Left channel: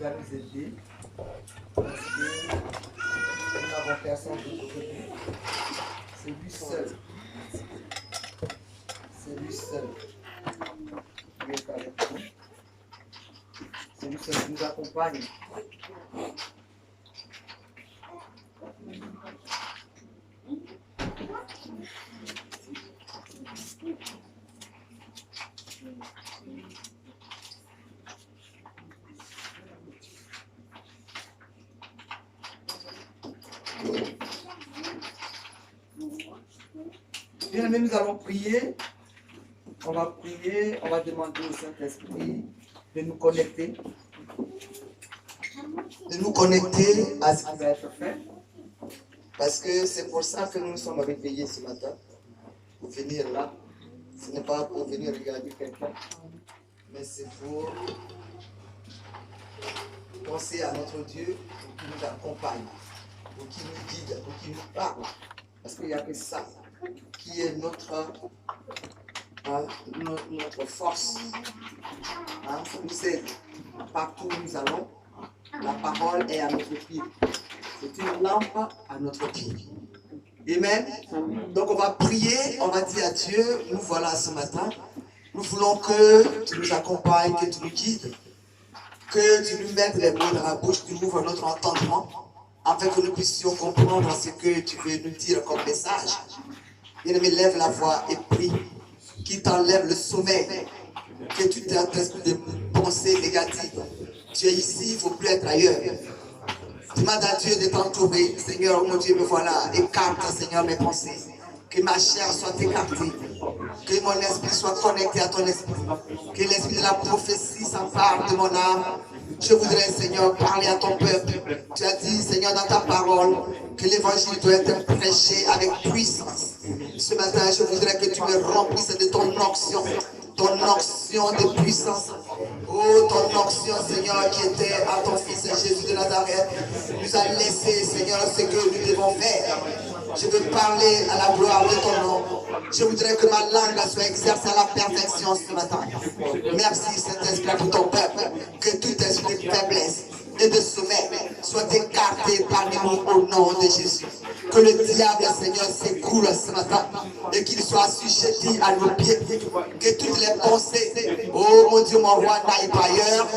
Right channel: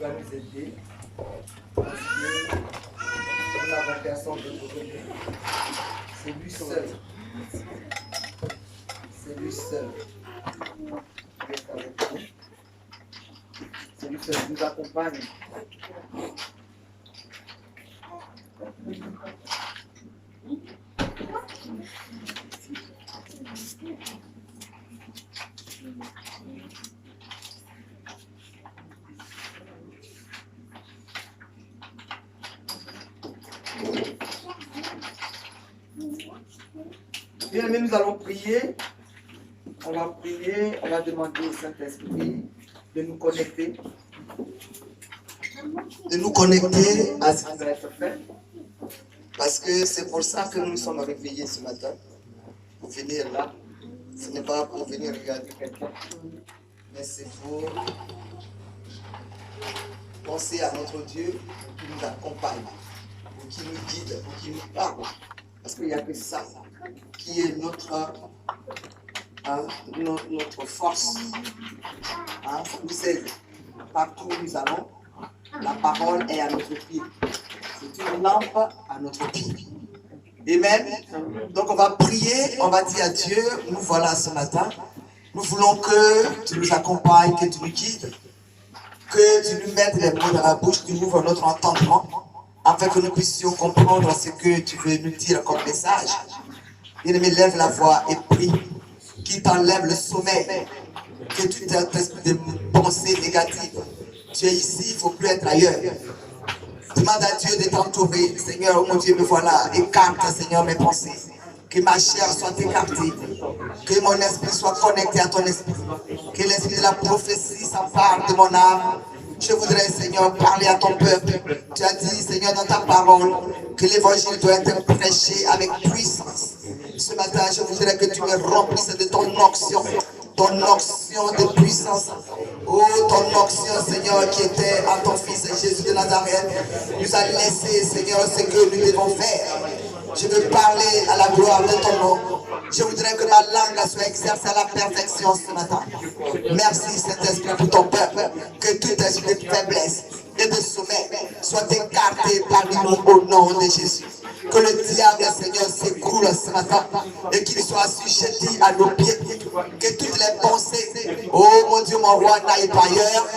va nous aider parce que nous n'avons personne d'autre que lui. C'est lui seul. C'est lui seul qui est avec nous. C'est lui seul qui nous accompagne. Bien aimé, nous allons prier. On va prier, on va demander au Saint-Esprit de nous connecter. De nous connecter À ce qui va être fait. parce que c'est pour ça que nous sommes réveillés ce matin. Pour venir là, ce n'est pas pour venir regarder quelqu'un, mais c'est pour penser à notre Dieu pour qu'il nous accompagne, pour qu'il nous guide, pour qu'il nous parle. Parce qu'il n'y a que ça qui est notre force. Pour nous aider. Partout où nous allons, la parole est à notre pied. C'est une lampe à notre pied. Amen. Donc on va prier, on va dire à Dieu, nous voilà ce matin. Nous voulons que tu nous accompagnes, que tu nous guides, que tu nous mettes les mots dans la bouche, que tu ouvres notre entendement, afin que nous puissions comprendre ce que tu veux nous dire comme message. Bien-aimé, lève la voix et prie, qu'il t'enlève le sommeil, que tu t'esprit de pensées négatives. Tu es ici, il ne faut plus être ailleurs. Demande à Dieu de t'entourer. Seigneur, mon Dieu, me voilà. Écarte, Seigneur, mes pensées. Que ma chair soit écartée. Que mon esprit soit connecté à ton esprit. Que l'esprit de la prophétie s'empare de mon âme. Je voudrais, Seigneur, parler à ton peuple. Tu as dit, Seigneur, dans ta parole, que l'évangile doit être prêché avec puissance. Ce matin, je voudrais que tu me remplisses de ton onction de puissance. Oh, ton onction, Seigneur, qui était à ton Fils Jésus de Nazareth, nous a laissé, Seigneur, ce que nous devons faire. Je veux parler à la gloire de ton nom. Je voudrais que ma langue soit exercée à la perfection ce matin. Merci, Saint-Esprit, pour ton peuple. Que tout esprit de faiblesse et de sommeil soit écarté parmi nous au nom de Jésus. Que le diable, Seigneur, s'écoule ce matin et qu'il soit assujetti à nos pieds. Que toutes les pensées, oh mon Dieu, mon roi, n'aillent pas ailleurs,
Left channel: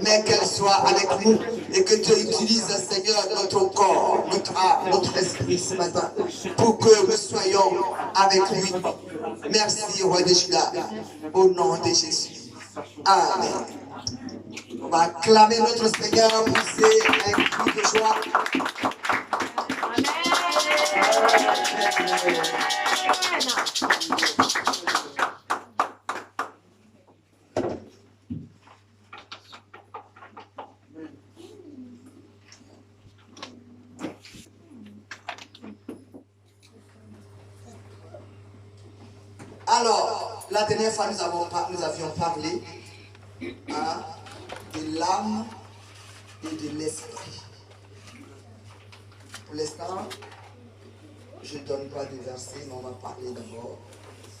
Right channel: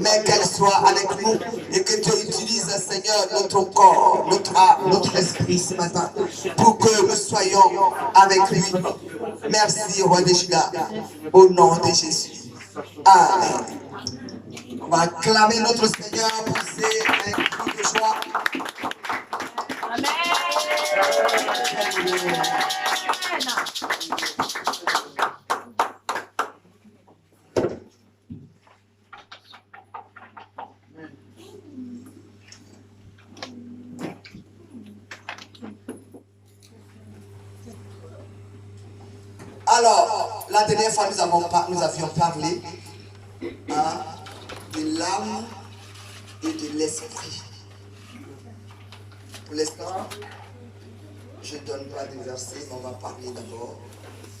mais qu'elles soient avec nous. Et que Dieu utilise, Seigneur, notre corps, notre âme, notre esprit ce matin pour que nous soyons avec lui. Merci, roi de Juda, au nom de Jésus. Amen. On va acclamer notre Seigneur pour ces cris de joie. Alors, la dernière fois, nous avions parlé de l'âme et de l'esprit. Pour l'instant, je ne donne pas de versets, mais on va parler d'abord.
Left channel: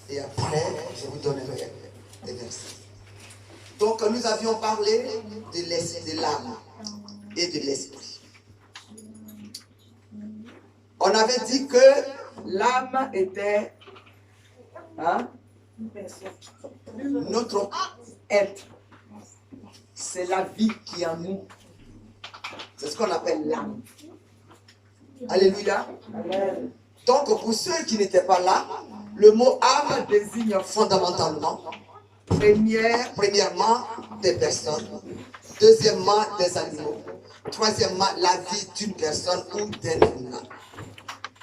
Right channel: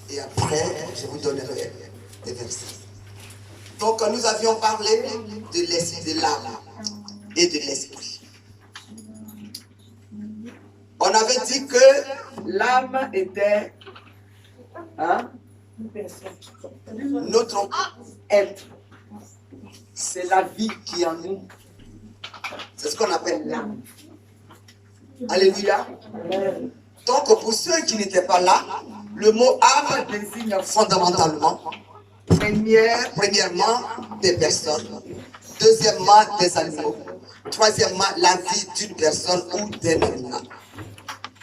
Et après, je vous donnerai des versets. Donc, nous avions parlé de l'âme et de l'esprit. On avait dit que L'âme était notre être. C'est la vie qui est en nous. c'est ce qu'on appelle l'âme. Alléluia. Donc, pour ceux qui n'étaient pas là, le mot âme désigne fondamentalement, premièrement, des personnes, deuxièmement, des animaux, troisièmement, la vie d'une personne ou d'un animal.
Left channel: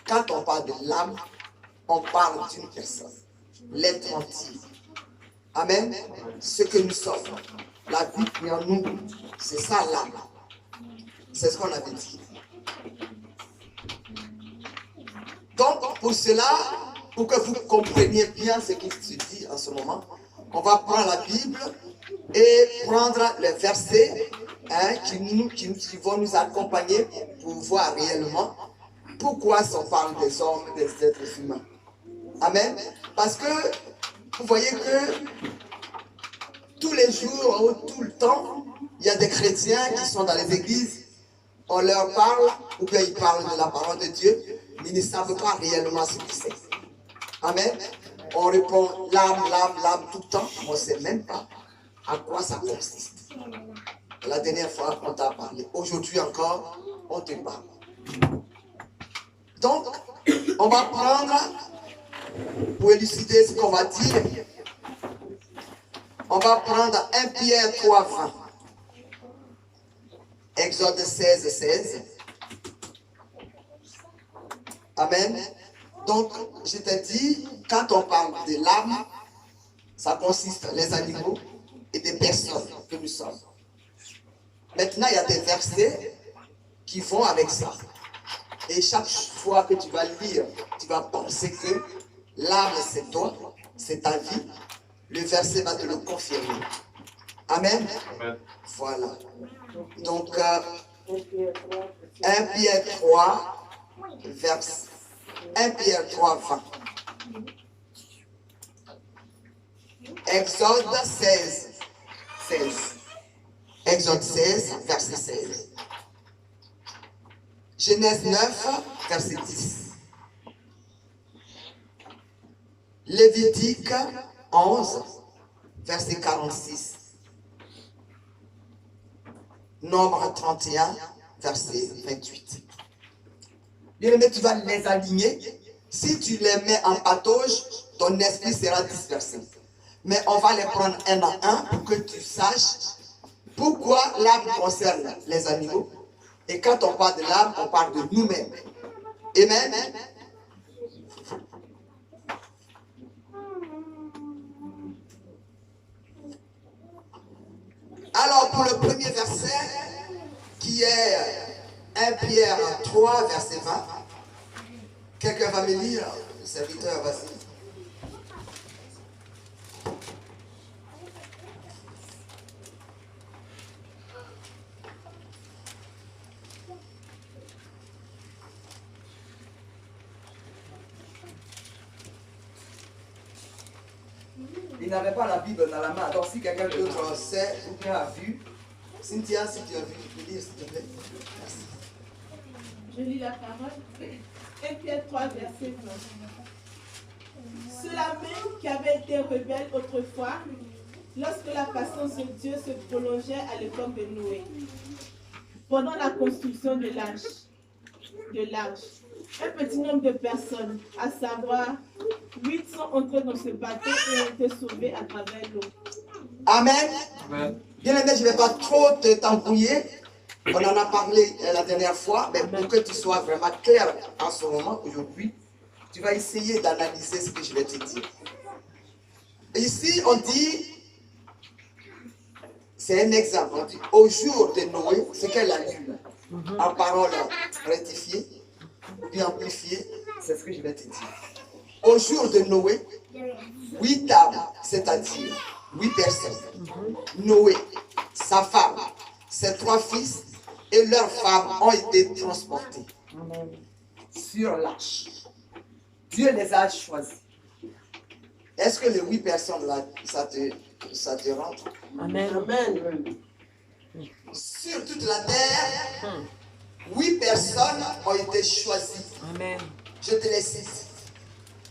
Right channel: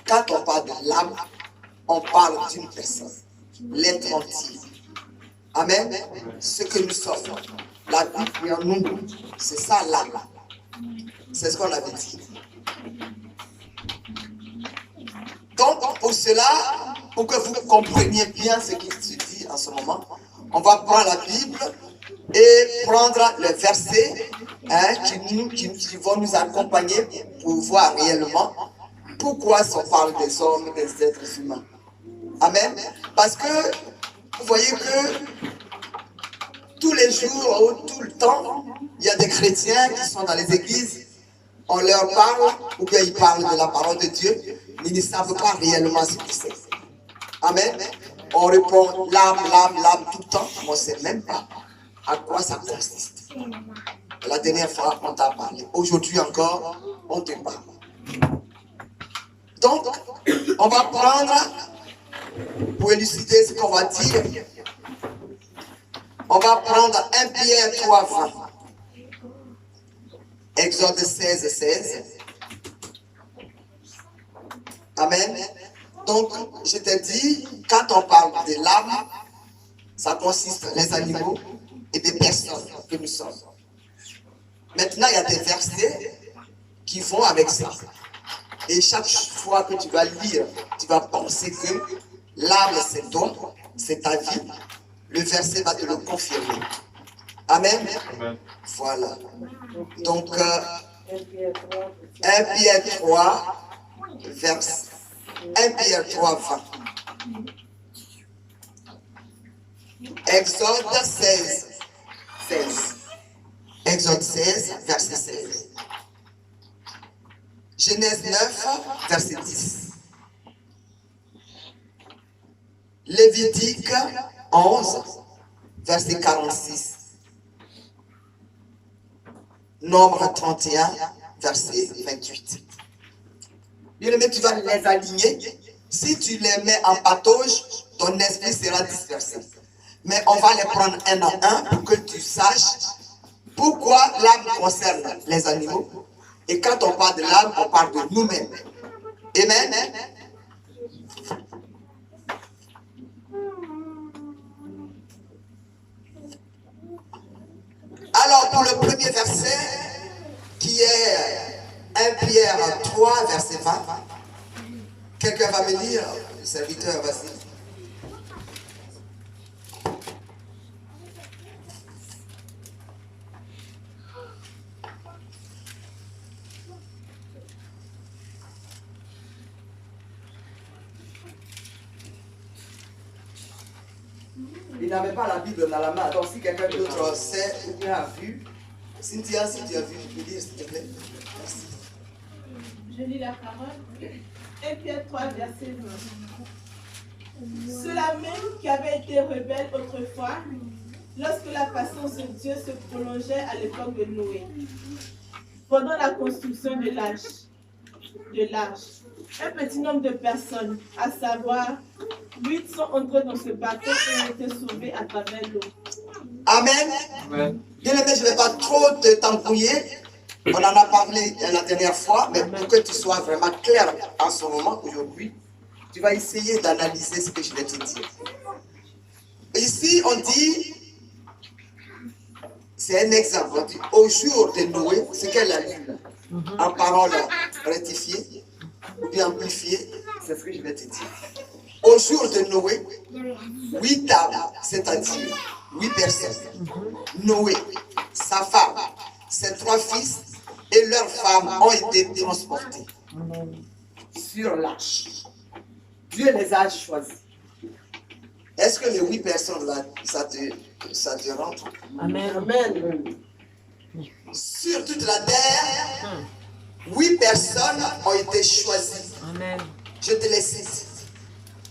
Quand on parle de l'âme, on parle d'une personne, l'être entier. Amen. Ce que nous sommes, la vie qui est en nous, c'est ça l'âme. C'est ce qu'on avait dit. Donc, pour cela, pour que vous compreniez bien ce qui se dit en ce moment, on va prendre la Bible et prendre les versets qui vont nous accompagner pour voir réellement pourquoi on parle des hommes, des êtres humains. Amen. Parce que vous voyez que tous les jours ou tout le temps, il y a des chrétiens qui sont dans les églises, on leur parle, ou bien ils parlent de la parole de Dieu, mais ils ne savent pas réellement ce que c'est. Amen. On répond l'âme tout le temps, mais on ne sait même pas à quoi ça consiste. La dernière fois, on t'a parlé. Aujourd'hui encore, on te parle. Donc, on va prendre, pour élucider ce qu'on va dire, on va prendre 1 Pierre 3, 20. Exode 16, 16. Amen. Donc, je t'ai dit, quand on parle de l'âme, ça consiste les animaux et des personnes que nous sommes. Maintenant, il y a des versets qui vont avec ça. Et chaque fois que tu vas lire, tu vas penser que l'âme, c'est toi, c'est ta vie. Le verset va te le confirmer. Amen. Amen. Voilà. Donc, 1 Pierre 3, verset 1 Pierre 3, 20. Exode 16, 16. Exode 16, verset 16. Genèse 9, verset 10. Lévitique 11, verset 46. Nombre 31, verset 28. Bien-aimé, tu vas les aligner. Si tu les mets en patauge, ton esprit sera dispersé. Mais on va les prendre un à un pour que tu saches pourquoi l'âme concerne les animaux. Et quand on parle de l'âme, on parle de nous-mêmes. Amen. Alors, pour le premier verset, qui est 1 Pierre 3, verset 20, quelqu'un va me lire, le serviteur, vas-y. Il n'avait pas la Bible dans la main. Donc si quelqu'un d'autre sait ou bien a vu, Cynthia, si tu as vu, tu peux dire s'il te plaît. Merci. Je lis la parole. 1 Pierre 3, verset 20. Ceux-là même qui avaient été rebelles autrefois, lorsque la patience de Dieu se prolongeait à l'époque de Noé, pendant la construction de l'arche. Un petit nombre de personnes, à savoir 8, sont entrés dans ce bateau et ont été sauvés à travers l'eau. Amen. Amen. Bien aimé, je ne vais pas trop t'embrouiller. On en a parlé la dernière fois, mais pour que tu sois vraiment clair en ce moment, aujourd'hui, tu vas essayer d'analyser ce que je vais te dire. Ici, on dit, c'est un exemple, on dit, au jour de Noé, ce qu'elle a lu, en parole rectifiée, ou bien amplifiée, c'est ce que je vais te dire. Au jour de Noé, 8 âmes, c'est-à-dire 8 personnes, Noé, sa femme, ses 3 fils et leurs femmes ont été transportés sur l'arche. Dieu les a choisis. Est-ce que les 8 personnes là, ça te rentre? Amen. Amen. Sur toute la terre, 8 personnes ont été choisies. Amen. Je te les cite.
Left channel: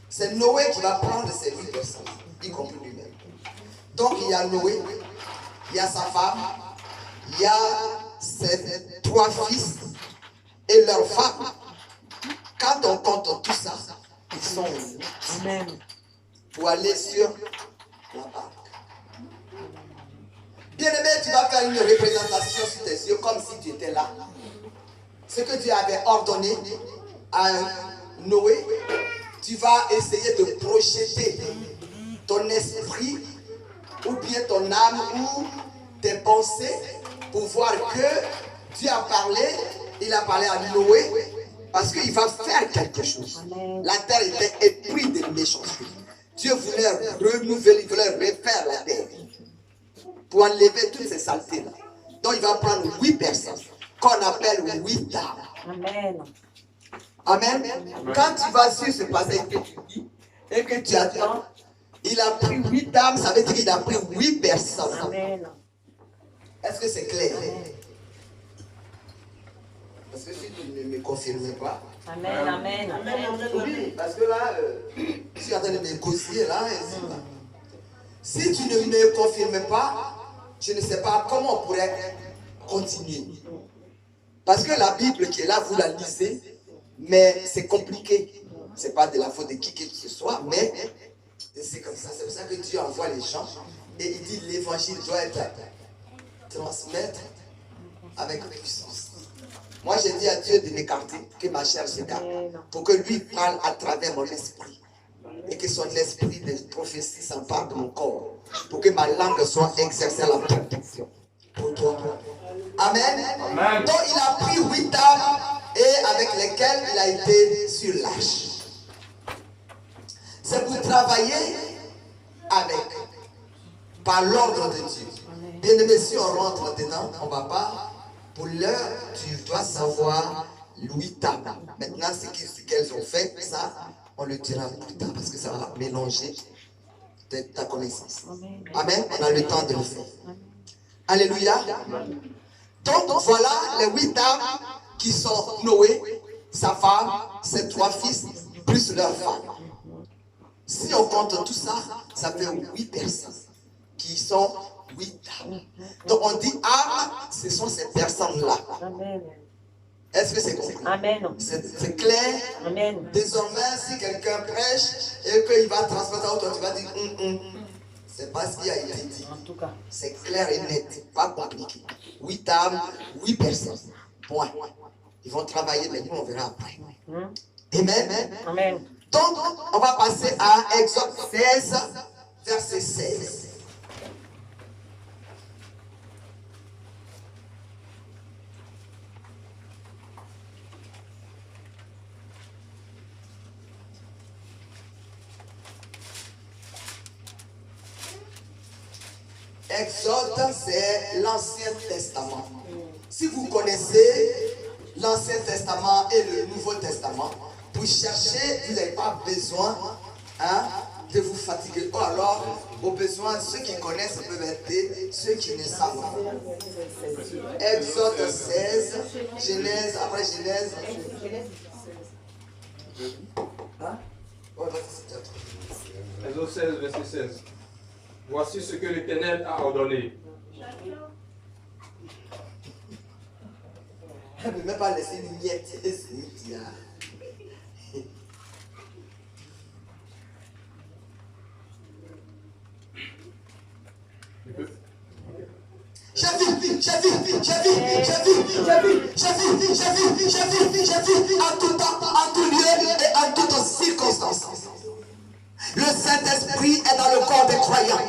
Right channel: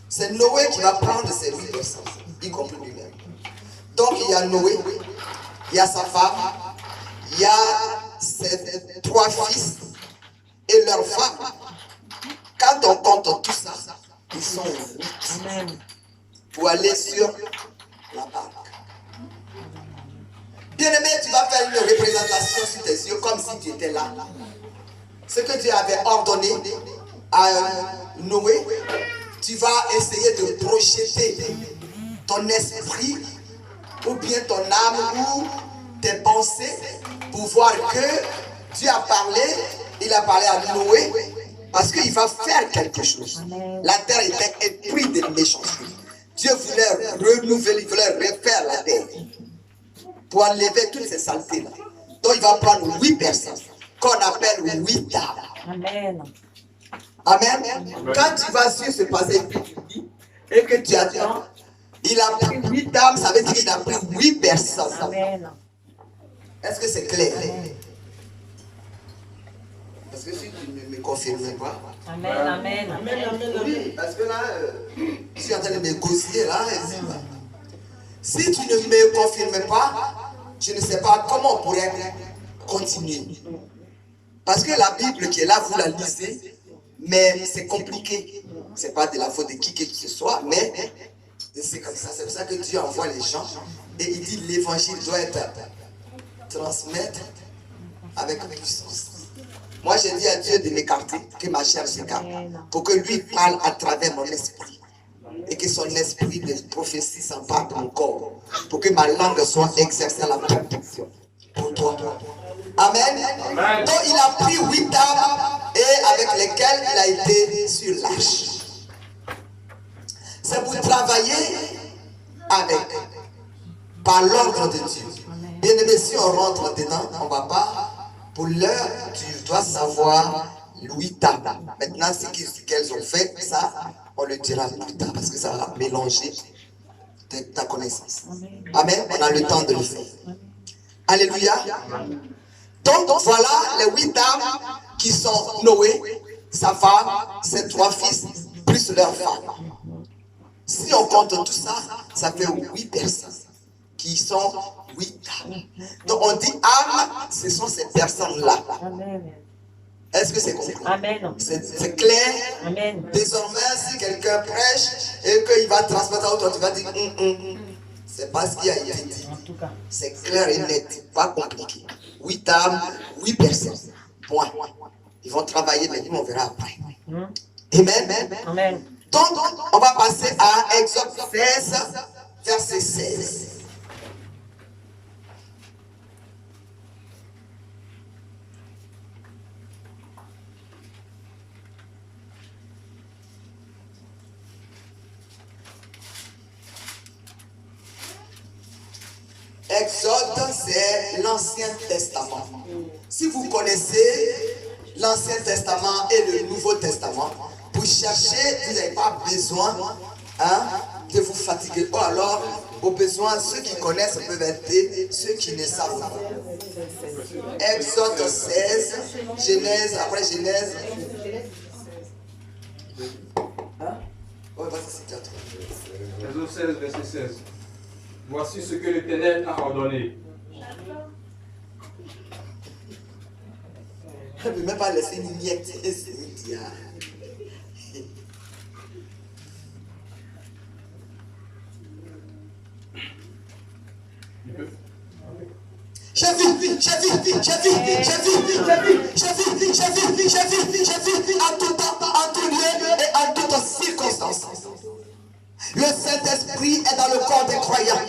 C'est Noé qui va prendre ces 8 personnes, y compris lui-même. Donc il y a Noé, il y a sa femme, il y a ses 3 fils et leurs femmes. Quand on compte tout ça, ils sont 8. Amen. Pour aller sur la barque. Bien-aimé, tu vas faire une représentation sur tes yeux comme si tu étais là. Ce que Dieu avait ordonné à Noé, tu vas essayer de projeter ton esprit ou bien ton âme ou tes pensées pour voir que Dieu a parlé, il a parlé à Noé parce qu'il va faire quelque chose. Amen. La terre était éprise de méchanceté. Dieu voulait renouveler, il voulait refaire la terre pour enlever toutes ces saletés-là. Donc il va prendre 8 personnes qu'on appelle 8 âmes. Amen. Amen. Quand tu vas sur ce passage que tu dis et que tu attends, Il a pris 8 dames, ça veut dire qu'il a pris 8 personnes. Amen. Est-ce que c'est clair? Amen. Parce que si tu ne me confirmes pas. Amen. Amen. Oui, parce que là, je suis en train de négocier là. Si tu ne me confirmes pas, je ne sais pas comment on pourrait continuer. Parce que la Bible qui est là, vous la lisez, mais c'est compliqué. Ce n'est pas de la faute de qui que ce soit, mais c'est comme ça. C'est pour ça que Dieu envoie les gens et il dit l'évangile doit être transmettre avec puissance. Moi, j'ai dit à Dieu de m'écarter, que ma chair s'écarte, pour que lui parle à travers mon esprit. Et que son esprit de prophétie s'empare de mon corps. Pour que ma langue soit exercée à la perfection. Pour toi. Amen. Amen. Donc il a pris 8 dames et avec lesquelles il a été sur l'arche. C'est pour travailler avec, par l'ordre de Dieu. Bien aimé, si on rentre dedans, on ne va pas. Pour l'heure, tu dois savoir 8 dames. Maintenant, ce qu'elles ont fait, ça, on le dira plus tard parce que ça va mélanger ta connaissance. Amen. On a le temps de le faire. Alléluia. Donc voilà les 8 dames qui sont Noé, sa femme, ses 3 fils, plus leur femme. Si on compte tout ça, ça fait 8 personnes qui sont 8 dames. Donc on dit âme, ce sont ces personnes-là. Est-ce que c'est compris? Amen. C'est clair? Amen. Désormais, si quelqu'un prêche et qu'il va transmettre à autre, tu vas dire c'est pas ce qui a été dit. En tout cas. C'est clair et net, pas compliqué. 8 âmes, 8 personnes. Point. Ils vont travailler, mais nous on verra après. Amen. Amen. Donc, on va passer à Exode 16, verset 16. Exode, c'est l'Ancien Testament. Si vous connaissez l'Ancien Testament et le Nouveau Testament, pour chercher, vous n'avez pas besoin de vous fatiguer. Ou alors, au besoin, ceux qui connaissent peuvent aider ceux qui ne savent pas. Exode 16, Genèse, après Genèse. Exode 16, verset 16. Voici ce que l'Éternel a ordonné. Je ne peux même pas laisser une miette. J'ai vu en tout temps, en tout lieu et en toutes circonstances. Le Saint-Esprit est dans le corps des croyants.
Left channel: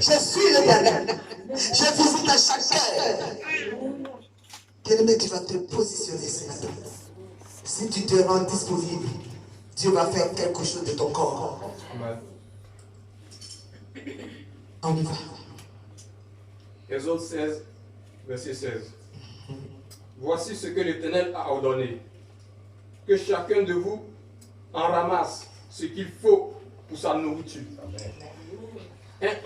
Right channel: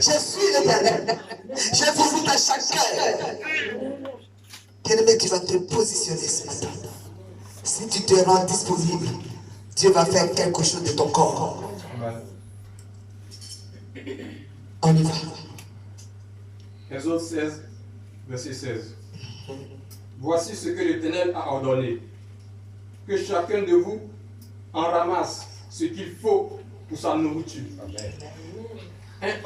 Je suis l'Éternel. Je visite à chaque cœur. Bien-aimé, tu vas te positionner ce matin. Si tu te rends disponible, Dieu va faire quelque chose de ton corps. On y va. Exode 16, verset 16. Voici ce que l'Éternel a ordonné. Que chacun de vous en ramasse ce qu'il faut pour sa nourriture. Un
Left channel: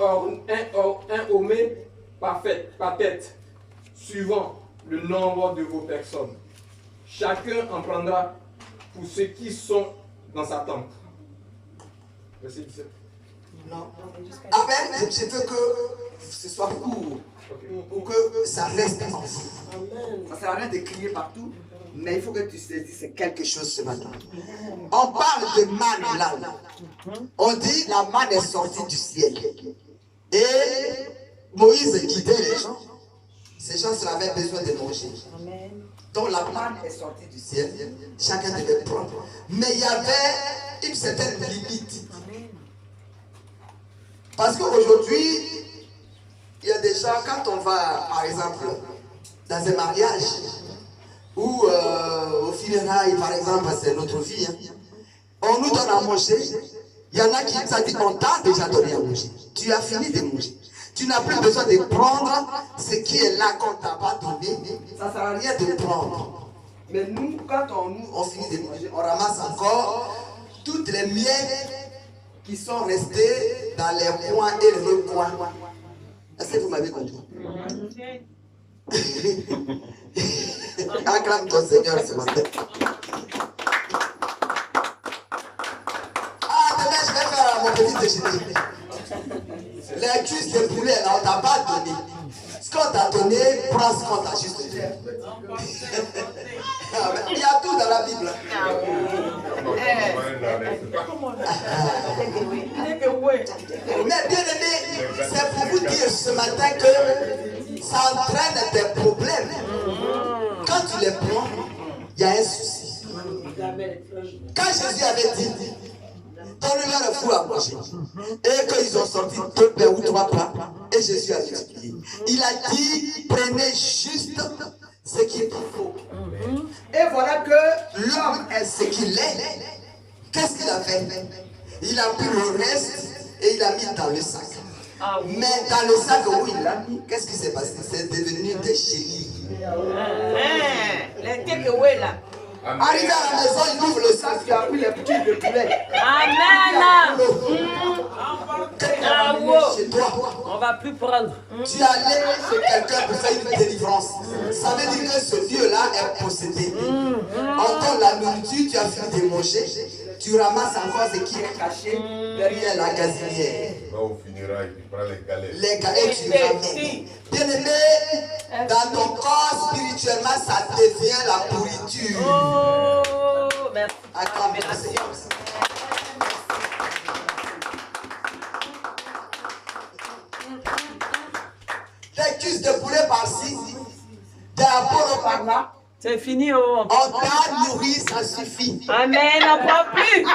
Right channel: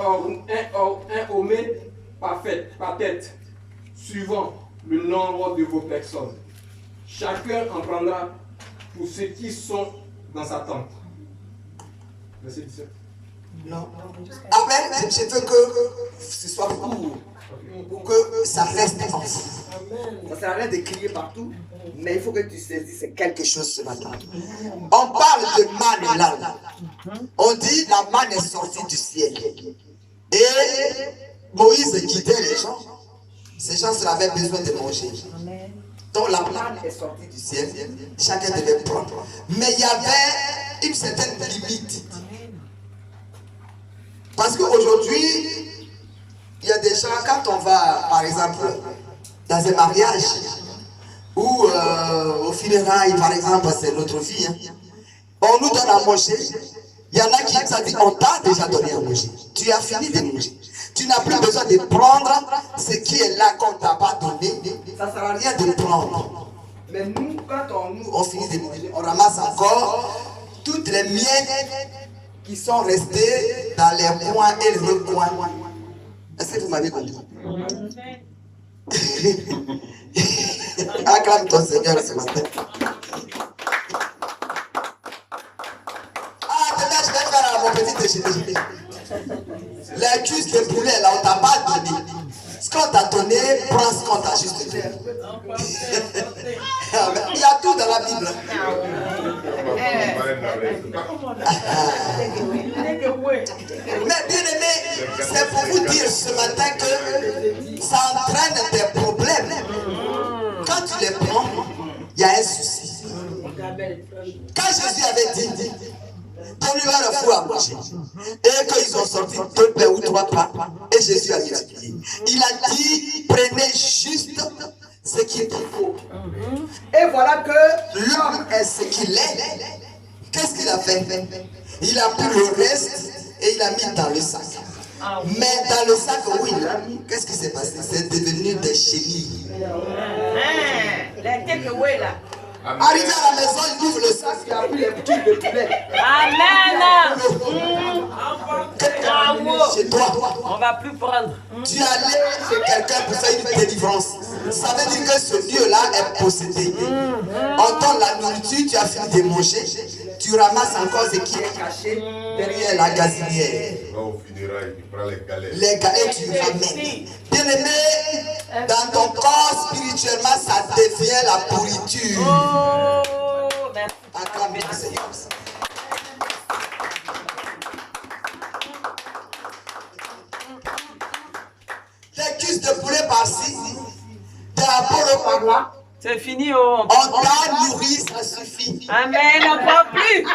homé par tête, suivant le nombre de vos personnes. Chacun en prendra pour ceux qui sont dans sa tente. Verset 17. Non. Amen. Je veux que ce soit court. Pour que ça reste en vous. Ça ne sert à rien de crier partout, mais il faut que tu saisisses c'est quelque chose ce matin. On parle de manne là. On dit la manne est sortie du ciel. Et Moïse guidait les gens. Ces gens avaient besoin de manger. Donc la manne est sortie du ciel. Chacun devait prendre. Mais il y avait une certaine limite. Parce qu'aujourd'hui, il y a des gens, quand on va, par exemple, dans un mariage, ou au funérailles, par exemple, c'est notre vie, on nous donne à manger. Il y en a qui ont dit, on t'a déjà donné à manger. Tu as fini de manger. Tu n'as plus besoin de prendre ce qui est là qu'on ne t'a pas donné. Ça ne sert à rien de prendre. Mais nous, quand on finit de manger, on ramasse encore toutes les miettes qui sont restés dans les coins et les recoins. Est-ce que vous m'avez compris? Acclame ton Seigneur ce matin. Ah, demain je vais faire mon petit déjeuner. Les cuisses de poulet là, on t'a pas donné. Ce qu'on t'a donné, prends ce qu'on t'a juste dit. Il y a tout dans la Bible. Mais bien aimé, c'est pour vous dire ce matin que ça entraîne des problèmes. Quand tu les prends, il y a un souci. Quand Jésus avait dit, donnez-leur le fou à manger, et qu'ils ont sorti 2 pains ou 3 pains, et Jésus a multiplié. Il a dit, prenez juste ce qu'il faut. Et voilà que l'homme est ce qu'il est. Qu'est-ce qu'il a fait? Il a pris le reste et il a mis dans le sac. Mais dans le sac où il l'a mis, qu'est-ce qui s'est passé? C'est devenu des chenilles. Arrivé à la maison, il ouvre le sac, il a pris les petits de poulet. Amen. Chez toi, On va plus prendre. tu allais chez quelqu'un pour faire une délivrance. Ça veut dire que ce Dieu-là est possédé. On donne la nourriture, tu as fini de manger, tu ramasses encore ce qui est caché derrière la gazinière. Là, au funérailles, tu prends les galets. Les gars, et tu ramènes. Bien aimé, dans ton corps, spirituellement, ça devient la pourriture. Oh, merci. Acclame le Seigneur. Les cuisses de poulet par-ci, des apôtres par-là. C'est fini, oh. On t'a nourri, ça suffit. Amen, on ne prend plus.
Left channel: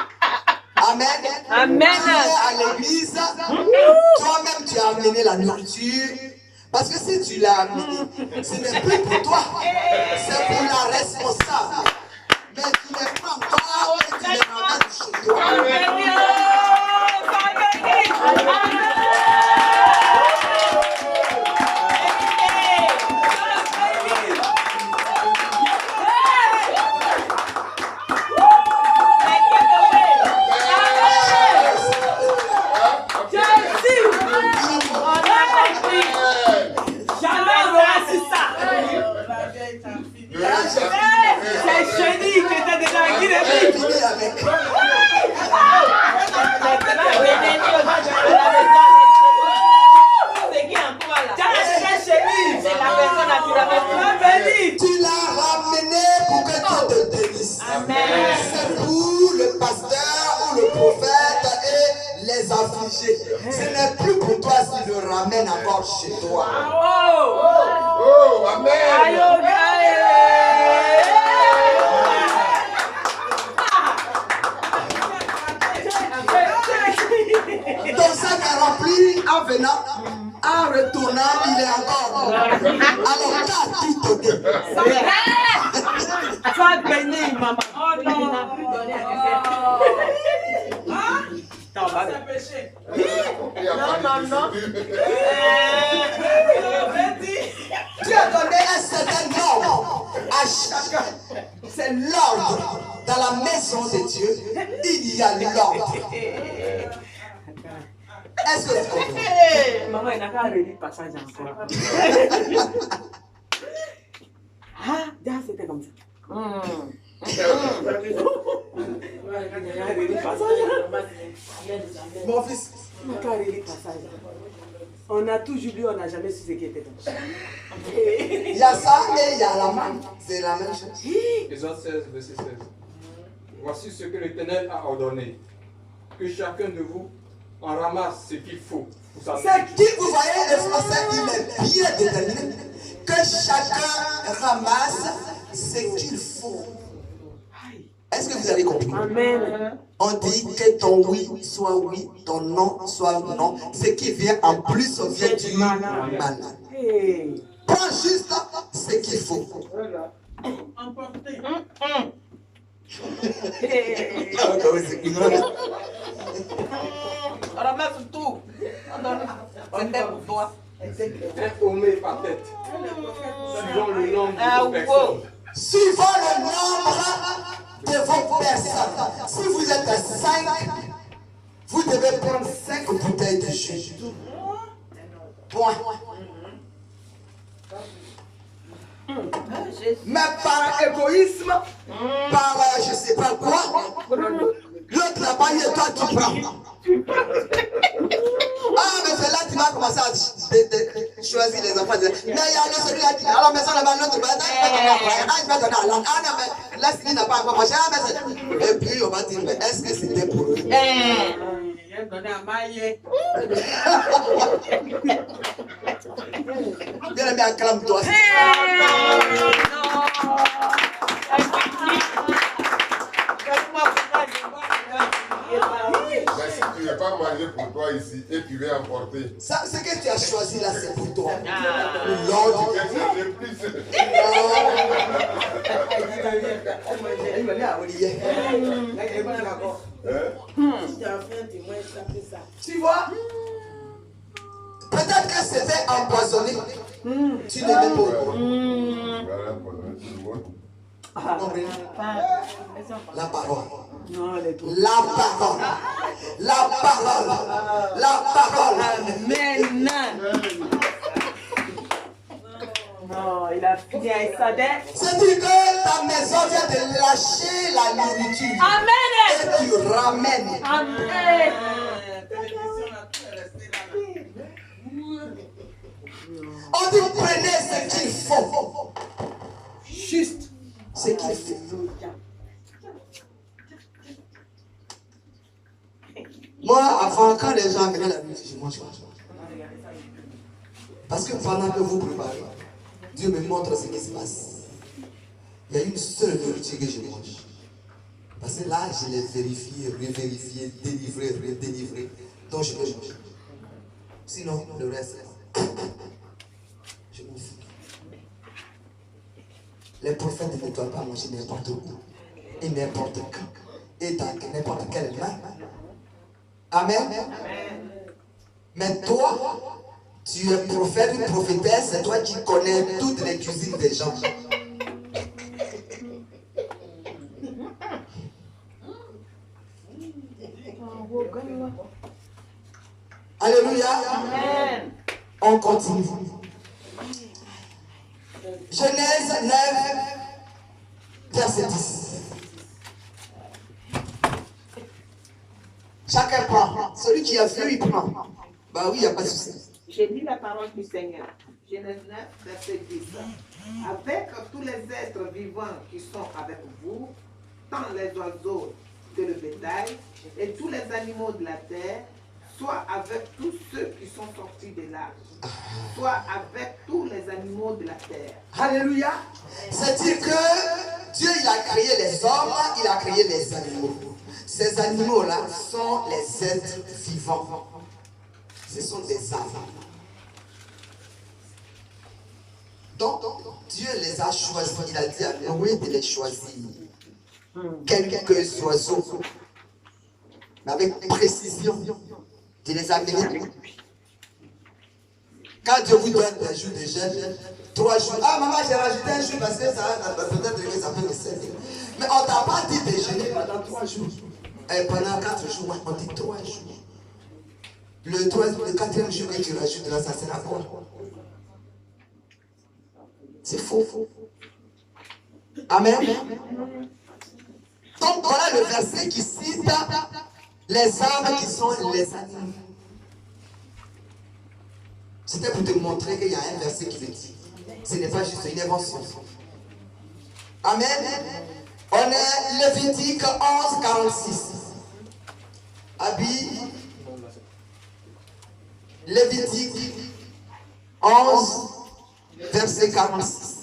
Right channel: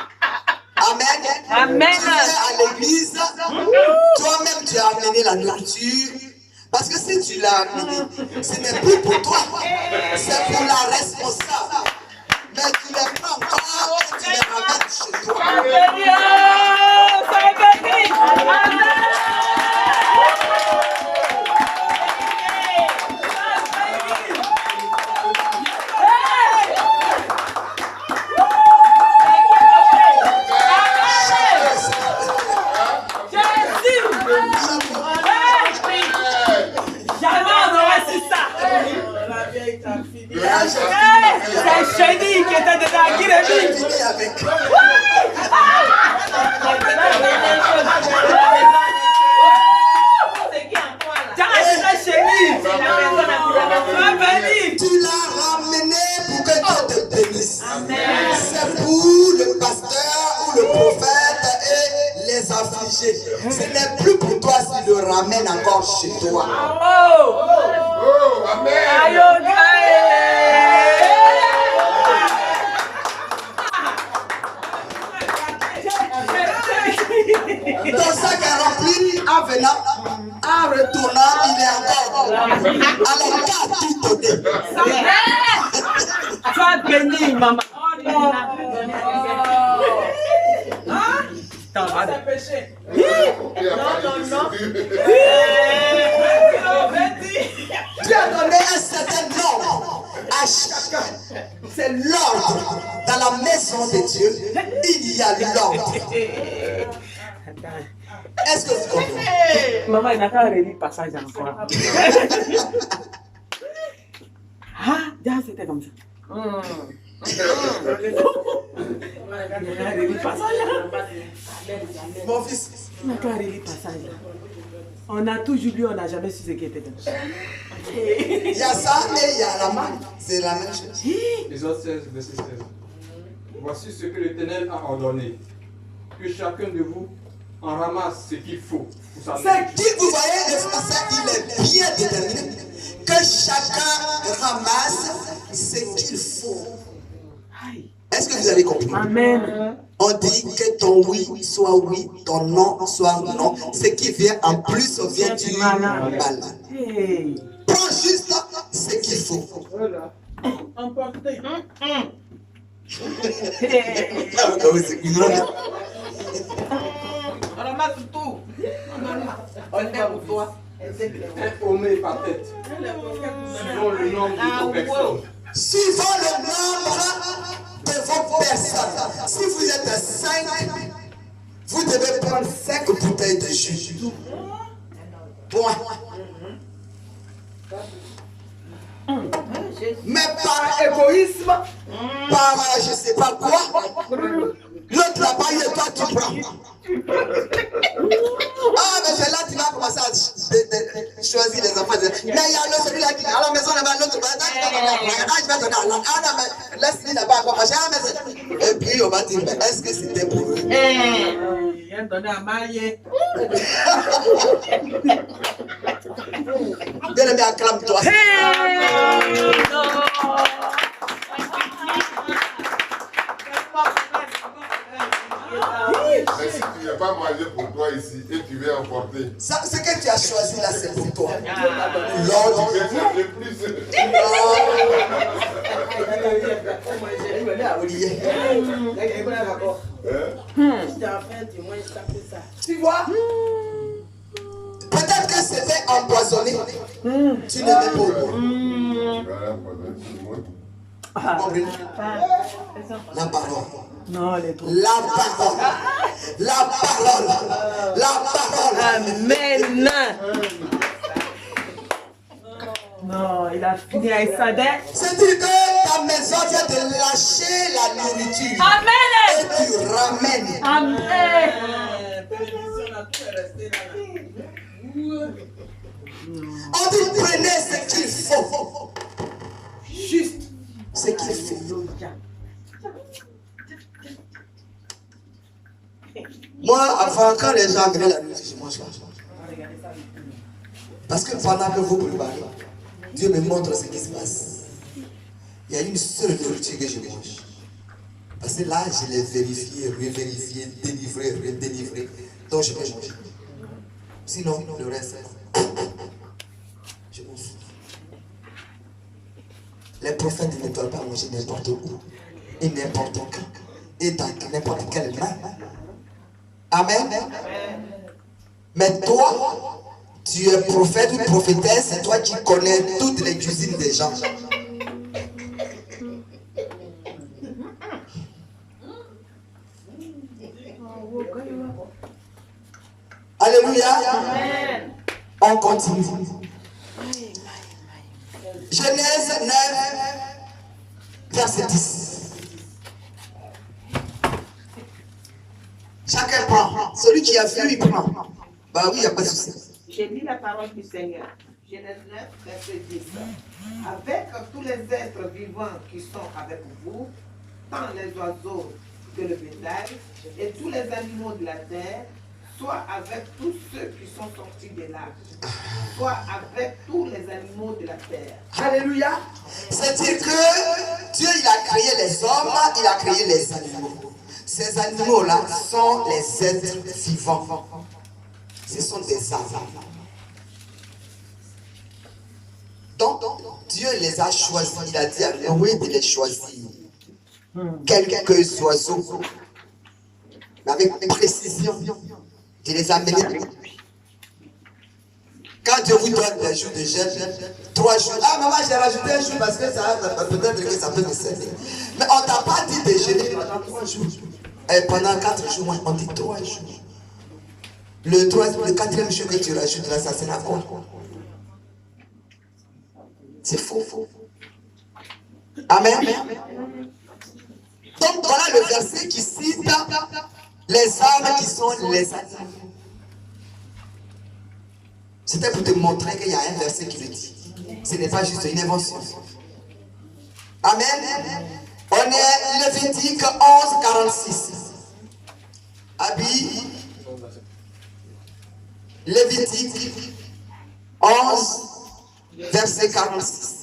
Amen. Amen. Tu es à l'église, toi-même tu as amené la nourriture. Parce que si tu l'as amené, ce n'est plus pour toi, c'est pour la responsable. Mais tu les prends encore et tu les ramènes chez toi. C'est chenille qui était dedans, qui J'ai fini avec. Tu l'as ramené pour que Dieu te bénisse. C'est pour le pasteur ou le prophète et les affligés. Ce n'est plus pour toi s'il le ramène encore chez toi. Oh, amen. Ton sac est rempli en venant, en retournant, il est encore. Alors, t'as tout donné. Sois béni, maman. Oh non. Non. Tu as donné un certain ordre à chacun. C'est l'ordre. Dans la maison de Dieu, il y a l'ordre. Est-ce que vous comprenez? Maman, il n'a qu'à relire le passage encore. Ah, déjà c'était comme ça. Mon fils, Il n'a qu'à relire le passage. On a toujours lu, on n'a jamais su ce qui était comme ça. il y a ça et il y a la main. C'est la même chose. Exode 16, verset 16. Voici ce que l'Éternel a ordonné. Que chacun de vous en ramasse ce qu'il faut pour sa C'est qui, vous voyez, le français, il est bien déterminé. Que chacun ramasse ce qu'il faut. Est-ce que vous avez compris? Amen. On dit que ton oui soit oui, ton non soit non. Ce qui vient en plus vient du malade. Hey. Prends juste ce qu'il faut. Emporté. On ramasse tout. On est pour toi. un homé par tête, suivant le nombre de vos personnes. Suivant le nombre de vos personnes. Si vous êtes 5, Vous devez prendre 5 bouteilles de jus. Point. Mais par égoïsme, par je ne sais pas quoi, l'autre là-bas, il est toi qui prends. Ah, mais c'est là que tu vas commencer à choisir les enfants. Mais il y a celui-là qui est à la maison là-bas, l'autre là, je vais donner à l'autre. Ah non, mais là, celui là-bas, quoi, machin. Et puis, on va dire, mais est-ce que c'était pour eux? Il a donné à Maïe. Bien aimé, acclame-toi. Mais si tu ne veux pas manger pour toi ici et tu veux emporter, Ça, ce que tu as choisi là, c'est pour toi. tu L'autre. veux chercher plus. Tu vois? Peut-être que c'était empoisonné. Tu n'étais pas au courant. Voilà, pendant tout le monde. Comprenez? La parole. Non, elle est trop. La parole. La parole. La parole. Amen. Non, il a fini avec sa dette. C'est-à-dire que ta maison vient de lâcher la nourriture. Amen. Et tu ramènes. Amen. On dit prenez ce qu'il faut. Juste ce qu'il faut. Moi, avant, quand les gens venaient la nuit, je mange pas. Parce que pendant que vous préparez, Dieu me montre ce qui se passe. Il y a une seule nourriture que je mange. Parce que là, je l'ai vérifié, revérifié, délivré, redélivré. Donc je peux manger. Sinon, le reste, je m'en fous. Les prophètes ne doivent pas manger n'importe où et n'importe quand et dans n'importe quelle main. Amen. Mais toi, tu es prophète ou prophétesse, c'est toi qui connais toutes les cuisines des gens. Alléluia. Amen. On continue. Genèse 9, verset 10. Chacun prend. Celui qui a vu, il prend. Bah oui, il n'y a pas de souci. J'ai lu la parole du Seigneur. Genèse 9, verset 10. Avec tous les êtres vivants qui sont avec vous, tant les oiseaux que le bétail, et tous les animaux de la terre, soit avec tous ceux qui sont sortis de l'arche, soit avec tous les animaux de la terre. Alléluia. C'est-à-dire que Dieu, il a créé les hommes, il a créé les animaux. Ces animaux-là sont les êtres vivants. Ce sont des âmes. Donc, Dieu les a choisis. Il a dit à Noé de les choisir. Quelques oiseaux. Mais avec précision. De les amener. Quand Dieu vous donne des jours de jeûne, 3 jours. Ah maman, j'ai rajouté un jour parce que ça peut-être que ça peut me servir. Mais on t'a pas dit de jeûner pendant 3 jours. Et pendant 4 jours, on dit 3 jours. Le 4e jour que tu rajoutes là, ça sera quoi? C'est faux. Amen. Donc voilà le verset qui cite les âmes qui sont les animaux. C'était pour te montrer qu'il y a un verset qui le dit. Ce n'est pas juste une invention. Amen. On est Lévitique 11, 46. Abi. Lévitique 11, verset 46.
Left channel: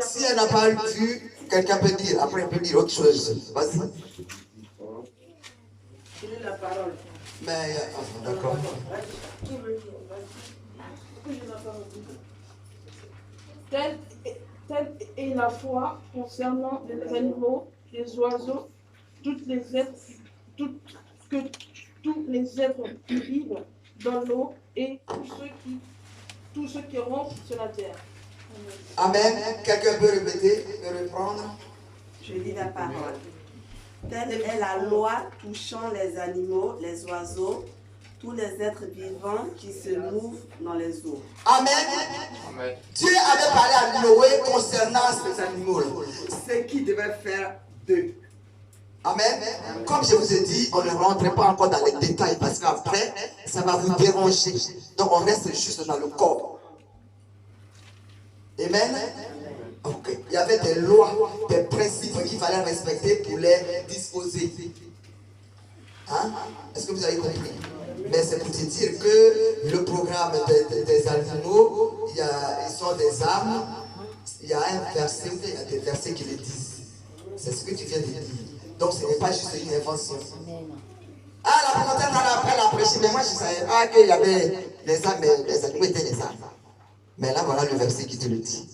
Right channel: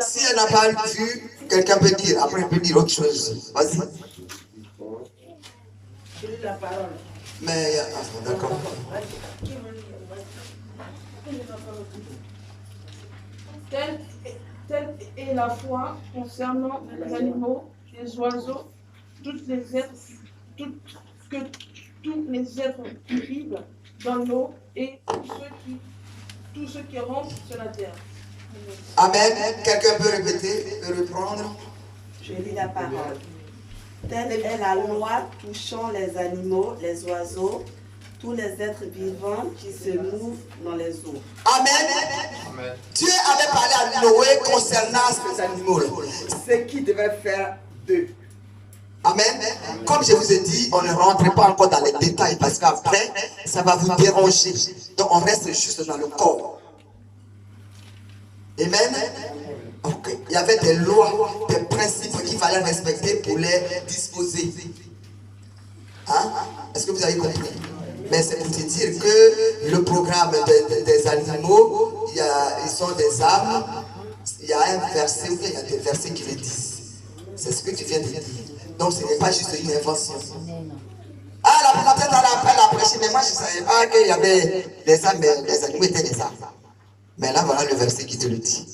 Si elle n'a pas vu, quelqu'un peut dire. Après, on peut dire autre chose. Vas-y. J'ai lu la parole. Mais, d'accord. Telle est la foi concernant les animaux, les oiseaux, tous les êtres qui vivent dans l'eau et tous ceux qui rampent sur la terre. Amen. Quelqu'un peut répéter, peut reprendre? Je lis la parole. Telle est la loi touchant les animaux, les oiseaux, tous les êtres vivants qui se mouvent dans les eaux. Amen. Amen. Dieu avait parlé à Noé concernant ces animaux. Ce qu'il devait faire d'eux. Amen. Comme je vous ai dit, on ne rentre pas encore dans les détails parce qu'après, ça va vous déranger. Donc on reste juste dans le corps. Amen. Okay. Il y avait des lois, des principes qu'il fallait respecter pour les disposer. Hein? Est-ce que vous avez compris? Mais c'est pour te dire que le programme des animaux, ils sont des âmes. Il y a un verset, il y a des versets qui le disent. C'est ce que tu viens de dire. Donc ce n'est pas juste une invention. Ah, la présentatrice en appel a prêché, mais moi je ne savais pas qu'il y avait les âmes, mais les animaux étaient les âmes. Mais là, voilà le verset qui te le dit.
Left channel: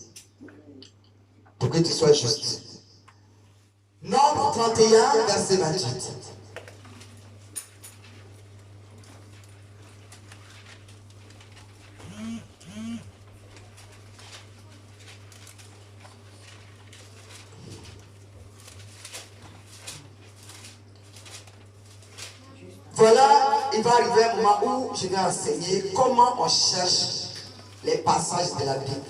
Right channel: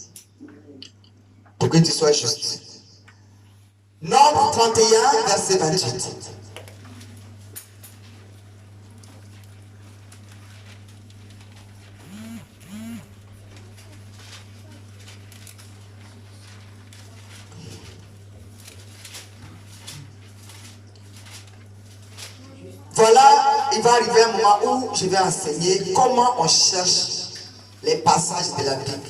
Pour que tu sois juste. Nombre 31, verset 28. Voilà, il va arriver un moment où je vais enseigner comment on cherche les passages de la Bible.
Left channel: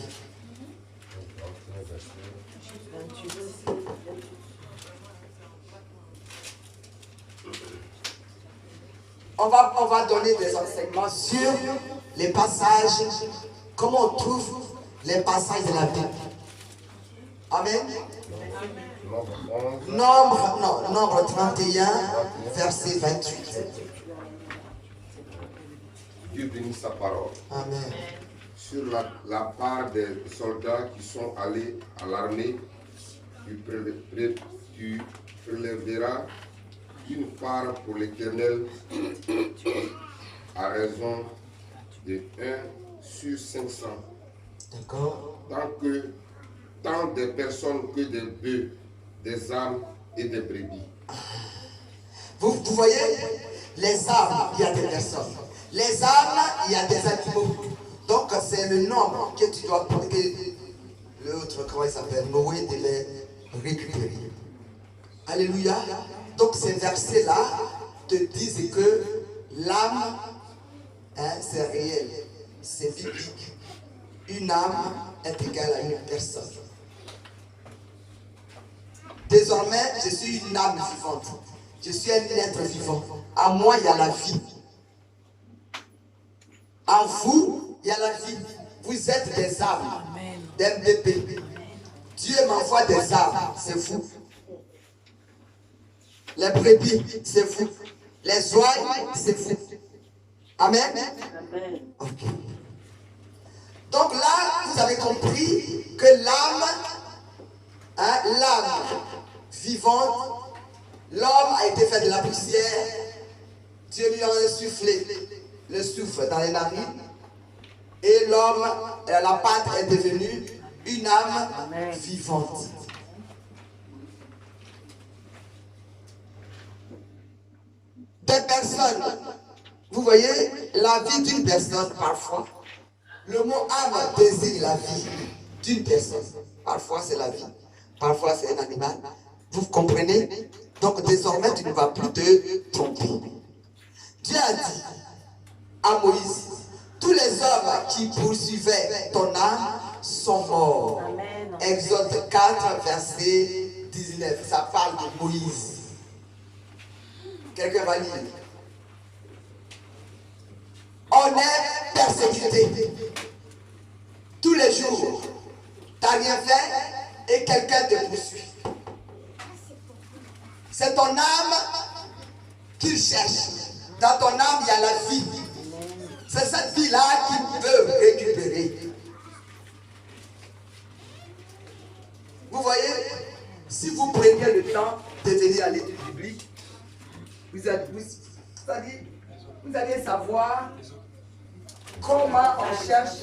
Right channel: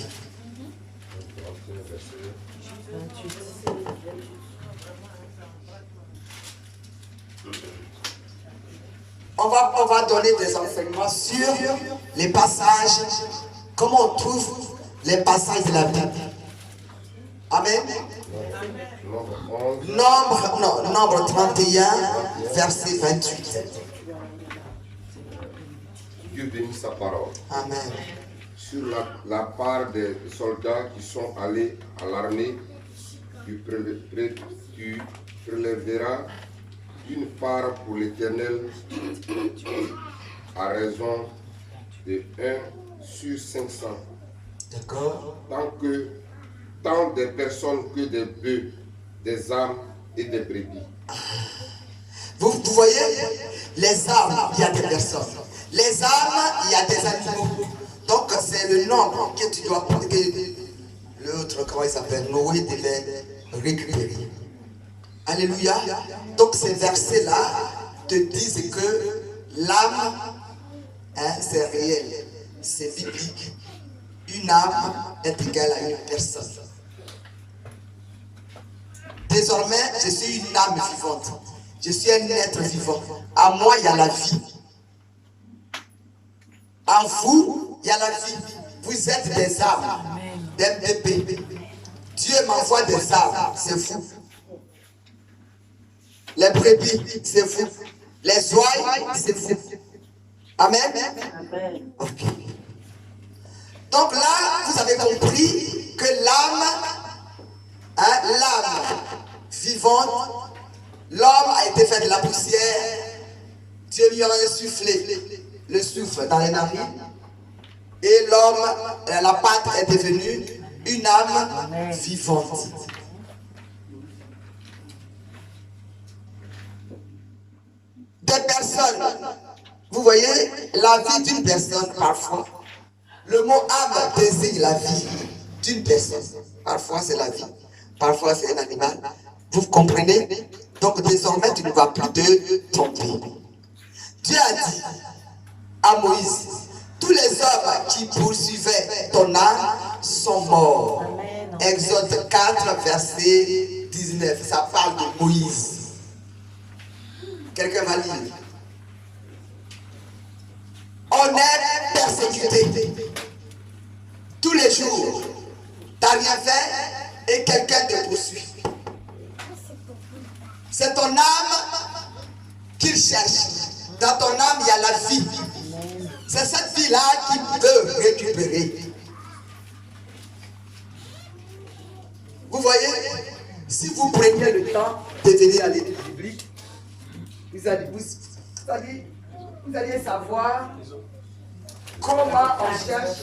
On va donner des enseignements sur les passages, comment on trouve les passages de la Bible. Amen. Nombre 31, verset 28. Dieu bénit sa parole. Amen. Sur la part des soldats qui sont allés à l'armée, tu prélèveras une part pour l'Éternel à raison de 1 sur 500. D'accord. Tant de personnes que des bœufs, des âmes et des brebis. Vous voyez, les âmes, il y a des personnes. Les âmes, il y a des animaux. Donc c'est le nombre que tu dois prendre, que l'autre, comment il s'appelle, Noé devait récupérer. Alléluia. Donc ces versets-là te disent que l'âme, c'est réel, c'est biblique. Une âme est égale à une personne. Désormais, je suis une âme vivante. Je suis un être vivant. À moi, il y a la vie. En vous, il y a la vie. Vous êtes des âmes, des bébés. Dieu m'envoie des âmes, c'est vous. Les brebis, c'est vous. Les ouailles, c'est vous. Amen. Ok. Donc là, vous avez compris que l'âme, l'âme vivante, l'homme a été fait de la poussière. Dieu lui en a insufflé le souffle dans les narines. Et l'homme, la pâte est devenue une âme vivante. Des personnes, vous voyez, la vie d'une personne parfois. Le mot âme désigne la vie d'une personne. Parfois c'est la vie, parfois c'est un animal. Vous comprenez? Donc désormais tu ne vas plus te tromper. Dieu a dit à Moïse, tous les hommes qui poursuivaient ton âme sont morts. Amen. Exode 4, verset 19. Ça parle de Moïse. Quelqu'un va lire. On est persécuté tous les jours. Tu n'as rien fait et quelqu'un te poursuit. C'est ton âme qu'il cherche. Dans ton âme, il y a la vie. C'est cette vie-là qu'il veut récupérer. Vous voyez, si vous preniez le temps de venir à l'étude biblique, vous allez savoir comment on cherche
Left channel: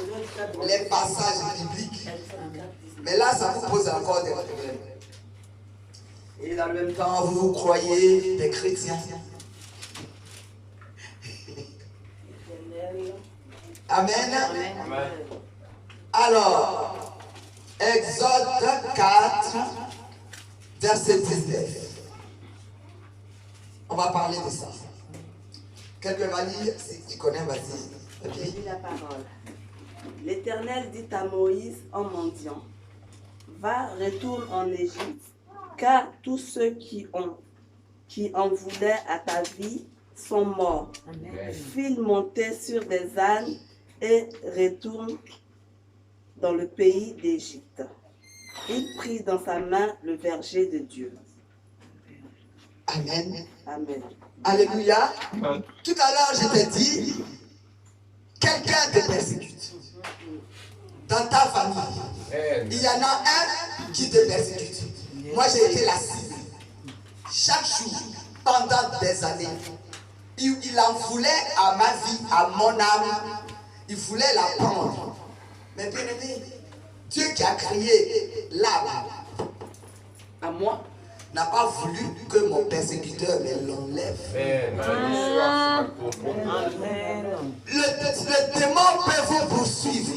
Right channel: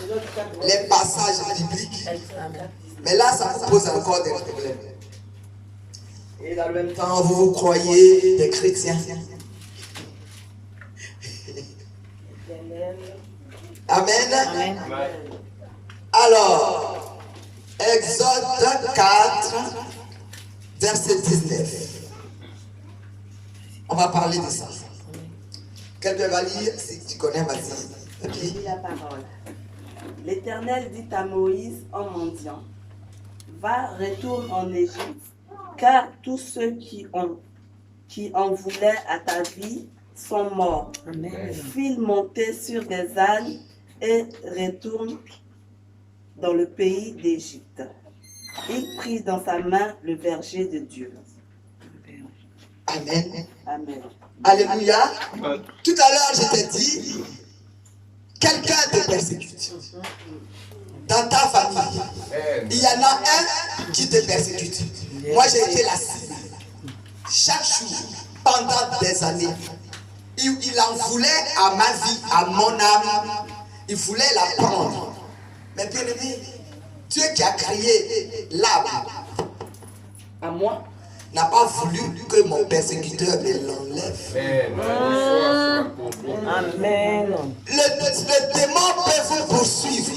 les passages bibliques. Mais là, ça vous pose encore des problèmes. Et dans le même temps, vous croyez des chrétiens. Amen. Alors, Exode 4, verset 19. On va parler de ça. Quelqu'un va lire, si tu connais, vas-y. Je Ok. lis la parole. L'Éternel dit à Moïse en mendiant, va, retourne en Égypte, car tous ceux qui en voulaient à ta vie sont morts. File monter sur des ânes et retourne dans le pays d'Égypte. Il prit dans sa main le verger de Dieu. Amen. Amen. Alléluia. Tout à l'heure, je t'ai dit, quelqu'un te persécute. Dans ta famille, il y en a un qui te persécute. Moi, j'ai été la cible. Chaque jour, pendant des années, il en voulait à ma vie, à mon âme. Il voulait la prendre. Mais bien aimé, Dieu qui a créé l'âme À moi. n'a pas voulu que mon persécuteur me l'enlève. Amen. Le démon peut vous poursuivre,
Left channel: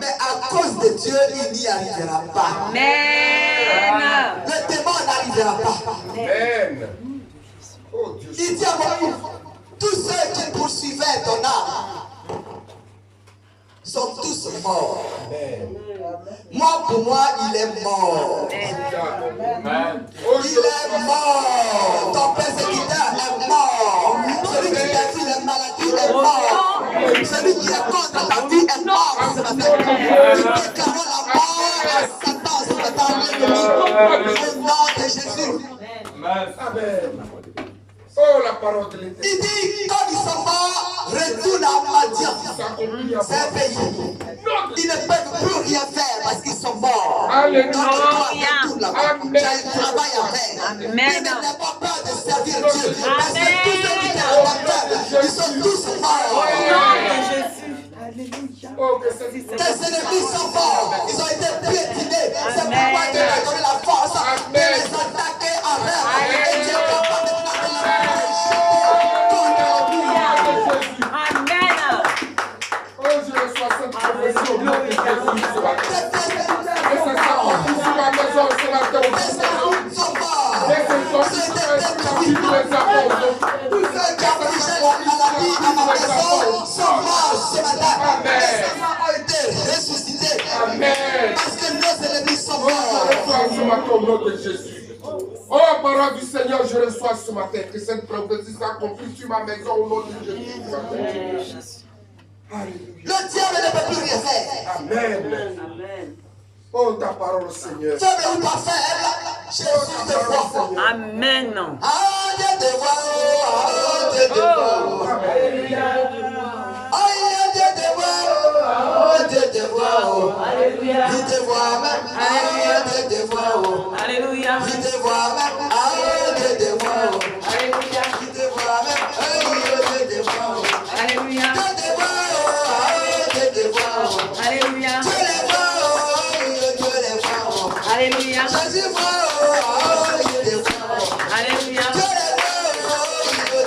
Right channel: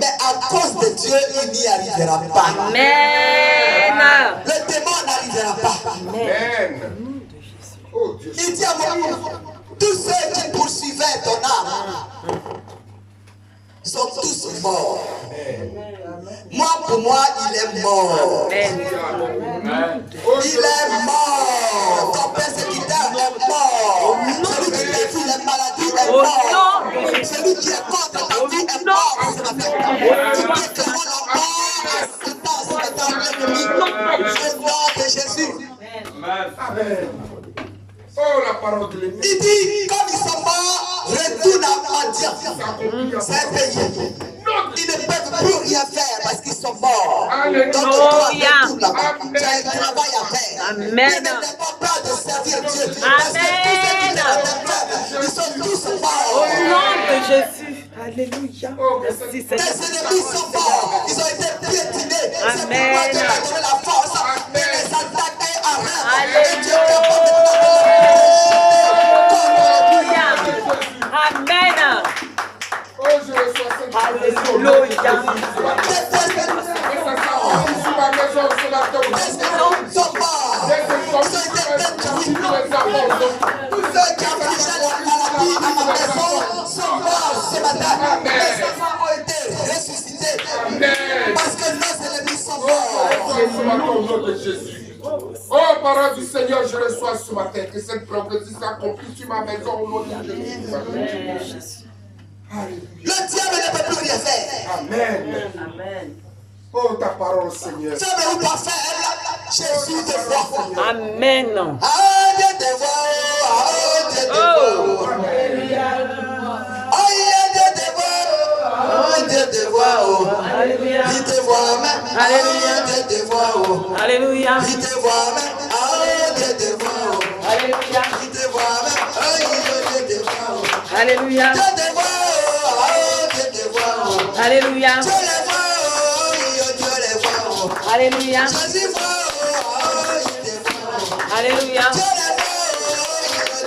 mais à cause de Dieu, il n'y arrivera pas. Amen. Le démon n'arrivera pas. Amen. Oh Dieu. Il dit à moi, tous ceux qui poursuivaient ton âme sont tous morts. Moi, pour moi, il est mort. Amen. Il est mort. Ton persécuteur est mort. Celui qui détruit les maladies est mort. Celui qui est contre ta vie est mort ce matin. Nous déclarons la mort à Satan ce matin, l'ennemi. Au nom de Jésus. Amen. Oh, la parole de l'Éternel. Il dit, comme ils sont morts, retourne à Madian. C'est un pays. Ils ne peuvent plus rien faire parce qu'ils sont morts. Alléluia. Donc toi, retourne là-bas. Tu as un travail à faire. Amen. Mais n'aie pas peur de servir Dieu. Parce que tous ceux qui étaient adaptables, ils sont tous morts. Au nom de Jésus. Alléluia. Oh, que c'est Tes ennemis sont morts. Ils ont été piétinés. C'est Amen. pourquoi Dieu t'a donné la force de les attaquer à rêve. Et Dieu Alléluia. peut pas maintenant les jeter contre les Amen. Oh, je reçois cette Alléluia. Et ça s'accomplit sur ma maison ce matin aussi. sont morts. Dès que je suis sur les apôtres. Tous ceux qui affligeaient la maladie à ma maison sont morts ce matin. Amen. Les enfants ont été ressuscités. Amen. Parce que nos ennemis sont Oh, morts. je reçois ce matin au nom de Jésus. Oh, parole du Seigneur, je reçois ce matin que cette prophétie s'accomplisse sur ma maison au nom de Jésus. Alléluia. Le diable ne peut plus rien faire. Amen. Amen. Oh, ta parole, Seigneur. Faible ou pas faible, Jésus te voit. Amen. Ah, Dieu te voit. Ah, Dieu te voit. Ah, Dieu te voit. Ah, Dieu te voit. Alléluia. Il te voit même. Ah, Dieu te voit. Alléluia. Il te voit même. Ah, Dieu te voit. Alléluia. Il te voit même. Ah, Dieu te voit. Alléluia. Dieu te voit. Ah, Dieu te voit. Alléluia. Dieu les voit. Dieu les voit. Alléluia. Jésus voit. Il te voit. Alléluia. Dieu les voit.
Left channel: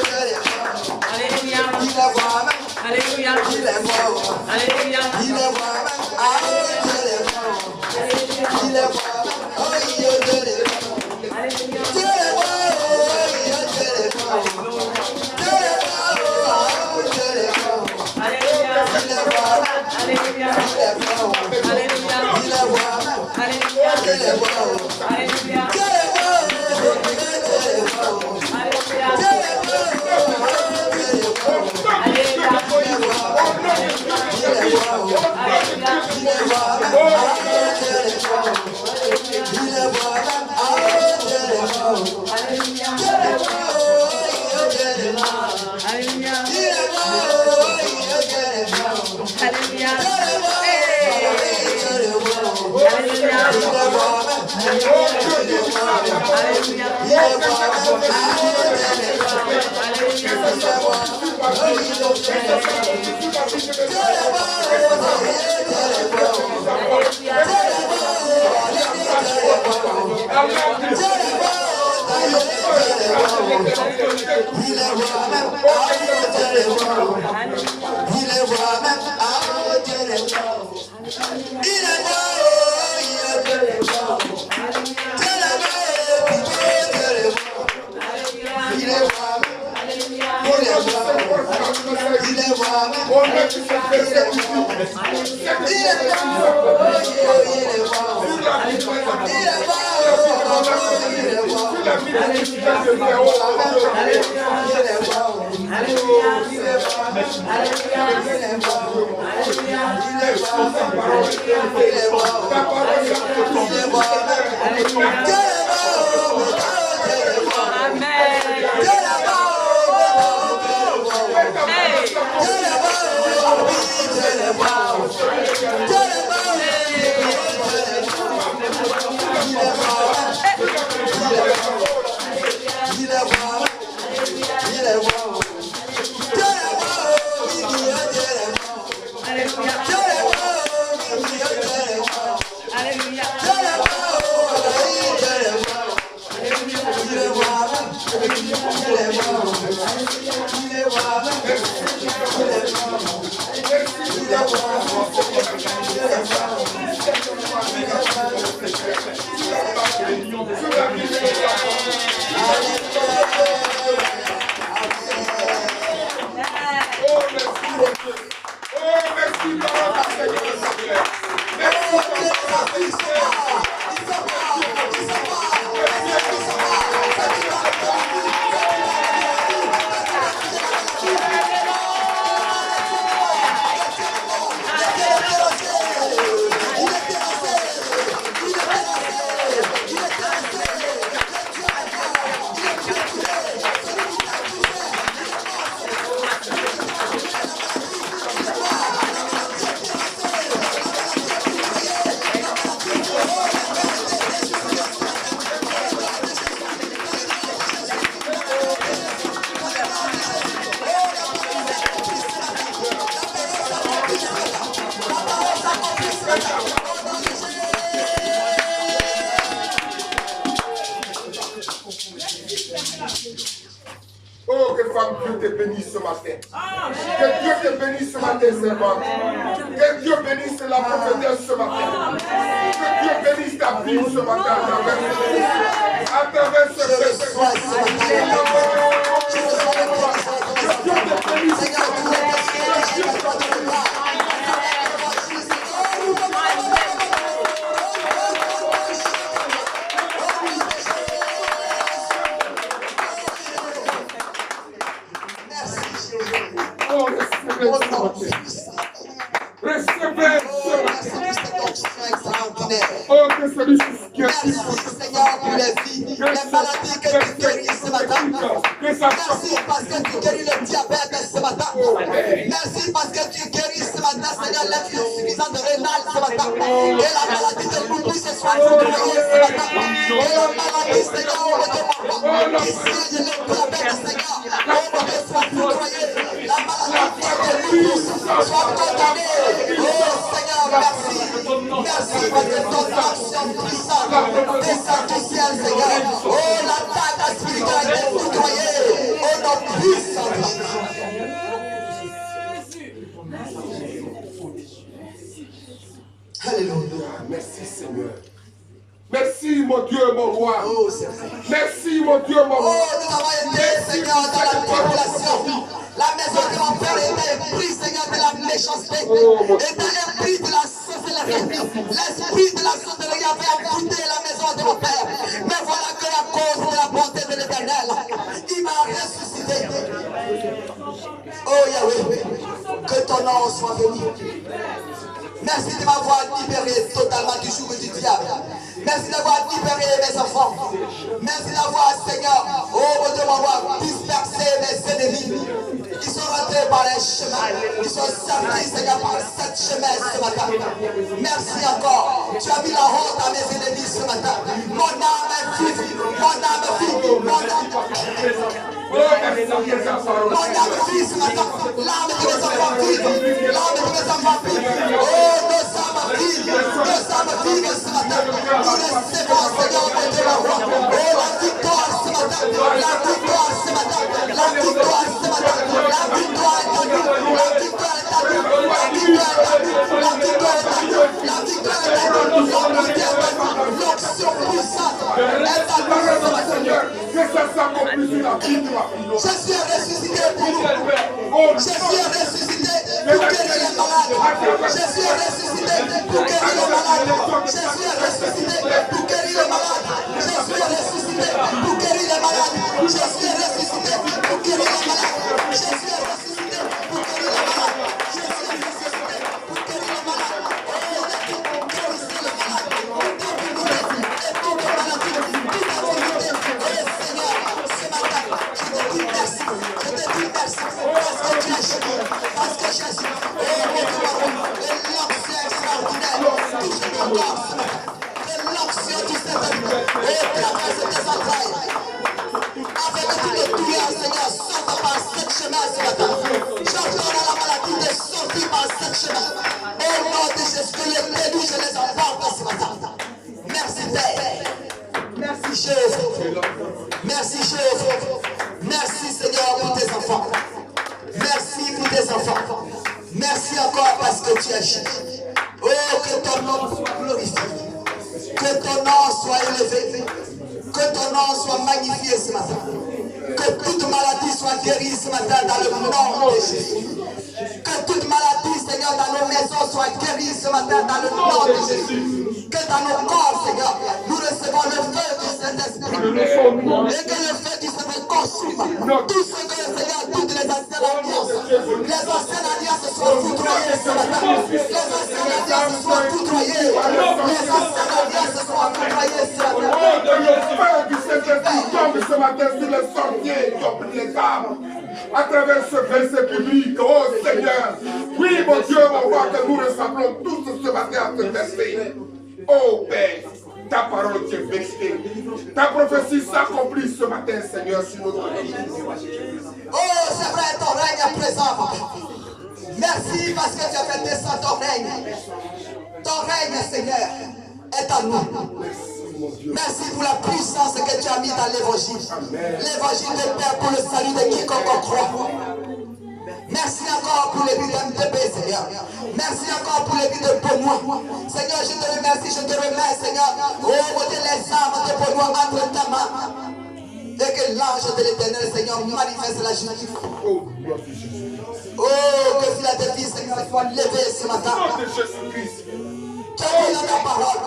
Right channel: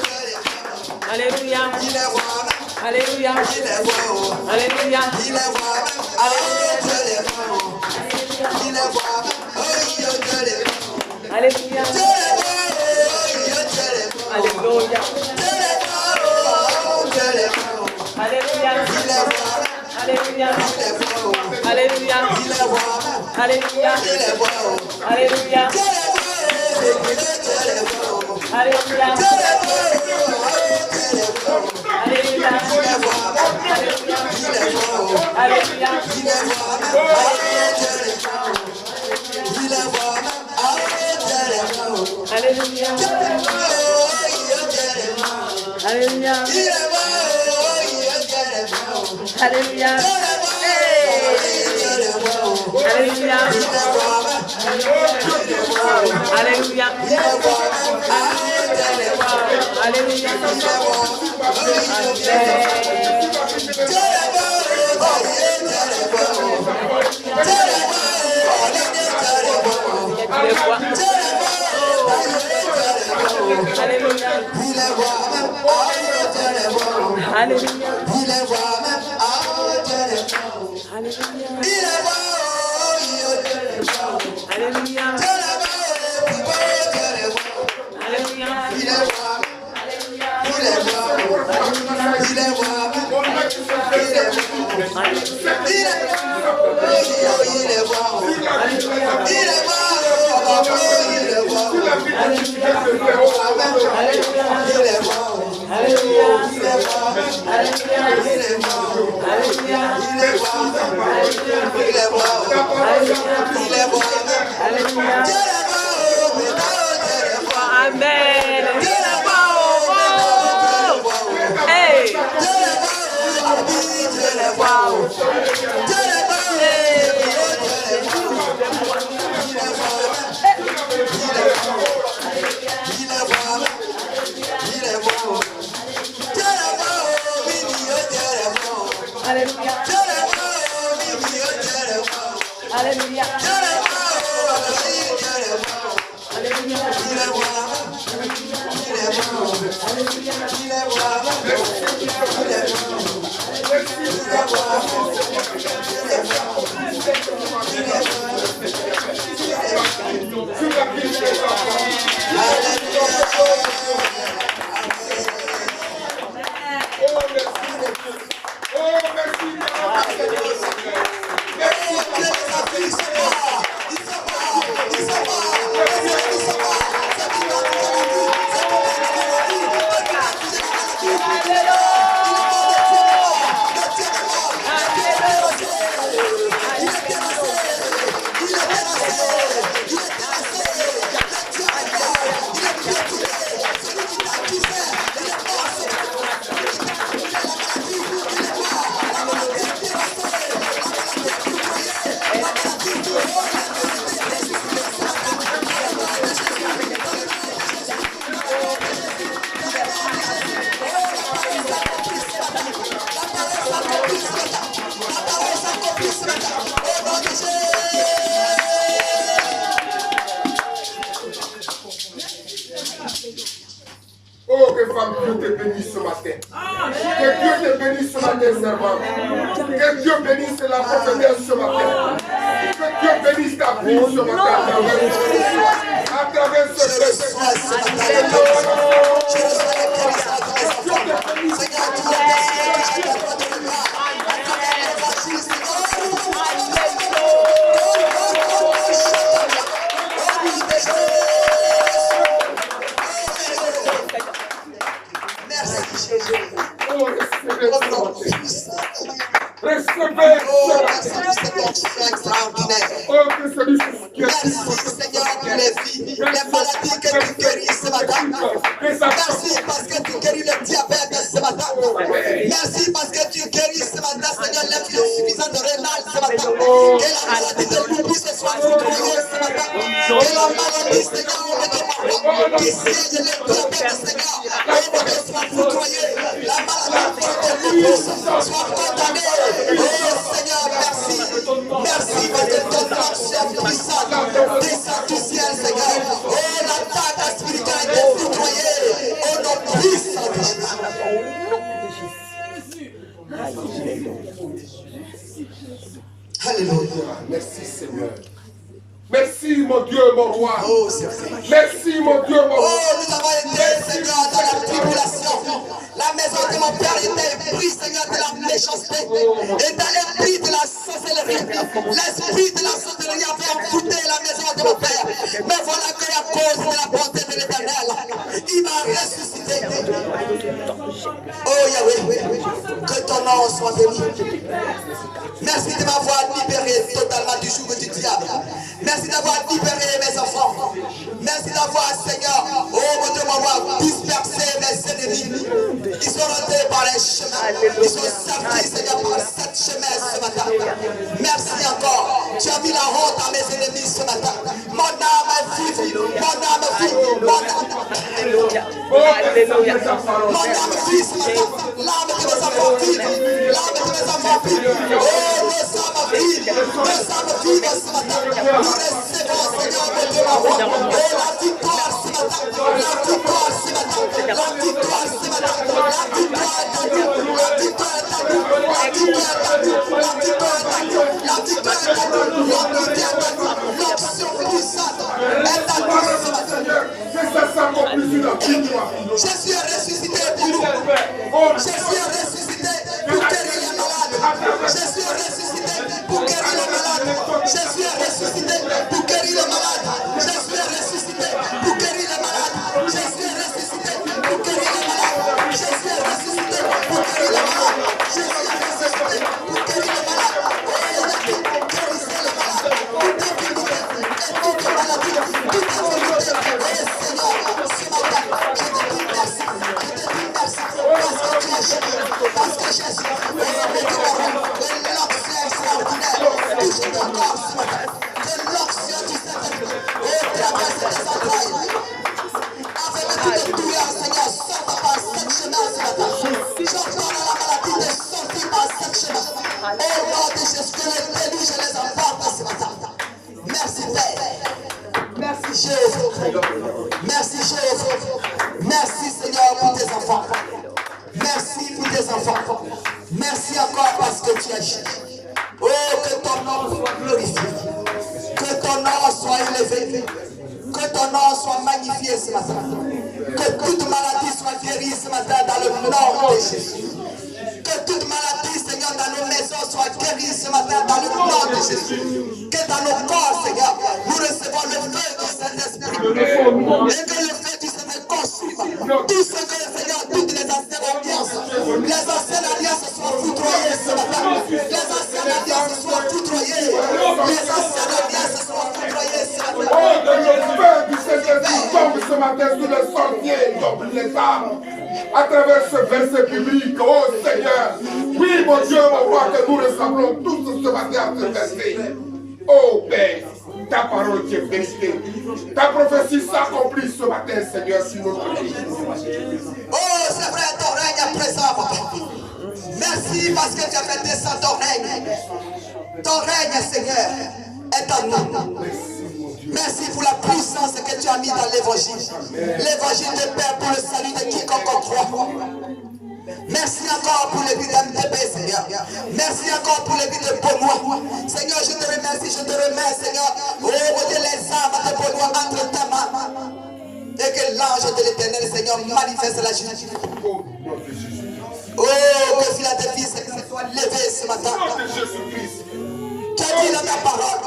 Dieu les voit. Alléluia. Il les voit même. Alléluia. Il les voit. Alléluia. Il les voit même. Ah, Dieu les voit. Il les voit même. Oh, Dieu les voit. Alléluia. Dieu les voit. Dieu les voit. Alléluia. Dieu les voit. Dieu les voit. Alléluia. Il les voit même. Alléluia. Il les voit. Alléluia. Il les voit même. Alléluia. Dieu les voit. Alléluia. Dieu les voit. Dieu les voit. Alléluia. Dieu les voit. Dieu les voit. Alléluia. Il les voit même. Il les voit. Alléluia. Il les voit même. Ah, Dieu les voit. Il les voit même. Ah, Dieu les voit. Alléluia. Dieu les voit. Dieu les voit. Alléluia. Il les voit. Dieu les voit. Alléluia. Dieu les voit. Dieu les voit. Alléluia. Il les voit même. Dieu les voit. Alléluia. Il les voit même. Ah, Dieu les voit. Alléluia. Il les voit. Oh, Dieu les voit. Alléluia. Il est Oh, que femme Dieu te bénisse ce matin. Que Dieu te bénisse ce matin, servante. Que Dieu bénisse la prophétesse ce matin. Que Dieu bénisse ta vie ce matin à travers ce texte. Recevez oh, que celui qui est Seigneur, pour les vies, les maladies que tu guéris ce matin. Merci parce que tu guéris le diabète ce matin. Merci parce que tu guéris ce matin, Seigneur, l'insuffisance rénale ce matin. Et la maladie de l'oubli ce soir, ce matin. Et la maladie, Seigneur, qui siège le diabète, Seigneur. On va te soit foudroyé. La maladie de l'oubli soit condamnée. Oh Seigneur, merci. Merci parce que ton action puissante descend du ciel, Seigneur. Oh, l'attaque spirituelle est foudroyée. Au nom puissant de Jésus. Alléluia. Merci Seigneur. Merci mon Dieu, mon roi. Oh, c'est vrai. Merci mon Dieu, mon roi. Oh, nous avons été, Seigneur, dans la tribulation. La maison de mon père était prise, Seigneur, de la méchanceté. Était épris de la sorcellerie. L'esprit de la sorcellerie avait envoûté la maison de mon père. Mais voilà que à cause de la bonté de l'Éternel, il m'a ressuscité. Oh Yahweh, que ton nom soit béni. Merci de m'avoir libéré totalement du joug du diable. Merci d'avoir libéré mes enfants. Merci d'avoir, Seigneur, oh mon Dieu, mon roi, dispersé mes ennemis. Ils sont rentrés par les chemins. Ils sont sortis, Seigneur, par cette chemin ce matin. Merci encore. Tu as mis la honte à mes ennemis ce matin. Mon âme est vive. Mon âme vit. Mon âme vit ce matin. L'âme de mes enfants vit. L'âme de mes enfants vit. Oh, nos âmes vivent. Nos âmes vivent ce matin. Nous recevons, Seigneur, mon Dieu, mon roi. Oh, la victoire ce matin. La victoire ce matin. La victoire ce matin. La victoire est à nous. La victoire est à nous. La victoire est à nous. La victoire est à nous. La victoire est à nous. L'unité est à nous. L'onction puissante est à nous ce matin. Que ça s'accomplisse sur la vie de ma vie. Jésus est ressuscité pour nous. Jésus est ressuscité pour guérir les malades. Jésus est ressuscité pour guérir les malades. Jésus est ressuscité pour guérir les malades. Jésus est ressuscité pour guérir les malades. Jésus est ressuscité pour guérir les malades. Jésus est ressuscité pour guérir les malades. Jésus est ressuscité pour guérir les malades. Oh, il a dit, guérissez les malades. Toute infirmité et toute maladie, toute infirmité. Oh Seigneur, ce matin, je te dis merci. Je te dis merci parce que tu as Jésus. Parce que Jésus, oh mon Dieu, et l'onction extraordinaire touche ton corps ce matin. Que l'onction du Saint-Esprit, oh, traverse tes entrailles. Avec toute douleur, Seigneur, sorte par cette chemin ce matin. J'ordonne à la maladie de sortir par cette chemin. Au nom de Jésus, que les pédous, je les emporte ce matin. Merci Père. Merci Jésus. Merci Jésus. Merci Seigneur pour tes enfants. Merci pour tes enfants. Merci encore parce que tu es Jésus. Oh, que ton nom soit glorifié. Que ton nom soit élevé. Que ton nom soit magnifié ce matin. Que toute maladie soit guérie ce matin dans le nom de Jésus. Que toute maladie, Seigneur, dans nos maisons soit guérie ce matin dans le nom de Jésus. Que dans nos corps, Seigneur, nous recevons le feu du Saint-Esprit. Et que le feu du Saint-Esprit consume tout ce que, Seigneur, toutes les anciennes alliances. Les anciennes alliances soient foudroyées ce matin. Les anciennes alliances soient foudroyées. Les anciennes alliances soient foudroyées ce matin. Oh, que le feu du Saint-Esprit tombe ce matin sur les sentiers, tombe les arbres. À travers ce verset public, oh Seigneur, oui mon Dieu, mon roi, que nous ressemblons tous ce matin à ce verset. Oh Père, ta parole est vérité. Ta prophétie s'accomplit ce matin, Seigneur, sur notre vie. Oh, c'est vrai, ton règne est présent, papa. Merci parce que tu as fait descendre ton règne. Ton règne, Seigneur, est en nous. Merci pour la puissance que tu as mis dans l'évangile. L'évangile de Père pour le salut de quiconque croit. Merci encore pour les vies d'MTP, Seigneur. Merci encore pour les vies de Beaunois. Seigneur, je te remercie, Seigneur. Oh, mon Dieu, les âmes de Beaunois entre tes mains. Et que l'ange de l'Éternel, Seigneur, manifeste la justice. Oh, nom de Jésus. Oh, que Philadelphie, Seigneur, soit levé ce matin. Nom de Jésus-Christ. Tu as dit dans ta parole.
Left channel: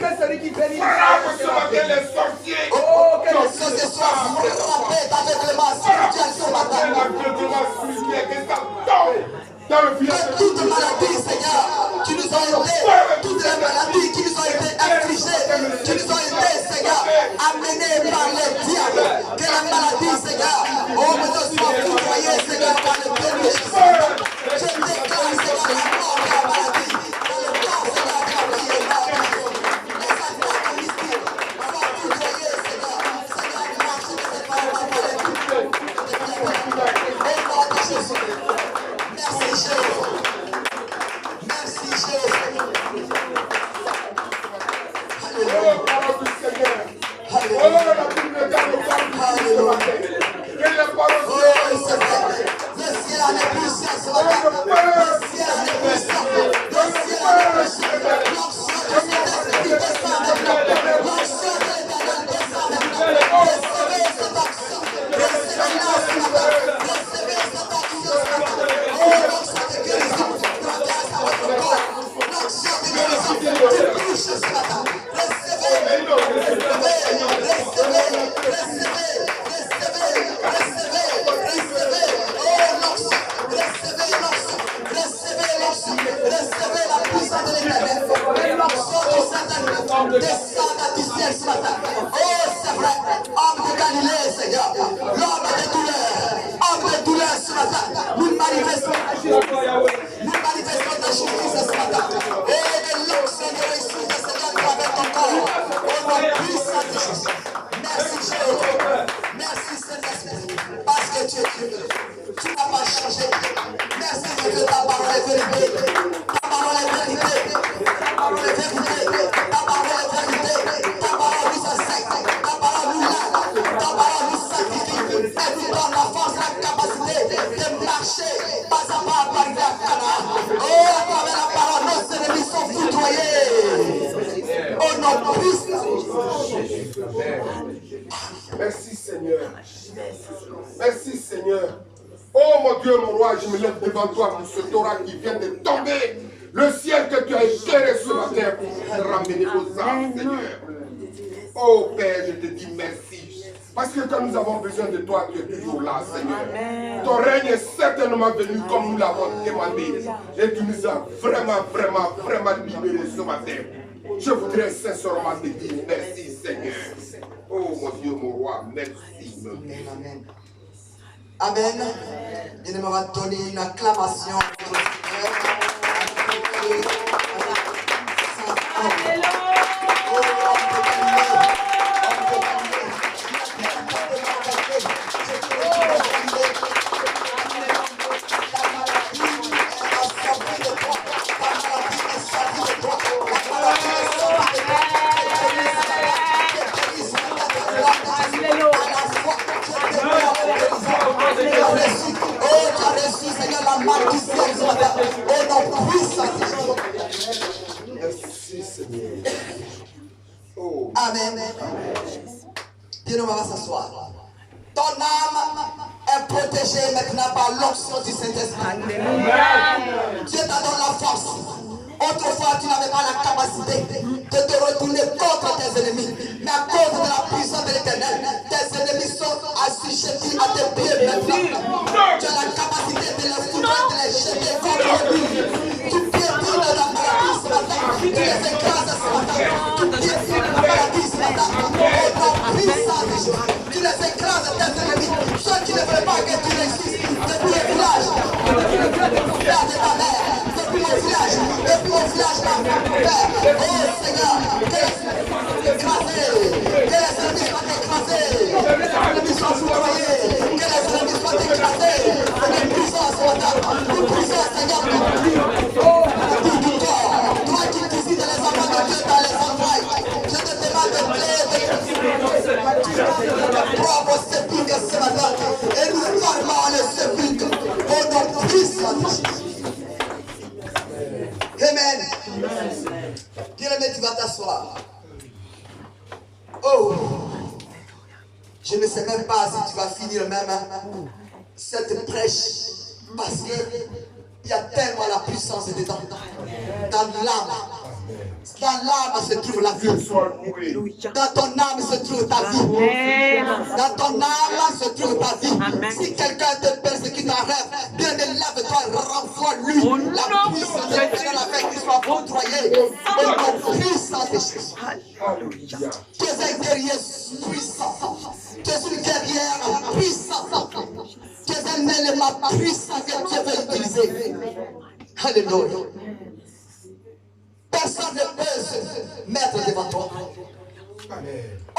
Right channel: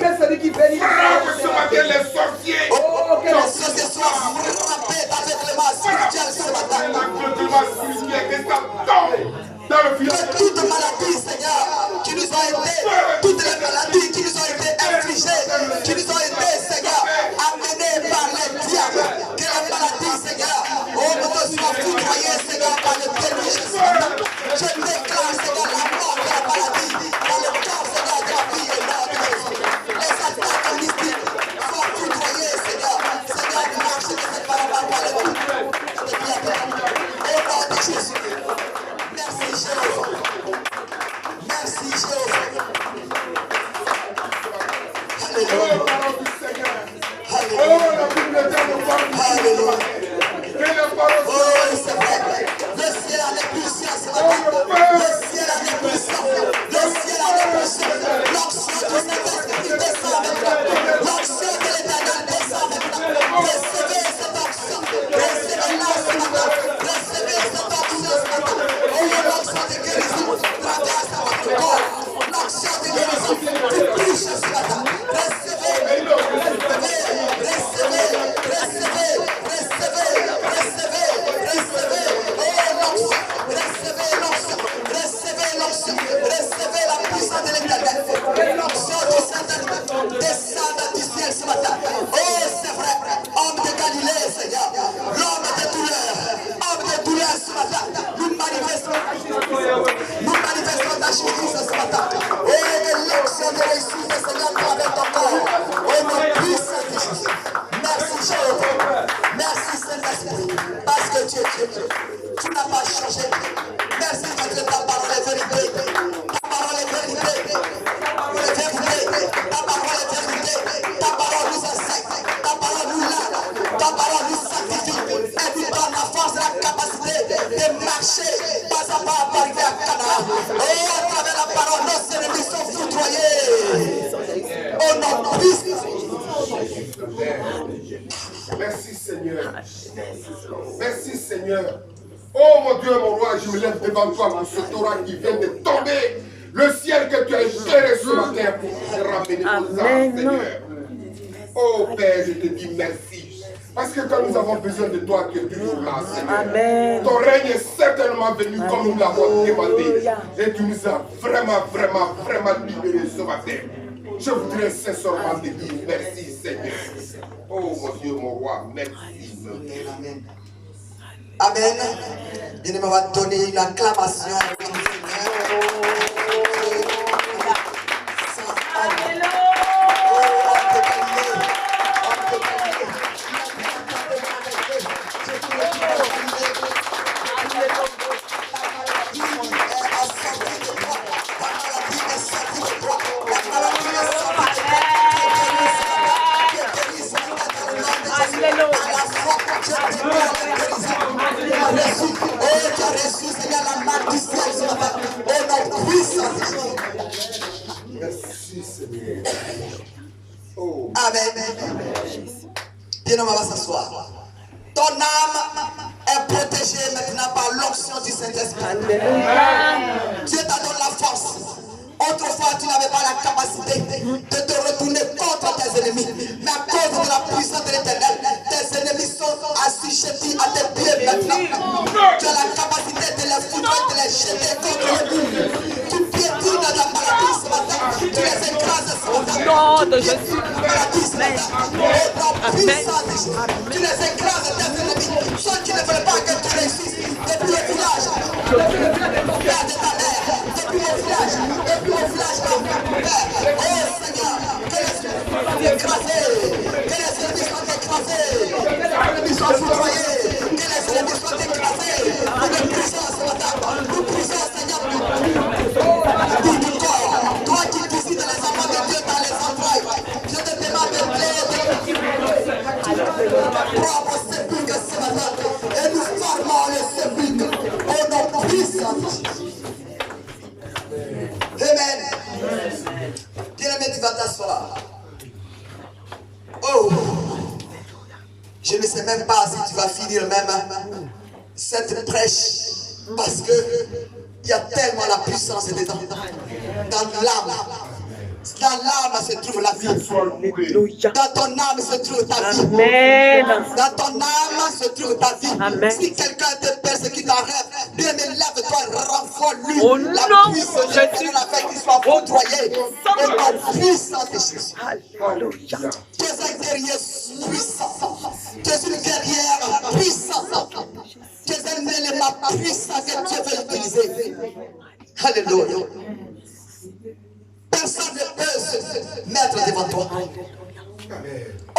Que celui qui bénit Frappe ce matin les sorciers. Oh, que les sorciers soient frappés d'aveuglement spirituel ce matin. L'aveuglement spirituel, que ça tombe dans le filet. Que toute maladie, Seigneur, qui nous ont été, toutes les maladies qui nous ont été infligées, qui nous ont été, Seigneur, amenées par les diables, que la maladie, Seigneur, oh mon Dieu, soit foudroyée, Seigneur, par le péché. Je déclare, Seigneur, la mort de la maladie, dans le corps, Seigneur, de la vie et de la vie. Les attaques mystiques soient foudroyées, Seigneur. Seigneur, marche dans cette parole pour les vies. Au nom de Jésus. Merci Jésus. Merci Jésus. Oh, parole du Seigneur. Oh, la Bible nous parle ce matin. Que les paroles Oh, c'est vrai. Le ciel en est puissant ce matin. Le ciel en est puissant. Le ciel en est puissant. L'onction du Saint-Esprit descend maintenant. L'onction de l'Éternel descend maintenant. Recevez cette onction. Recevez-la ce matin. Recevez cette onction ce matin. Oh, l'onction de guérison traverse votre corps. L'onction de guérison te touche ce matin. Recevez, recevez, recevez, recevez, recevez, recevez, recevez. Oh, l'onction, recevez l'onction, recevez l'onction, recevez la puissance de l'Éternel. L'onction du Saint-Esprit descend du ciel ce matin. Oh, c'est vrai, homme de Galilée, Seigneur, l'homme de douleur ce matin. Nous manifestons ta justice. Nous manifestons ta justice ce matin. Oh, que l'onction de réussite, Seigneur, avec ton corps. Au nom puissant de Jésus. Merci Jésus. Merci Saint-Esprit. Parce que tu es Dieu. Tu n'as pas changé. Merci parce que ta parole est vérité. Ta parole est vérité. Ta parole est vérité. Ta parole est vérité. Ta parole nous enseigne. Ta parole nous lave. Ta parole nous sanctifie. Et nous donne la force et la capacité de marcher pas à pas pour arriver à Canaan. Oh, à travers la parole, nos ennemis sont foudroyés. Au nom puissant. Merci Seigneur. Merci Seigneur. Oh mon Dieu, mon roi, je me lève devant toi pour ce Torah qui vient de tomber Le ciel que tu as géré ce matin pour te ramener aux âmes, Seigneur. Oh Père, je te dis merci. Parce que quand nous avons besoin de toi, tu es toujours là, Seigneur. Amen. Ton règne est certainement venu comme nous l'avons demandé. Et tu nous as vraiment libérés ce matin. Je voudrais sincèrement te dire merci, Seigneur. Oh mon Dieu, mon roi, merci. Amen, amen. Amen. Bien-aimé, on va donner une acclamation au Seigneur. Merci, Seigneur. Oh. Amen. Bien, on va s'asseoir. Ton âme est protégée maintenant par l'onction du Saint-Esprit. Dieu t'a donné la force. Autrefois, tu n'avais pas la capacité de te retourner contre tes ennemis. Mais à cause de la puissance de l'Éternel, tes ennemis sont assujettis à tes pieds maintenant. Tu as la capacité de les foutre, de les jeter contre eux. Tu piétines la maladie ce matin. Tu les écrases ce matin. Tu piétines la maladie ce matin. Tu les écrases tes ennemis. Ceux qui ne veulent pas que tu réussisses depuis le village, depuis le père de ta mère, depuis le village, depuis le village de mon père. Oh Seigneur, que les ennemis soient écrasés, que les ennemis soient écrasés, que les ennemis soient foudroyés, que les ennemis soient écrasés. Une puissance ce matin, une puissance Seigneur. Toi qui visites les enfants de Dieu dans les entrailles, je te demande de plaider propre sépulcre ce matin et nous formons le sépulcre au nom puissant. Amen. Bien-aimé, tu vas t'asseoir. Oh, je ne sais même pas si tu vas finir même cette prêche parce que il y a tellement la puissance dedans. Dans l'âme. Dans l'âme se trouve la vie. Dans ton âme se trouve ta vie. Amen. Dans ton âme se trouve ta vie. Amen. Si quelqu'un te persécute en rêve, bien lève-toi, renvoie-lui la puissance de Dieu afin qu'il soit foudroyé. Et la puissance de Jésus. Tu es un guerrier puissant. Tu es une guerrière puissante. Tu es un élément puissant que Dieu veut utiliser. Alléluia. Personne ne peut se mettre devant toi.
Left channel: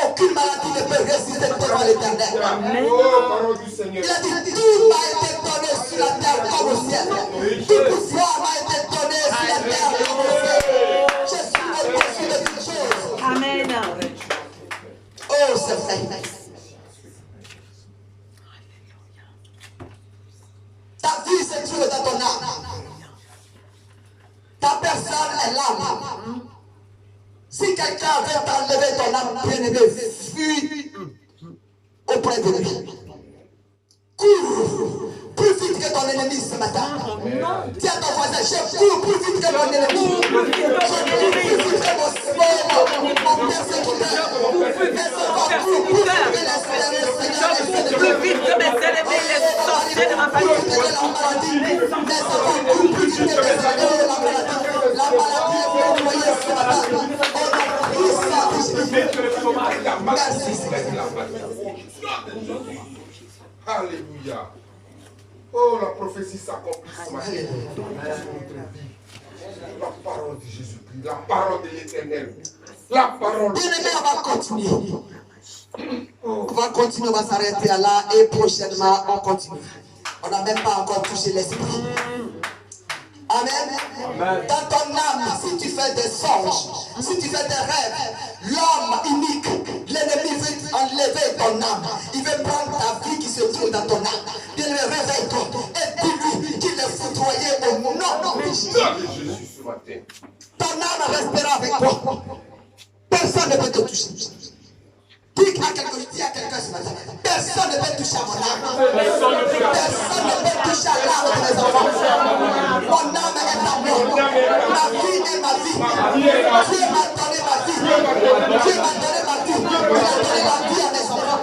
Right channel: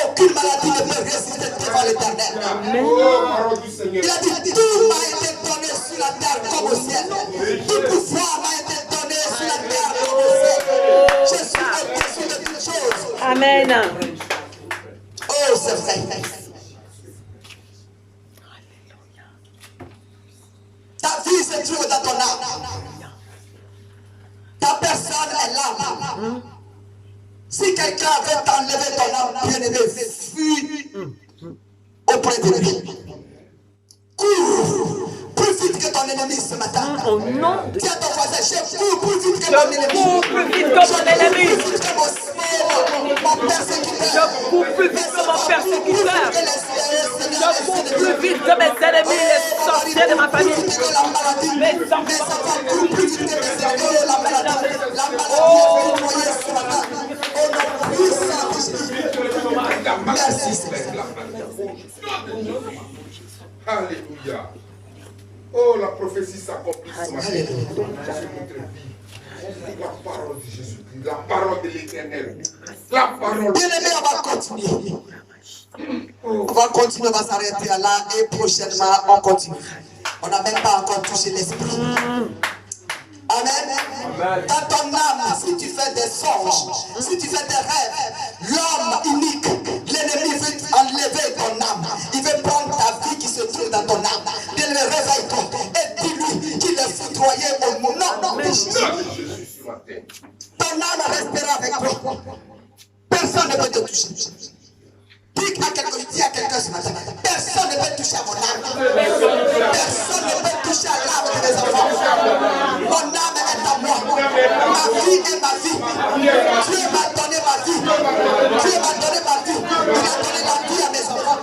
Aucune maladie ne peut résister devant l'Éternel. Il a dit, tout m'a été donné sur la terre comme au ciel. Tout pouvoir m'a été donné sur la terre comme au ciel. Je suis au-dessus de toutes choses. Amen. Oh, c'est vrai. Ta vie se trouve dans ton âme. Ta personne est l'âme. Si quelqu'un veut t'enlever ton âme, bien-aimé, fuis auprès de lui. Cours plus vite que ton ennemi ce matin. Dis à ton voisin, je cours plus vite que mon ennemi. Je cours plus vite que mon persécuteur. Je cours plus vite que mon persécuteur. Je cours plus vite que mes ennemis, les sorciers de ma famille. Mais ça court plus vite que mes ennemis, la maladie. La maladie est nettoyée ce matin. Merci Seigneur. Alléluia. Oh, la prophétie s'accomplit ce matin. La parole de Jésus-Christ, la parole de l'Éternel. La parole. Bien-aimé, on va continuer. On va continuer, on va s'arrêter là et prochainement on continue. On n'a même pas encore touché l'esprit. Amen. Dans ton âme, si tu fais des songes, si tu fais des rêves, l'homme unique, l'ennemi veut enlever ton âme. Il veut prendre ta vie qui se trouve dans ton âme. Bien le réveille-toi et dis-lui qu'il est foudroyé au nom de Jésus. Ton âme restera avec toi. Personne ne peut te toucher. Dis à quelqu'un ce matin, personne ne peut toucher à mon âme. Personne ne peut toucher à l'âme de mes enfants. Mon âme est à moi. vie est ma vie. Dieu m'a donné ma vie. Dieu m'a donné ma vie. Il a donné la vie à mes enfants.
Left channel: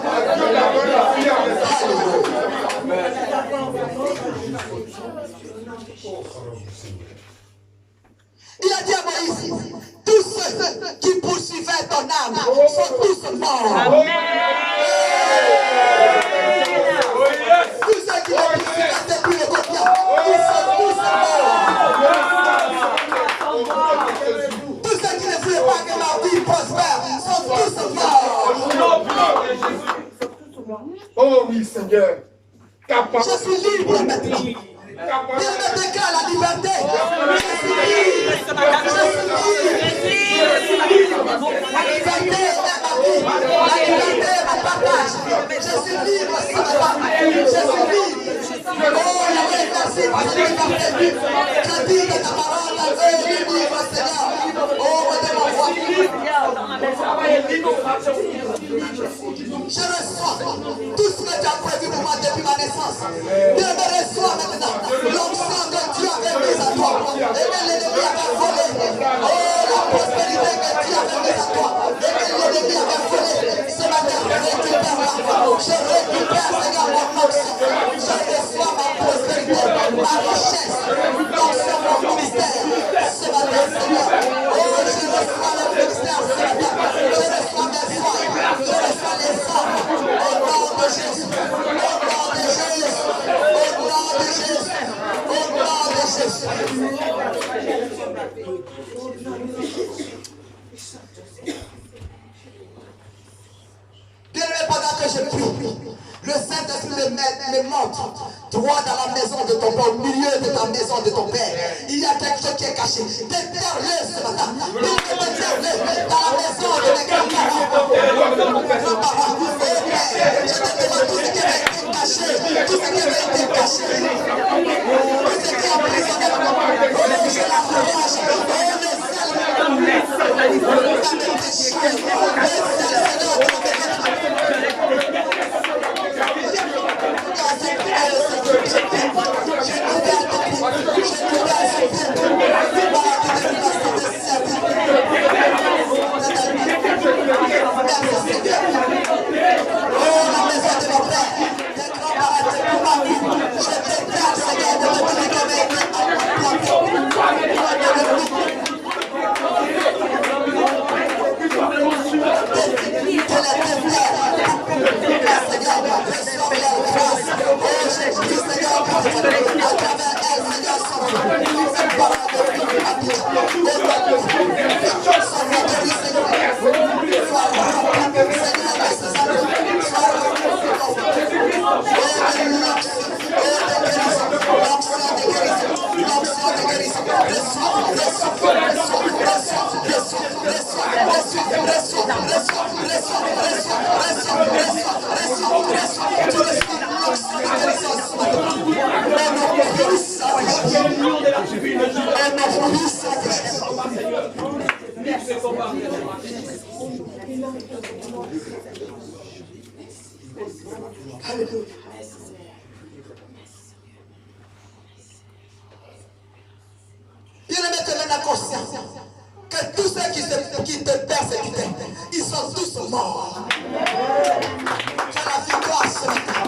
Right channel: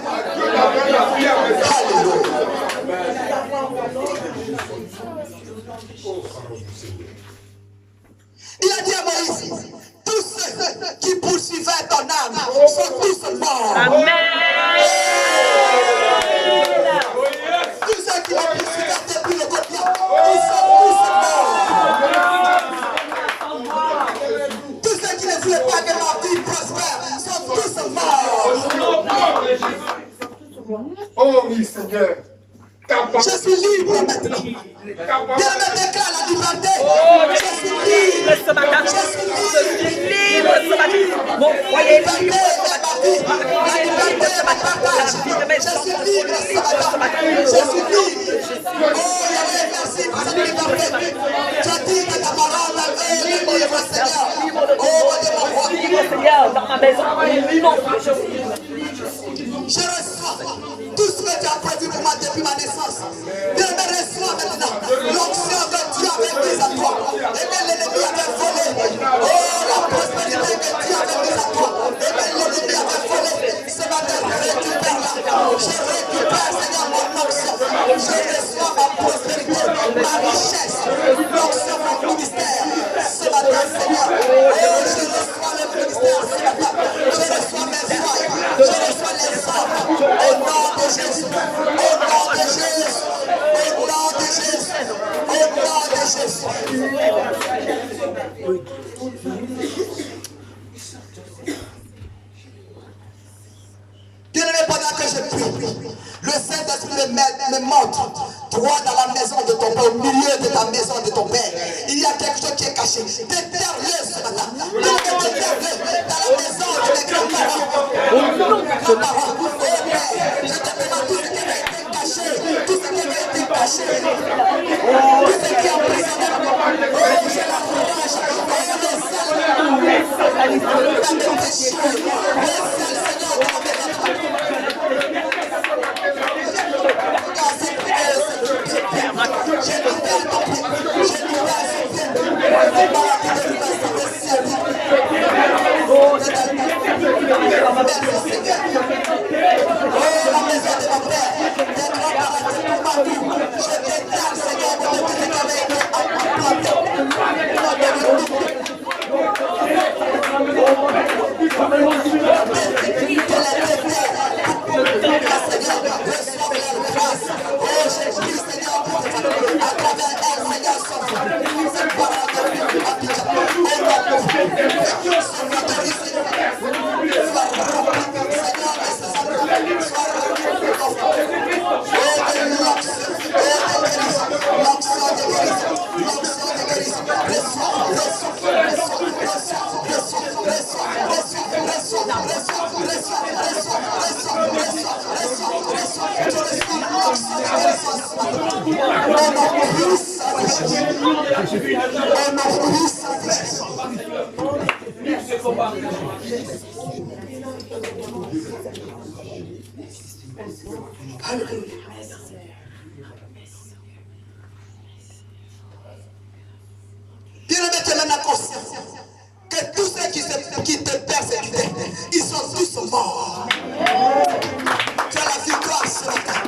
Il a dit à Moïse, tous ceux qui poursuivaient ton âme sont tous morts. Amen. Tous ceux qui les poursuivaient depuis le quotidien, ils sont tous morts. Tous ceux qui ne voulaient pas que ma vie prospère sont tous morts. Oh oui, Seigneur. Je suis libre maintenant. Bien me déclare la liberté. Je suis libre. Je suis libre. La liberté est ma vie. La liberté est mon partage. Je suis libre ce matin. Je suis libre. Oh, Yahweh, merci pour cette liberté. Je dis de ta parole, eux, les livres, Seigneur. Oh, de mon roi. Dans ma maison, Je reçois tout ce que tu as prévu pour moi depuis ma naissance. Dieu me reçoit maintenant. L'onction que Dieu avait mise à toi. Et que l'ennemi avait volé. Oh, la prospérité que Dieu avait mise à toi. Et que l'ennemi avait volé. Ce matin, récupère-la. Je récupère, Seigneur, mon onction. Je reçois ma prospérité, ma richesse. L'onction, mon ministère. Ce matin, Seigneur. Oh, je reçois le ministère ce matin. Je reçois mes foyers. Je reçois les âmes. Au nom de Jésus. Au nom de Jésus. Au nom de Jésus. Au nom de Jésus. Bien-aimé, pendant que je prie, le Saint-Esprit me montre droit dans la maison de ton père, au milieu de ta maison de ton père. Il y a quelque chose qui est caché. Déterre-le ce matin. Déterre-le dans la maison de mes grands-parents. Grands-parents, oh Père, je te demande tout ce qui avait été caché. Tout ce qui avait été caché. Tout ce qui est emprisonné. Oh, je l'encourage. Bien-aimé, tu es maintenant conscient que tous ceux qui te persécutaient, ils sont tous morts. Tu as la victoire ce matin.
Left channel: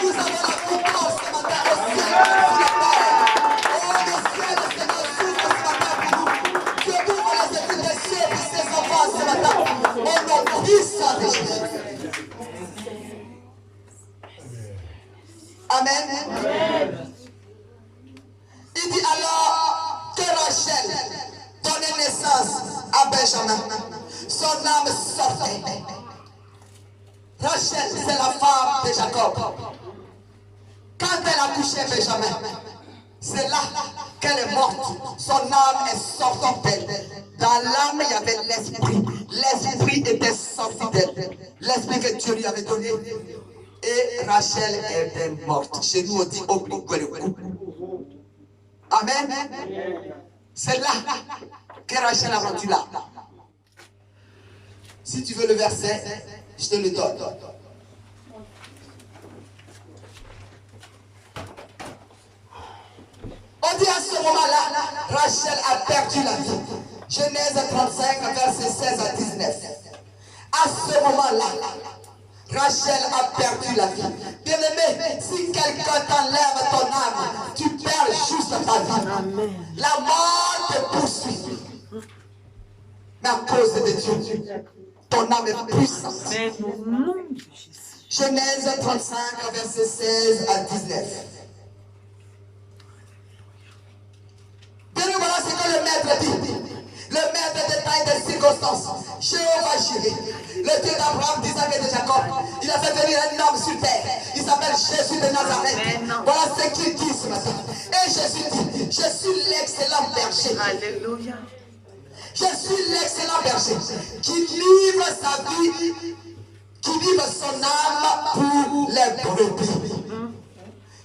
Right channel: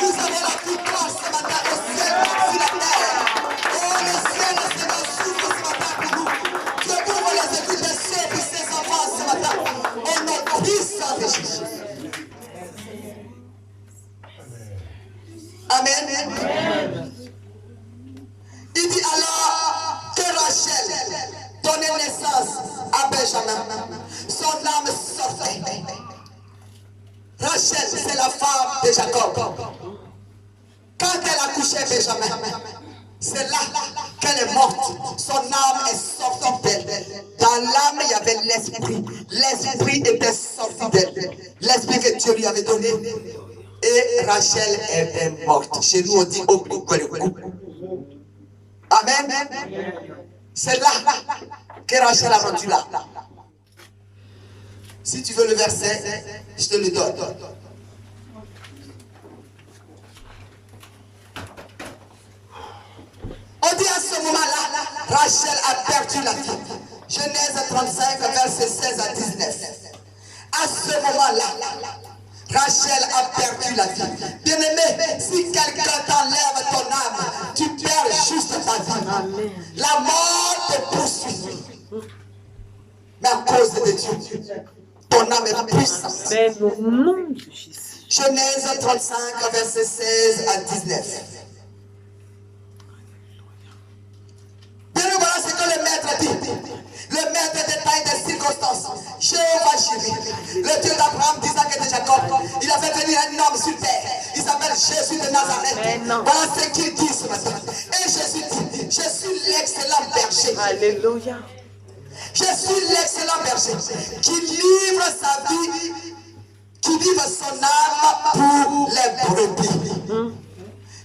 Nous avons la victoire ce matin au ciel et sur la terre. Oh, le ciel, le Seigneur s'ouvre ce matin pour nous. Dieu ouvre les écluses des cieux pour ses enfants ce matin. Au nom puissant de Jésus. Amen. Il dit alors que Rachel donnait naissance à Benjamin. Son âme sortait. Rachel, c'est la femme de Jacob. Quand elle a couché Benjamin, c'est là qu'elle est morte. Son âme est sortie d'elle. Dans l'âme, il y avait l'esprit. L'esprit était sorti d'elle. L'esprit que Dieu lui avait donné. Et Rachel est morte. Chez nous, on dit Amen. C'est là que Rachel a rendu là. Si tu veux le verset, je te le donne. dit à ce moment-là, Rachel a perdu la vie. Genèse 35, versets 16 à 19. À ce moment-là, Rachel a perdu la vie. Bien-aimé, si quelqu'un t'enlève ton âme, tu perds juste ta vie. Amen. La mort te poursuit. Mais à cause de Dieu, ton âme est puissante. Père, au nom de Jésus. Genèse 35, versets 16 à 19. Bien, voilà ce que le maître dit. Le maître détaille des circonstances. Jéhovah Jireh, le Dieu d'Abraham, d'Isaac et de Jacob, il a fait venir un homme sur terre. Il s'appelle Jésus de Nazareth. Voilà ce qu'il dit ce matin. Et Jésus dit, je suis l'excellent berger. Alléluia. Je suis l'excellent berger qui livre sa vie, qui livre son âme pour les brebis.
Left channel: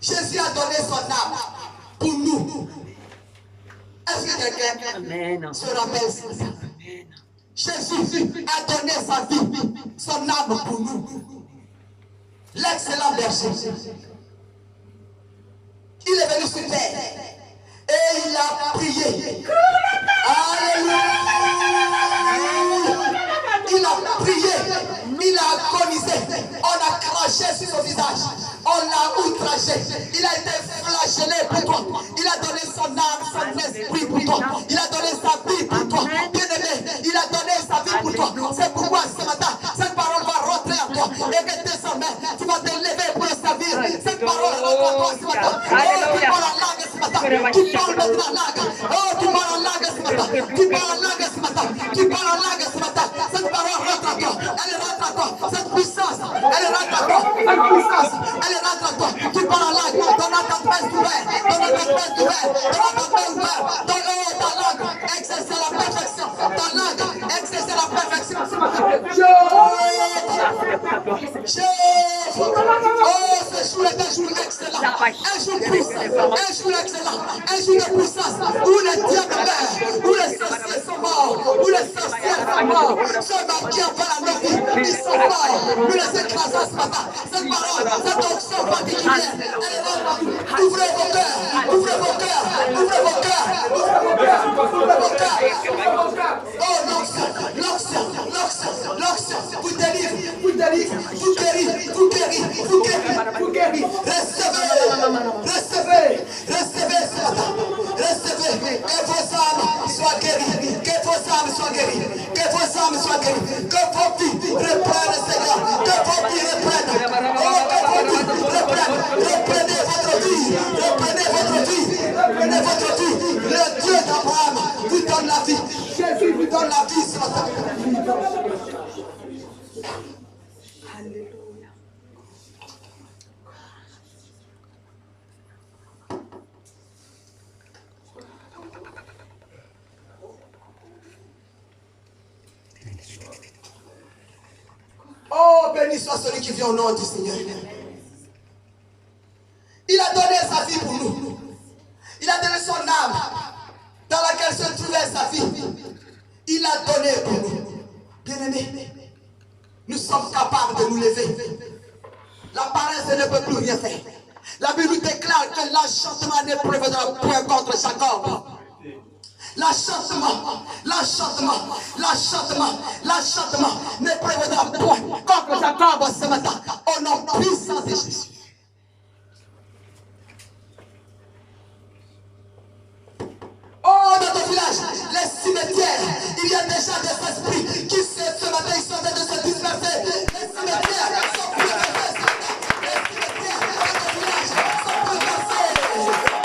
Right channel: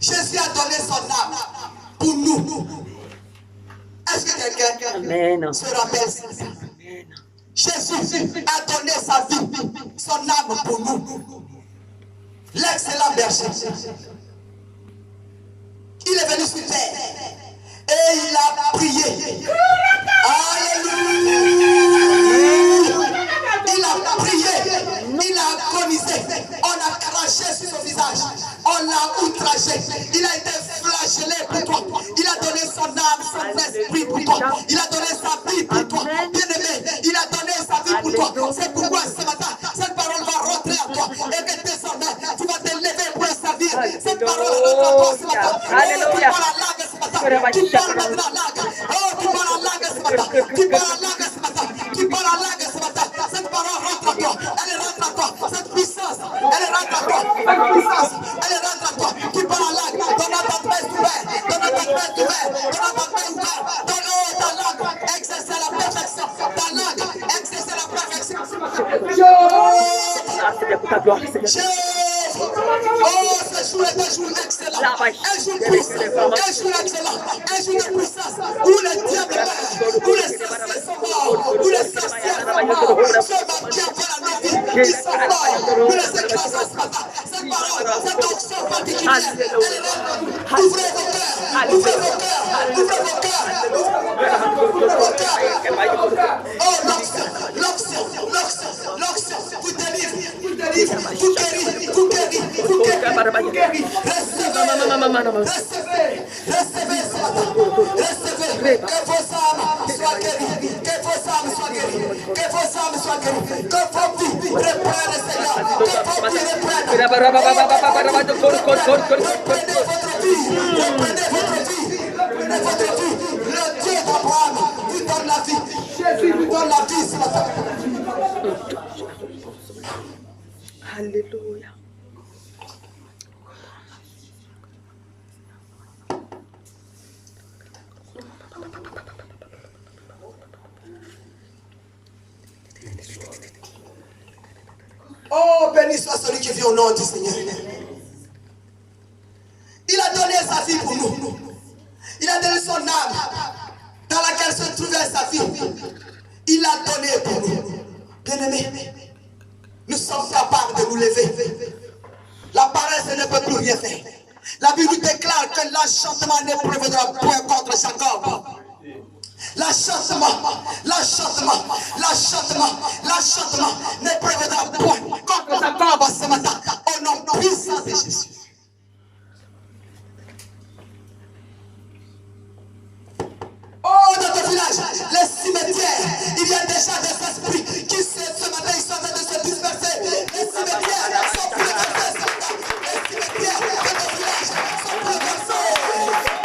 Jésus a donné son âme pour nous. Est-ce que quelqu'un se rappelle ça? Jésus a donné sa vie, son âme pour nous. L'excellent berger. Il est venu sur terre et il a prié. Alléluia. Il a prié, il a agonisé, on a craché sur son visage, on l'a outragé, il a été flagellé pour toi, il a donné son âme, son esprit pour toi, il a donné sa vie pour toi, bien-aimé, il a donné sa vie pour toi. C'est pourquoi ce matin, cette parole va rentrer à toi et que désormais, tu vas te lever pour le servir. Cette parole rentre à toi ce matin. Oh, tu parles en langue ce matin, tu parles maintenant en langue. Oh, tu parles en langue ce matin, tu parles en langue ce matin, tu parles en langue ce matin. Cette parole rentre à toi, elle rentre à toi, cette puissance, elle rentre à toi, cette puissance, elle rentre à toi. Tu parles en langue, ton entendement ouvert, ton entendement ouvert, ton entendement ouvert, ta langue, exercer la perfection, ta langue, exercer la perfection. Oh, ce jour est un jour excellent, un jour puissant, un jour excellent, un jour de puissance, où les diables meurent, où les sorciers sont morts, où les sorcières sont morts, ceux qui ont fait la vie, ils sont morts, nous les écrasons ce matin. Cette parole, cette onction particulière, elle est là. Ouvrez vos cœurs, ouvrez vos cœurs, ouvrez vos cœurs, ouvrez vos cœurs. Oh, l'onction, vous délivre, vous guérit, vous guérit, vous guérit. Recevez ce matin, recevez, que vos âmes soient guéries, que vos âmes soient guéries, que vos âmes soient guéries, que vos vies reprennent, Seigneur, que vos vies reprennent. Reprenez votre vie, reprenez votre vie, reprenez votre vie. Le Dieu d'Abraham vous donne la vie. Jésus vous donne la vie ce matin. Alléluia. Oh, béni soit celui qui vient au nom du Seigneur. Il a donné sa vie pour nous. Il a donné son âme dans laquelle se trouvait sa vie. Il a donné pour nous. Bien-aimés, nous sommes capables de nous lever. La paresse ne peut plus rien faire. La Bible déclare que l'enchantement ne prévaudra point contre Jacob. L'enchantement ne prévaudra point contre Jacob ce matin. Au nom puissant de Jésus. Oh, dans ton village, les cimetières, il y a déjà des esprits qui ce matin ils sont en train de se disperser. Les cimetières sont bouleversés ce matin. Les cimetières dans ton village sont bouleversés.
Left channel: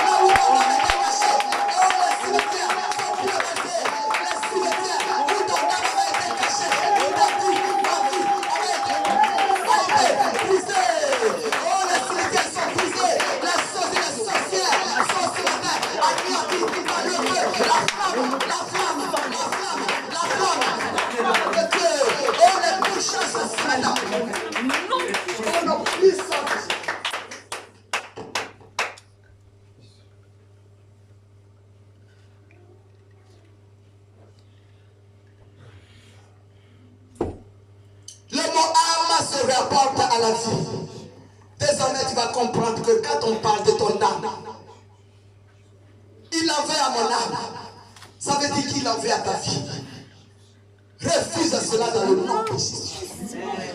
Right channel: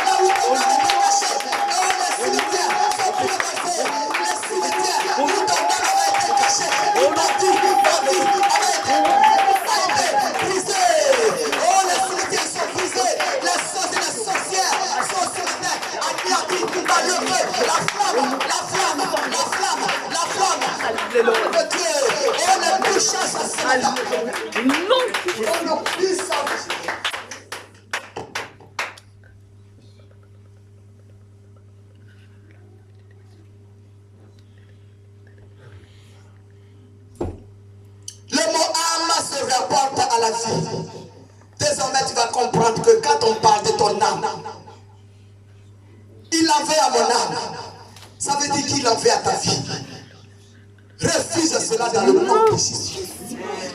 Là où ton âme était cachée. Oh, les cimetières sont bouleversés. Les cimetières où ton âme avait été cachée. Où ta vie avait été brisée. Oh, les cimetières sont brisés. Les sorciers et les sorcières sont ce matin anéantis par le feu. La flamme de Dieu. Oh, les puissances ce matin. Oh, nos puissances. Le mot âme se rapporte à la vie. Désormais, tu vas comprendre que quand on parle de ton âme, en veut à mon âme, ça veut dire qu'il en veut à ta vie. Refuse cela dans le nom de Jésus.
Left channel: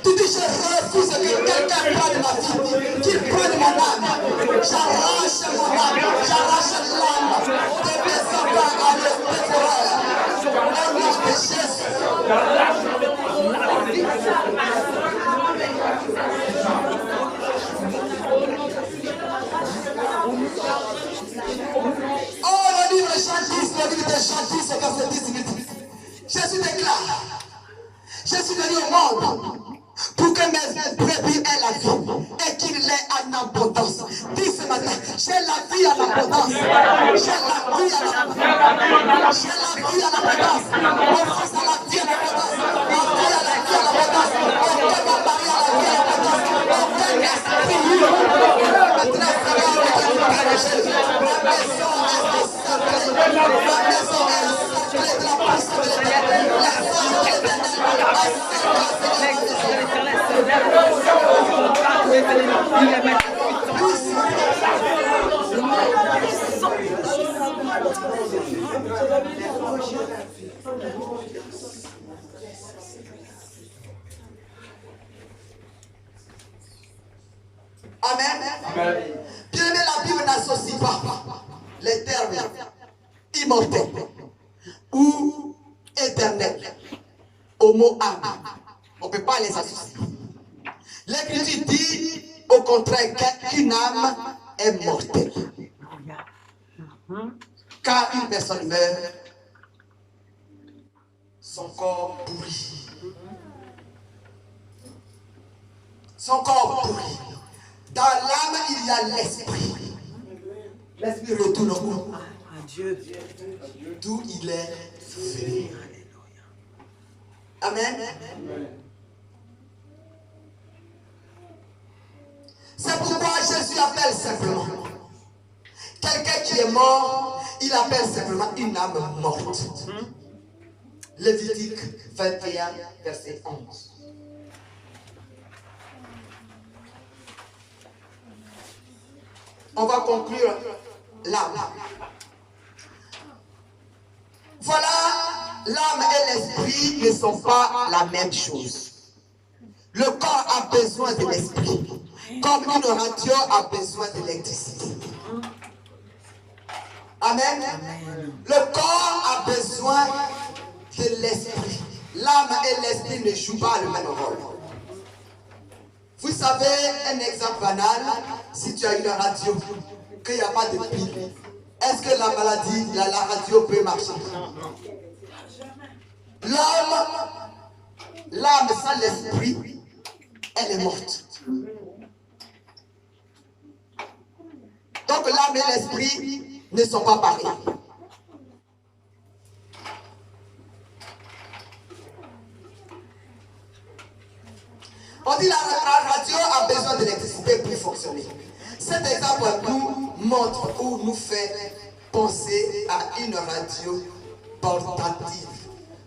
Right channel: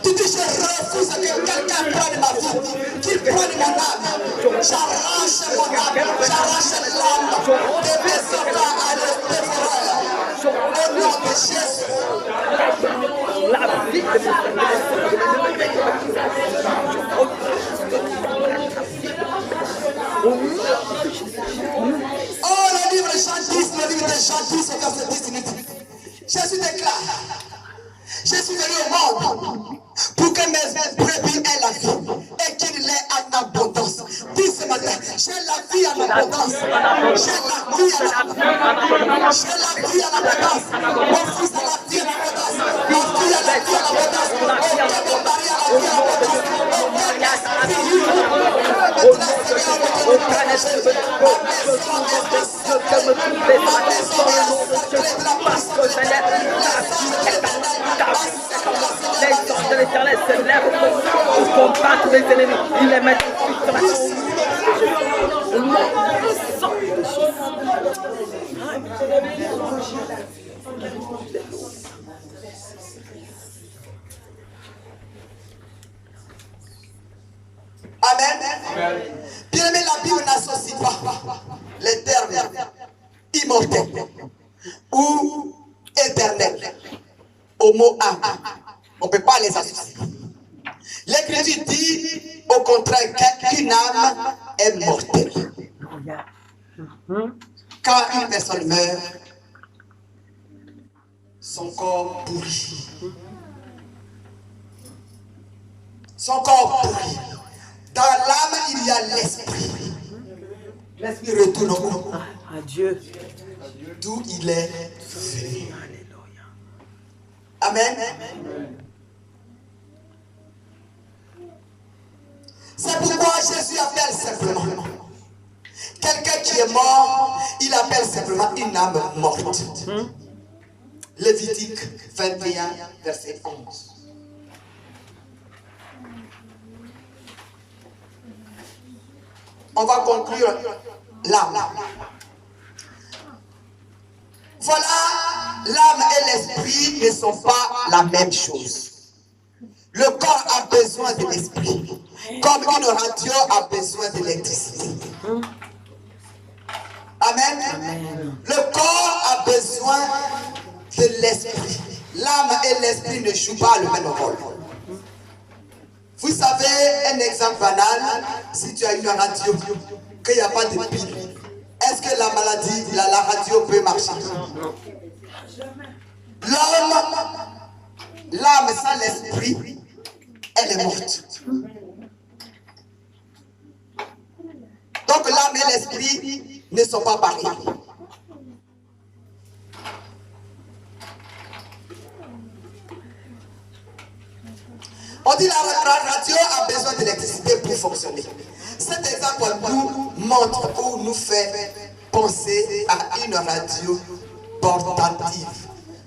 Tu dis, je refuse que quelqu'un prenne ma vie, qu'il prenne mon âme. J'arrache mon âme, j'arrache l'âme de mes enfants à l'espérance. Au nom de Jésus. Oh, le livre de Jean 10, le livre de Jean 10, verset 18. Jésus déclare, je suis venu au monde pour que mes brebis aient la vie et qu'il l'ait en abondance. Dis ce matin, j'ai la vie en abondance. J'ai la vie en abondance. J'ai la vie en abondance. Mon fils a la vie en abondance. Ma fille a la vie en abondance. Aucun mon mari a la vie en abondance. Aucun esprit. Maintenant, Seigneur, je te prie, ma maison est encerclée. Ma maison est encerclée de la puissance de l'éternel. La force de L'Éternel se lève pour combattre les ennemis. Il est magnifique. Amen. Bien aimé, la Bible n'associe pas les termes immortel ou éternel au mot âme. On ne peut pas les associer. L'Écriture dit au contraire qu'une âme est mortelle. Quand une personne meurt, son corps pourrit. Son corps pourrit. Dans l'âme, il y a l'esprit. L'esprit retourne où? À Dieu. D'où il est venu. Amen. C'est pourquoi Jésus appelle simplement. Quelqu'un qui est mort, il appelle simplement une âme morte. Lévitique 21, verset 11. On va conclure l'âme. Voilà, l'âme et l'esprit ne sont pas la même chose. Le corps a besoin de l'esprit, comme une radio a besoin d'électricité. Amen. Le corps a besoin de l'esprit. L'âme et l'esprit ne jouent pas le même rôle. Vous savez, un exemple banal, si tu as une radio, qu'il n'y a pas de pile, est-ce que la maladie, la radio peut marcher? L'âme sans l'esprit, elle est morte. Donc l'âme et l'esprit ne sont pas pareils. On dit la radio a besoin d'électricité pour fonctionner. Cet exemple nous montre ou nous fait penser à une radio portative.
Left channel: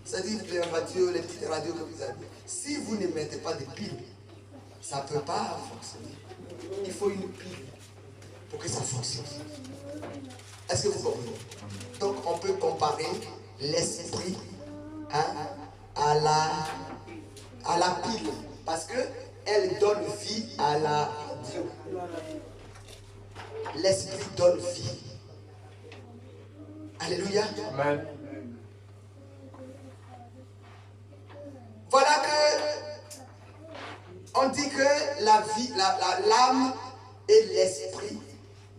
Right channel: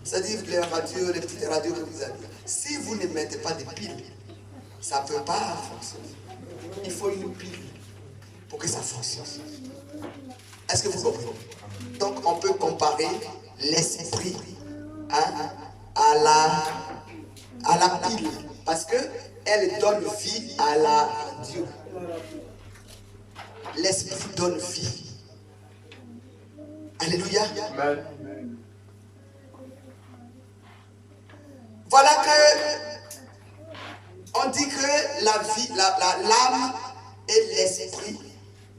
C'est-à-dire les radios, les petites radios que vous avez. Si vous ne mettez pas de piles, ça ne peut pas fonctionner. Il faut une pile pour que ça fonctionne. Est-ce que vous comprenez? Donc on peut comparer l'esprit à la pile. Parce qu'elle donne vie à la radio. L'esprit donne vie. Alléluia. Amen. Voilà que on dit que la vie, l'âme et l'esprit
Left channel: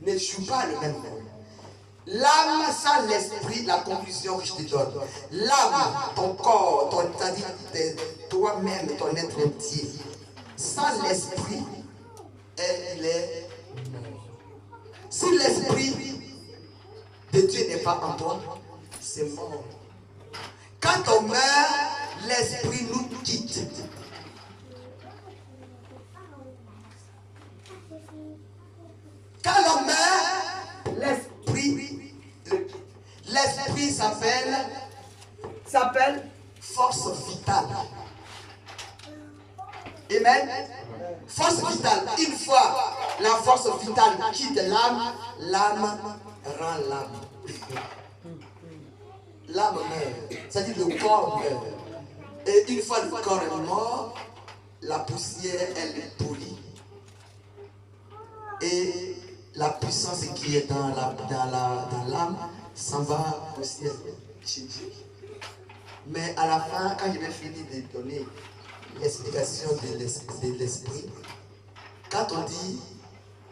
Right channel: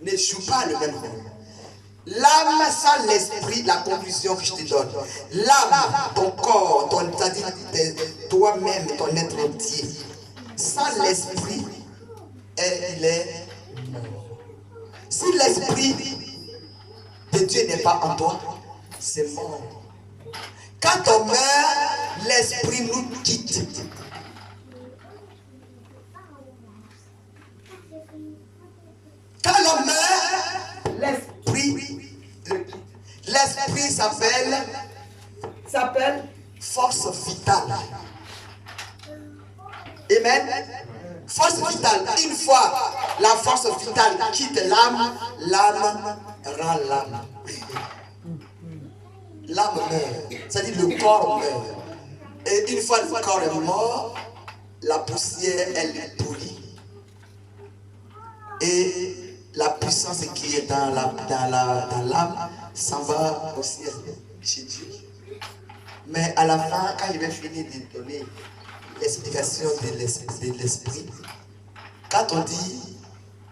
ne jouent pas le même rôle. L'âme sans l'esprit, la conclusion que je te donne. L'âme, ton corps, c'est-à-dire toi-même, ton être entier. Sans l'esprit, il est mort. Si l'esprit de Dieu n'est pas en toi, c'est mort. Quand on meurt, l'esprit nous quitte. Quand on meurt, l'esprit s'appelle force vitale. Amen. Force vitale. Une fois la force vitale quitte l'âme, l'âme rend l'âme. l'âme meurt. C'est-à-dire le corps meurt. Et une fois le corps est mort, la poussière, elle est pourrie. Et la puissance qui est dans l'âme s'en va au ciel, chez Dieu. Mais à la fin, quand je vais finir de donner l'explication de l'esprit, quand on dit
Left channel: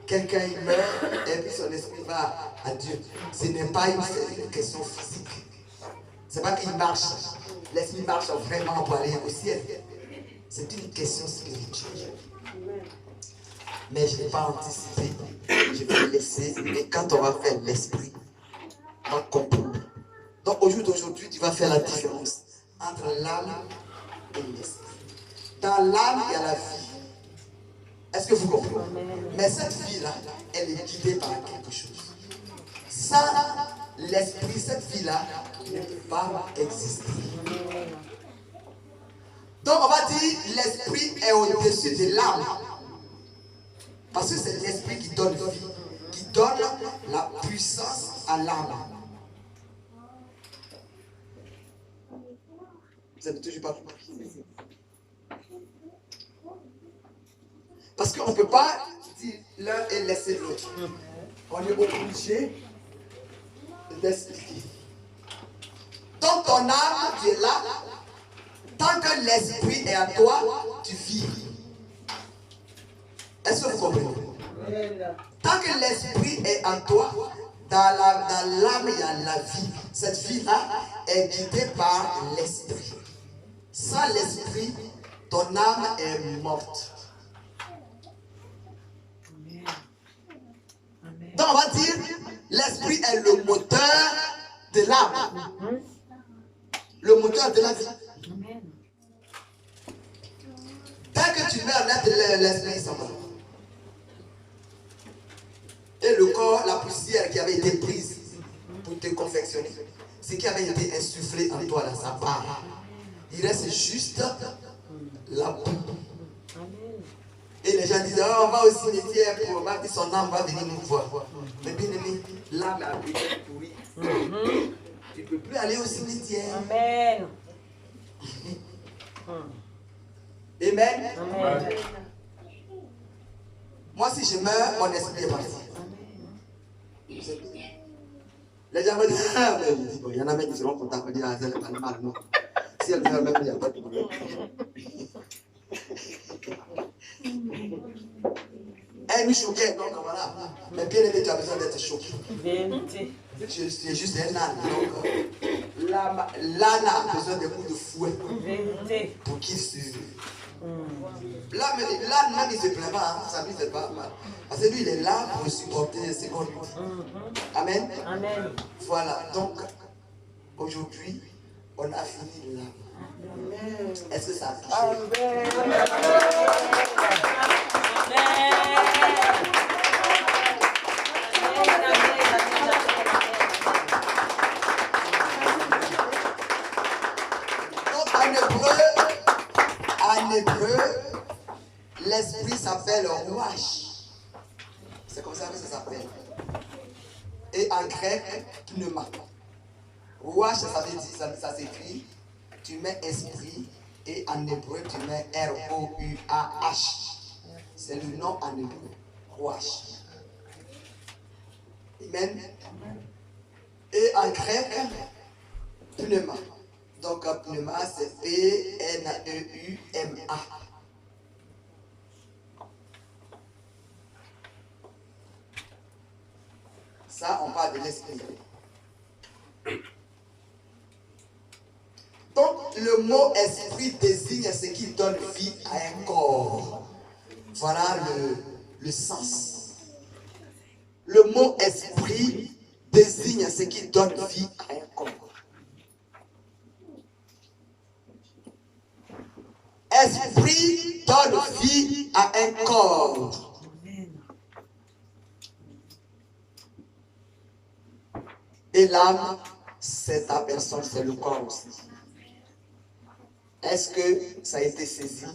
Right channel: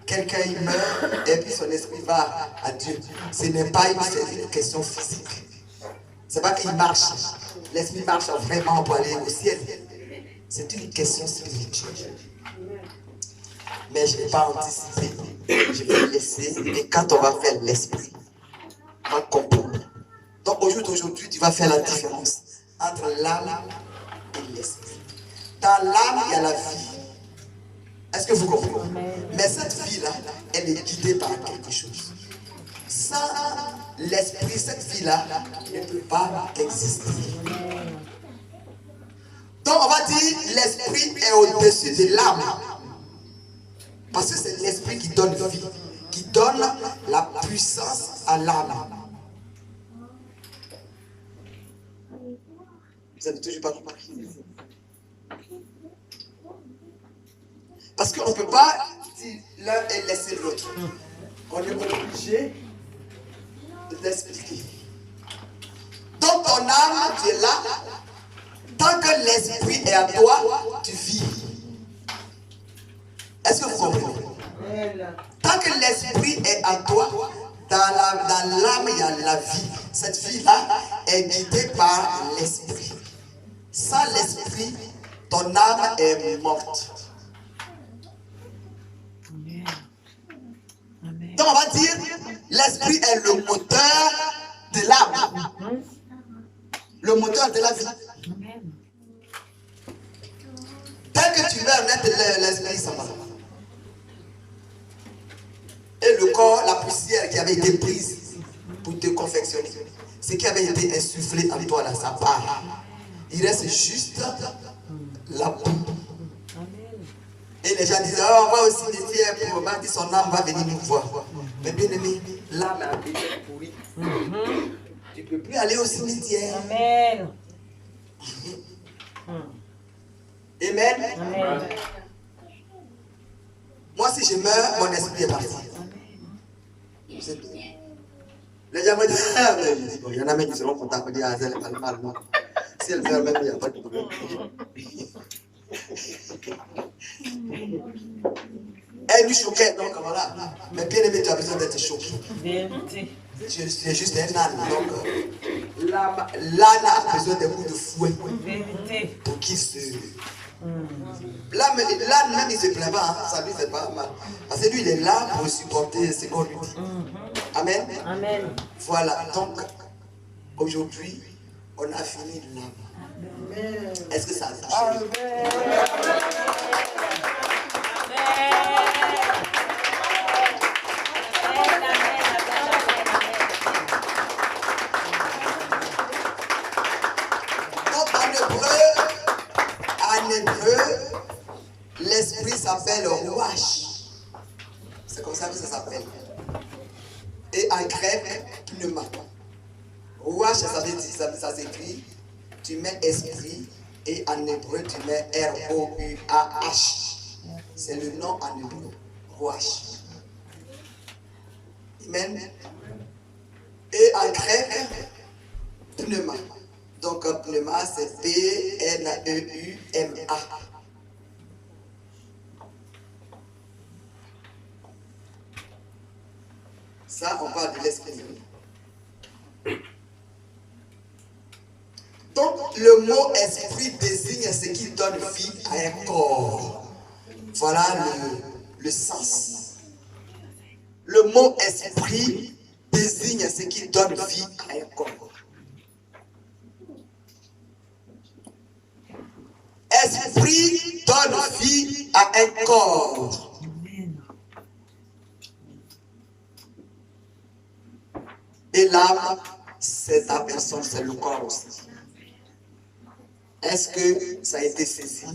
quelqu'un il meurt et puis son esprit va à Dieu, ce n'est pas une question physique. Ce n'est pas qu'il marche. L'esprit marche vraiment pour aller au ciel. C'est une question spirituelle. Mais je ne vais pas anticiper. Je vais laisser. Et quand on va faire l'esprit, on va comprendre. Donc aujourd'hui, tu vas faire la différence entre l'âme et l'esprit. Dans l'âme, il y a la vie. Est-ce que vous comprenez? Mais cette vie-là, elle est guidée par quelque chose. Sans l'esprit, cette vie-là ne peut pas exister. Donc on va dire l'esprit est au-dessus de l'âme. Parce que c'est l'esprit qui donne vie, qui donne la puissance à l'âme. Vous n'avez toujours pas compris. Parce qu'on ne peut pas dire l'un et laisser l'autre. On est obligé d'expliquer. Donc ton âme, tu es là. Tant que l'esprit est à toi, tu vis. Est-ce que vous comprenez? Tant que l'esprit est à toi, dans l'âme, il y a la vie. Cette vie-là est guidée par l'esprit. Sans l'esprit, ton âme est morte. Donc on va dire, l'esprit est le moteur de l'âme. Le moteur de la vie. Dès que tu meurs net, l'esprit s'en va. Et le corps, la poussière qui avait été prise pour te confectionner, ce qui avait été insufflé en toi, là, ça part. Il reste juste la boue. Et les gens disent, oh, on va au cimetière pour voir, son âme va venir nous voir. Mais bien aimé, l'âme a été pourrie. Tu ne peux plus aller au cimetière. Amen. Amen. Amen. Moi, si je meurs, mon esprit est parti. Les gens vont dire, ah, mais je dis, bon, il y en a même qui seront contents pour dire, ah, elle parle mal, moi. Si elle meurt même, il n'y a pas de problème. Elle nous choquait, donc voilà. Mais bien aimé, tu as besoin d'être choqué. Tu es juste un âne. Donc, l'âne a besoin d'un coup de fouet pour qu'il se. L'âne même, il ne se plaint pas, hein. Ça lui fait pas mal. Parce que lui, il est là pour supporter ce qu'on lui dit. Amen. Amen. Voilà, donc, aujourd'hui, on a fini l'âme. Est-ce que ça a touché? En hébreu, l'esprit s'appelle Rouach. C'est comme ça que ça s'appelle. Et en grec, pneuma. Rouach, ça veut dire, ça s'écrit, tu mets esprit, et en hébreu, tu mets R-O-U-A-H. C'est le nom en hébreu, Rouach. Amen. Et en grec, pneuma. Donc, pneuma, c'est P-N-E-U-M-A. Ça, on parle de l'esprit. Donc, le mot esprit désigne ce qui donne vie à un corps. Voilà le sens. Le mot esprit désigne ce qui donne vie à un corps. Esprit donne vie à un corps. Et l'âme, c'est ta personne, c'est le corps aussi. Est-ce que ça a été saisi?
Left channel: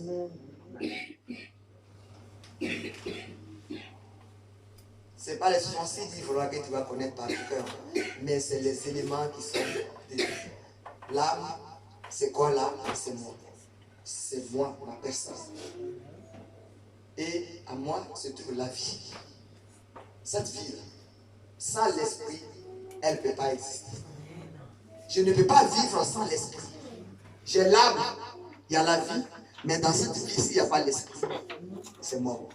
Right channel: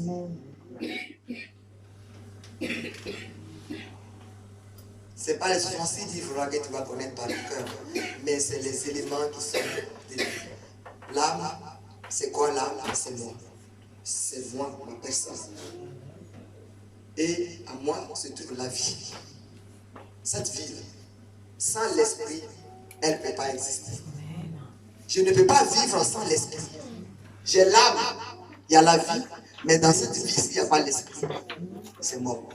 Ce n'est pas les 66 livres que tu vas connaître par cœur, mais c'est les éléments qui sont de l'âme. C'est quoi l'âme? C'est moi. C'est moi, ma personne. Et à moi se trouve la vie. Cette vie, sans l'esprit, elle ne peut pas exister. Je ne peux pas vivre sans l'esprit. J'ai l'âme, il y a la vie, mais dans cette vie, s'il n'y a pas l'esprit, c'est mort.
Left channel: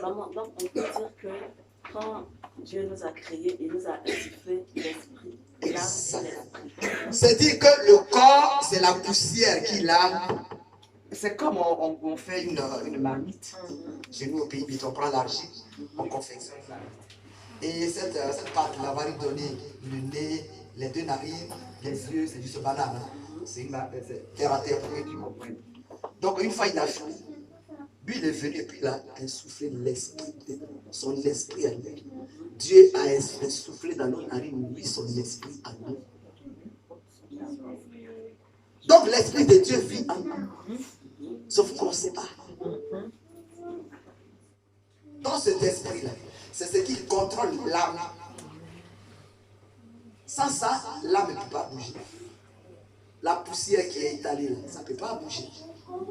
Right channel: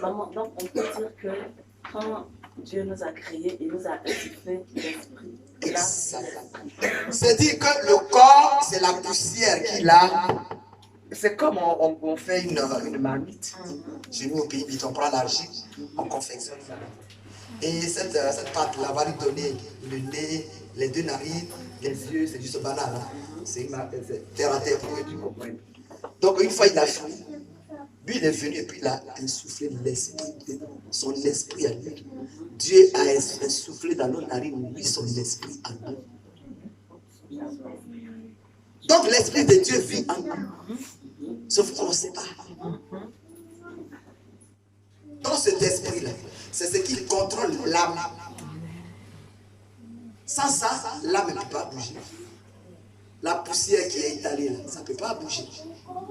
Maman, donc on peut dire que quand Dieu nous a créés, il nous a insufflé l'esprit. C'est-à-dire que le corps, c'est la poussière qu'il a. C'est comme on fait une marmite. Chez nous au pays, on prend l'argile, on confectionne ça. Et cette pâte-là va lui donner le nez, les deux narines, les yeux, c'est juste banane. C'est une terre à terre pour que tu comprennes. Donc une fois il a fini, lui il est venu et puis il a insufflé l'esprit, son esprit à lui. Dieu a insufflé dans nos narines, lui, son esprit à nous. Donc l'esprit de Dieu vit en nous. Sauf qu'on ne sait pas. Dans cet esprit-là, c'est ce qui contrôle l'âme. Sans ça, l'âme ne peut pas bouger. La poussière qui est étalée là, ça ne peut pas bouger.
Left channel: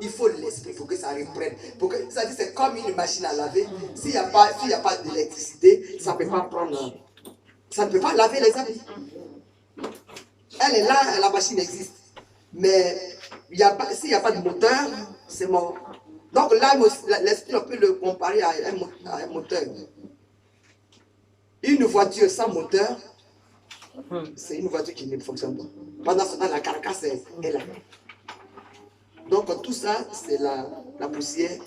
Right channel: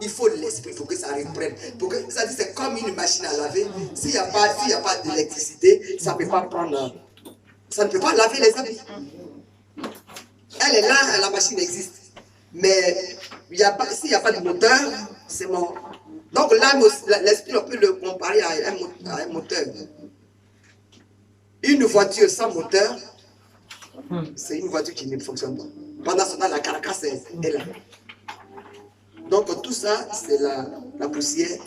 Il faut l'esprit pour que ça reprenne. Pour que, ça dit, c'est comme une machine à laver. S'il n'y a pas d'électricité, ça ne peut pas prendre. Ça ne peut pas laver les habits. Elle est là, la machine existe. Mais s'il n'y a pas de moteur, c'est mort. Donc l'âme, l'esprit, on peut le comparer à un moteur. Une voiture sans moteur, c'est une voiture qui ne fonctionne pas. Pendant ce temps, la carcasse est là. Donc tout ça, c'est la poussière.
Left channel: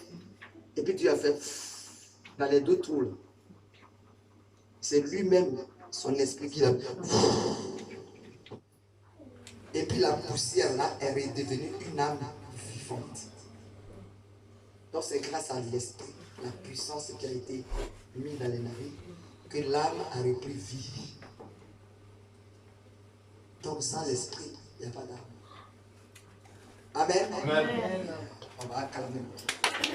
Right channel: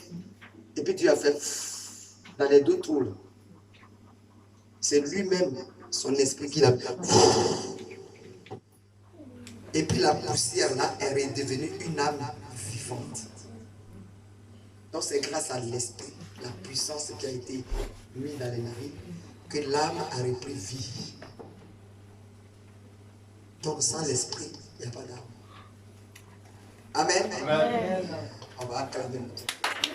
Et puis Dieu a fait dans les deux trous. C'est lui-même, son esprit qui l'a fait. Et puis la poussière là est redevenue une âme vivante. Donc c'est grâce à l'esprit, la puissance qui a été mise dans les narines, que l'âme a repris vie. Donc sans l'esprit, il n'y a pas d'âme. Amen. Amen. On va acclamer notre Dieu.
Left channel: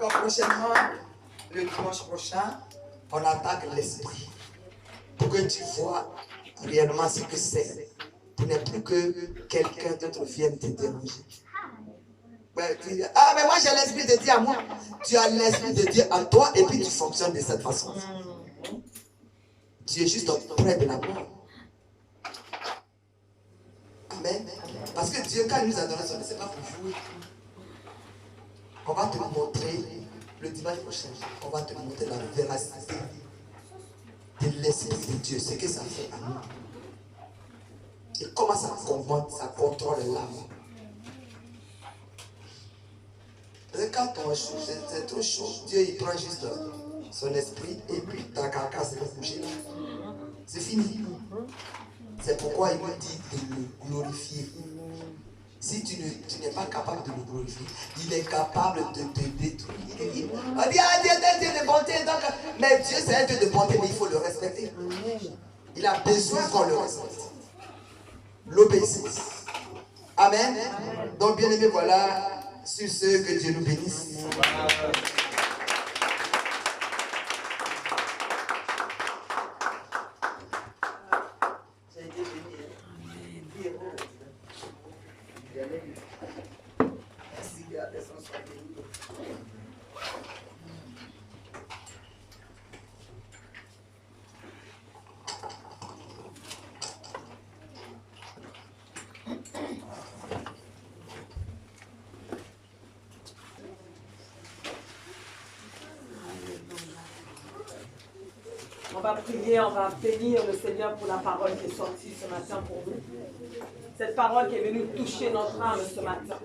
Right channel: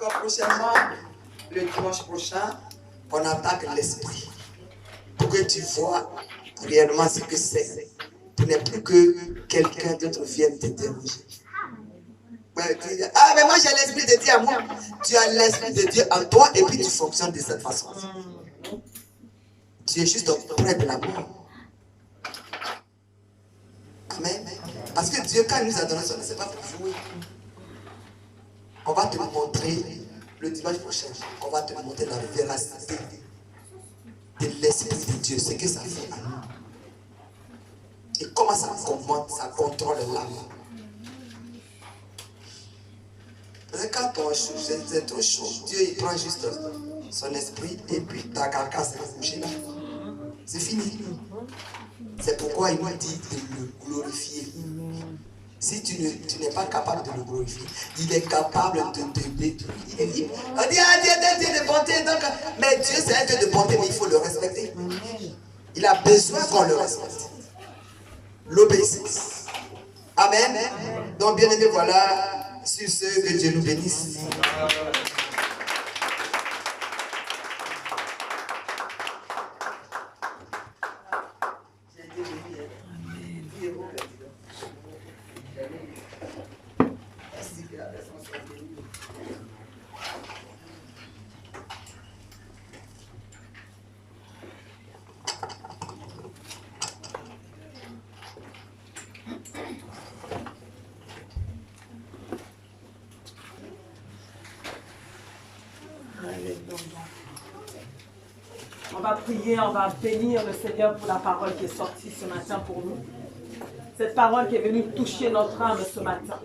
Donc prochainement, le dimanche prochain, on attaque l'esprit. Pour que tu vois réellement ce que c'est. Tu n'es plus que quelqu'un d'autre vienne te déranger. Ah, mais moi j'ai l'esprit de Dieu à moi. Tu as l'esprit de Dieu en toi et puis tu fonctionnes de cette façon. Tu es juste près de la mort. Amen. Parce que Dieu, quand il nous a donné son, ce n'est pas pour jouer. On va te montrer le dimanche prochain. On va te montrer la véracité de l'esprit de Dieu, ce que ça fait à nous. Et comment ça commente, ça contrôle l'âme. Parce que quand c'est trop chaud, Dieu il prend juste son esprit et puis ta carcasse va bouger là. C'est fini. C'est pourquoi il nous dit de le glorifier. Si tu n'es pas capable de le glorifier, il est capable de te détruire. On dit, ah Dieu est un Dieu de bonté. Donc, mais Dieu c'est un Dieu de bonté, mais il faut le respecter. Il a besoin qu'on le respecte. L'obéissance. Amen. Donc bien aimé, voilà. Sur ce, que Dieu nous bénisse. On va prier, on va bénir le Seigneur pour la parole qui est sortie ce matin pour nous. Cette parole qui est venue toucher notre âme ce matin.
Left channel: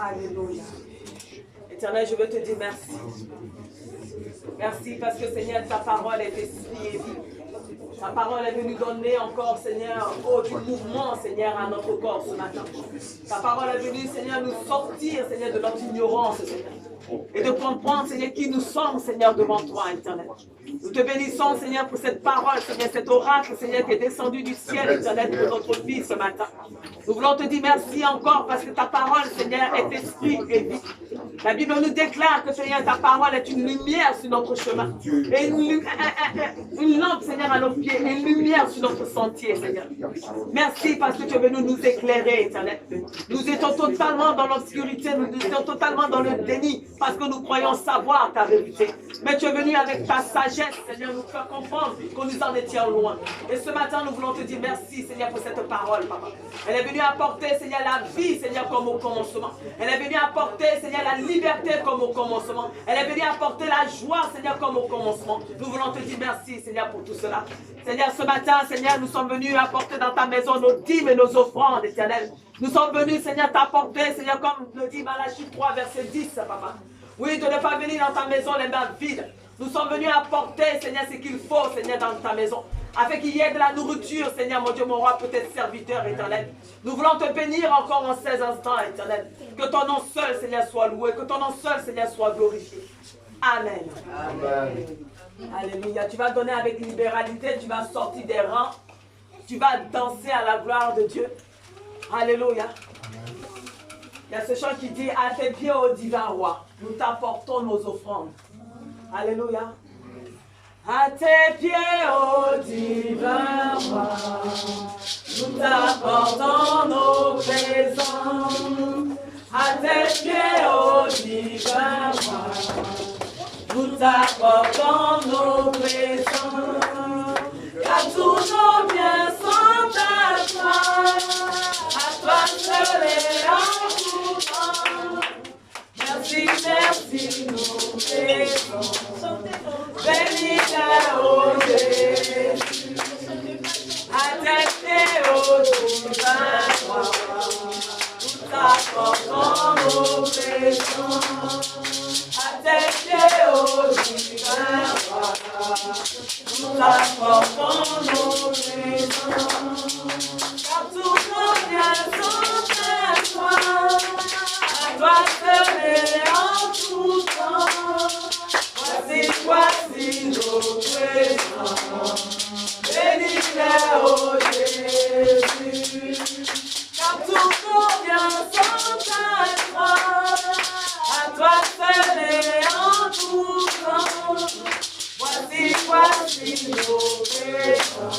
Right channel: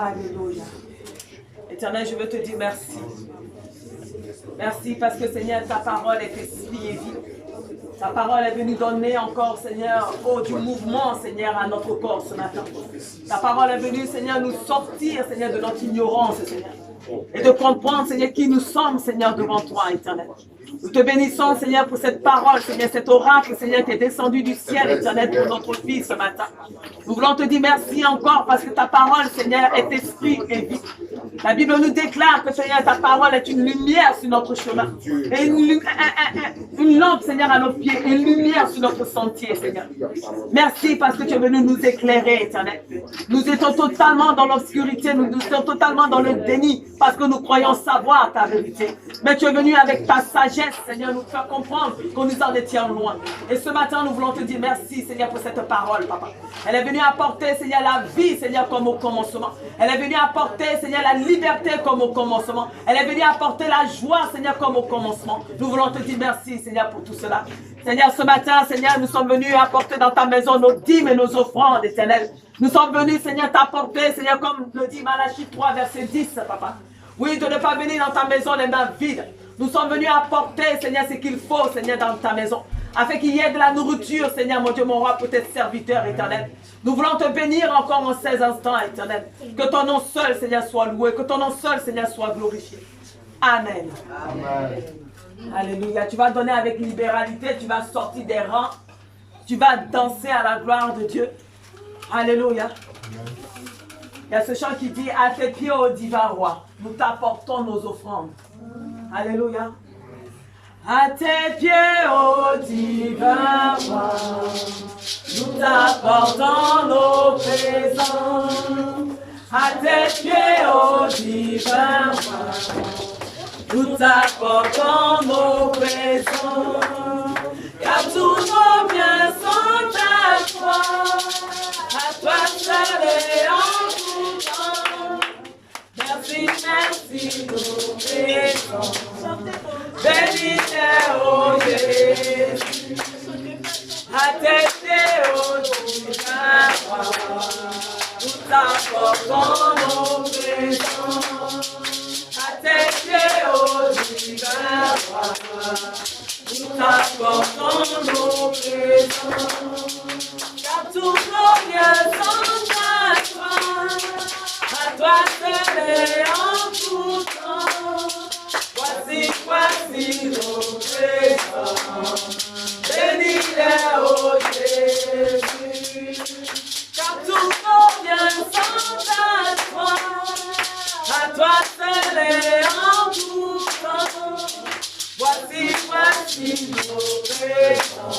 Alléluia. Éternel, je veux te dire merci. Merci parce que Seigneur, ta parole est esprit et vie. Ta parole est venue donner encore, Seigneur, du mouvement, Seigneur, à notre corps ce matin. Ta parole est venue, Seigneur, nous sortir, Seigneur, de notre ignorance, Seigneur. et de comprendre, Seigneur, qui nous sommes, Seigneur, devant toi, Éternel. Nous te bénissons, Seigneur, pour cette parole, Seigneur, cet oracle, Seigneur, qui est descendu du ciel, Éternel, pour notre vie ce matin. Nous voulons te dire merci encore parce que ta parole, Seigneur, est esprit et vie. La Bible nous déclare que, Seigneur, ta parole est une lumière sur notre chemin. Et une lampe, Seigneur, à nos pieds. Une lumière sur notre sentier, Seigneur. Merci parce que tu es venu nous éclairer, Éternel. Nous étions totalement dans l'obscurité. Nous étions totalement dans le déni parce que nous croyons savoir ta vérité. Mais tu es venu avec ta sagesse, Seigneur, nous faire comprendre que nous en étions loin. Et ce matin, nous voulons te dire merci, Seigneur, pour cette parole, Papa. Elle est venue apporter, Seigneur, la vie, Seigneur, comme au commencement. Elle est venue apporter, Seigneur, la liberté comme au commencement. Elle est venue apporter la joie, Seigneur, comme au commencement. Nous voulons te dire merci, Seigneur, pour tout cela. Seigneur, ce matin, Seigneur, nous sommes venus apporter dans ta maison nos dîmes et nos offrandes, Éternel. Nous sommes venus, Seigneur, t'apporter, Seigneur, comme le dit Malachie 3, verset 10, Papa. Oui, de ne pas venir dans ta maison les mains vides. Nous sommes venus apporter, Seigneur, ce qu'il faut, Seigneur, dans ta maison. Afin qu'il y ait de la nourriture, Seigneur, mon Dieu, mon roi, peut-être serviteur, Éternel. Nous voulons te bénir encore en ces instants, Éternel. Que ton nom seul, Seigneur, soit loué. Que ton nom seul, Seigneur, soit glorifié. Amen. Amen. Alléluia. Tu vas donner avec libéralité. Tu vas sortir des rangs. Tu vas danser à la gloire de Dieu. Alléluia. Il y a ce chant qui dit, à tes pieds, ô divin roi, nous t'apportons nos offrandes. Alléluia. À tes pieds, ô divin roi, nous t'apportons nos présents. À tes pieds, ô divin roi, nous t'apportons nos présents. Car tous nos biens sont à toi seul et en tout temps. Merci, merci, nous présents. Béni est, ô Jésus, à tes pieds, ô divin roi, nous t'apportons nos présents. À tes pieds, ô divin roi, nous t'apportons nos présents. Car tous nos biens sont à toi seul et en tout temps. Voici nos présents. Béni est, ô Jésus. Car tous nos biens sont à toi seul et en tout temps. Voici nos présents.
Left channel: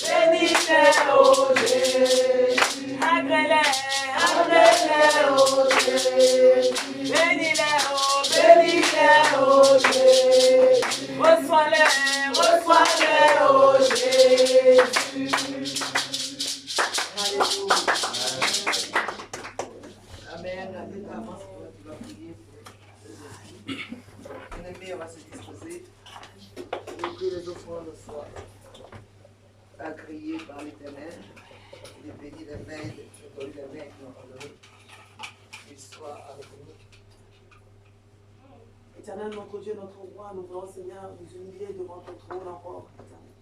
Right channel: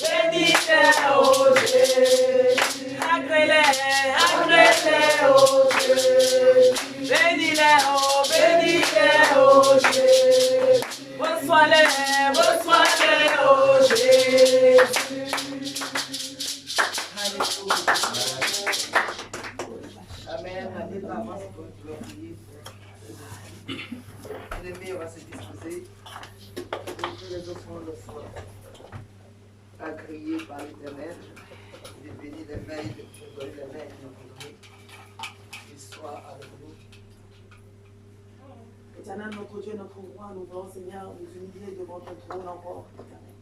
Béni est, ô Jésus. Agrée-les, ô Jésus. Bénis-les, ô Jésus. Reçois-les, ô Jésus. Alléluia. Amen. Allez, avance, tu vas prier. Bien-aimés, on va se disposer. Que les offrandes soient agréées par l'Éternel. Il est béni les mains, les mains qui nous ont donné. Qu'il soit avec nous. Éternel, notre Dieu, notre roi, nous voulons, Seigneur, nous humilier devant ton trône encore, Éternel.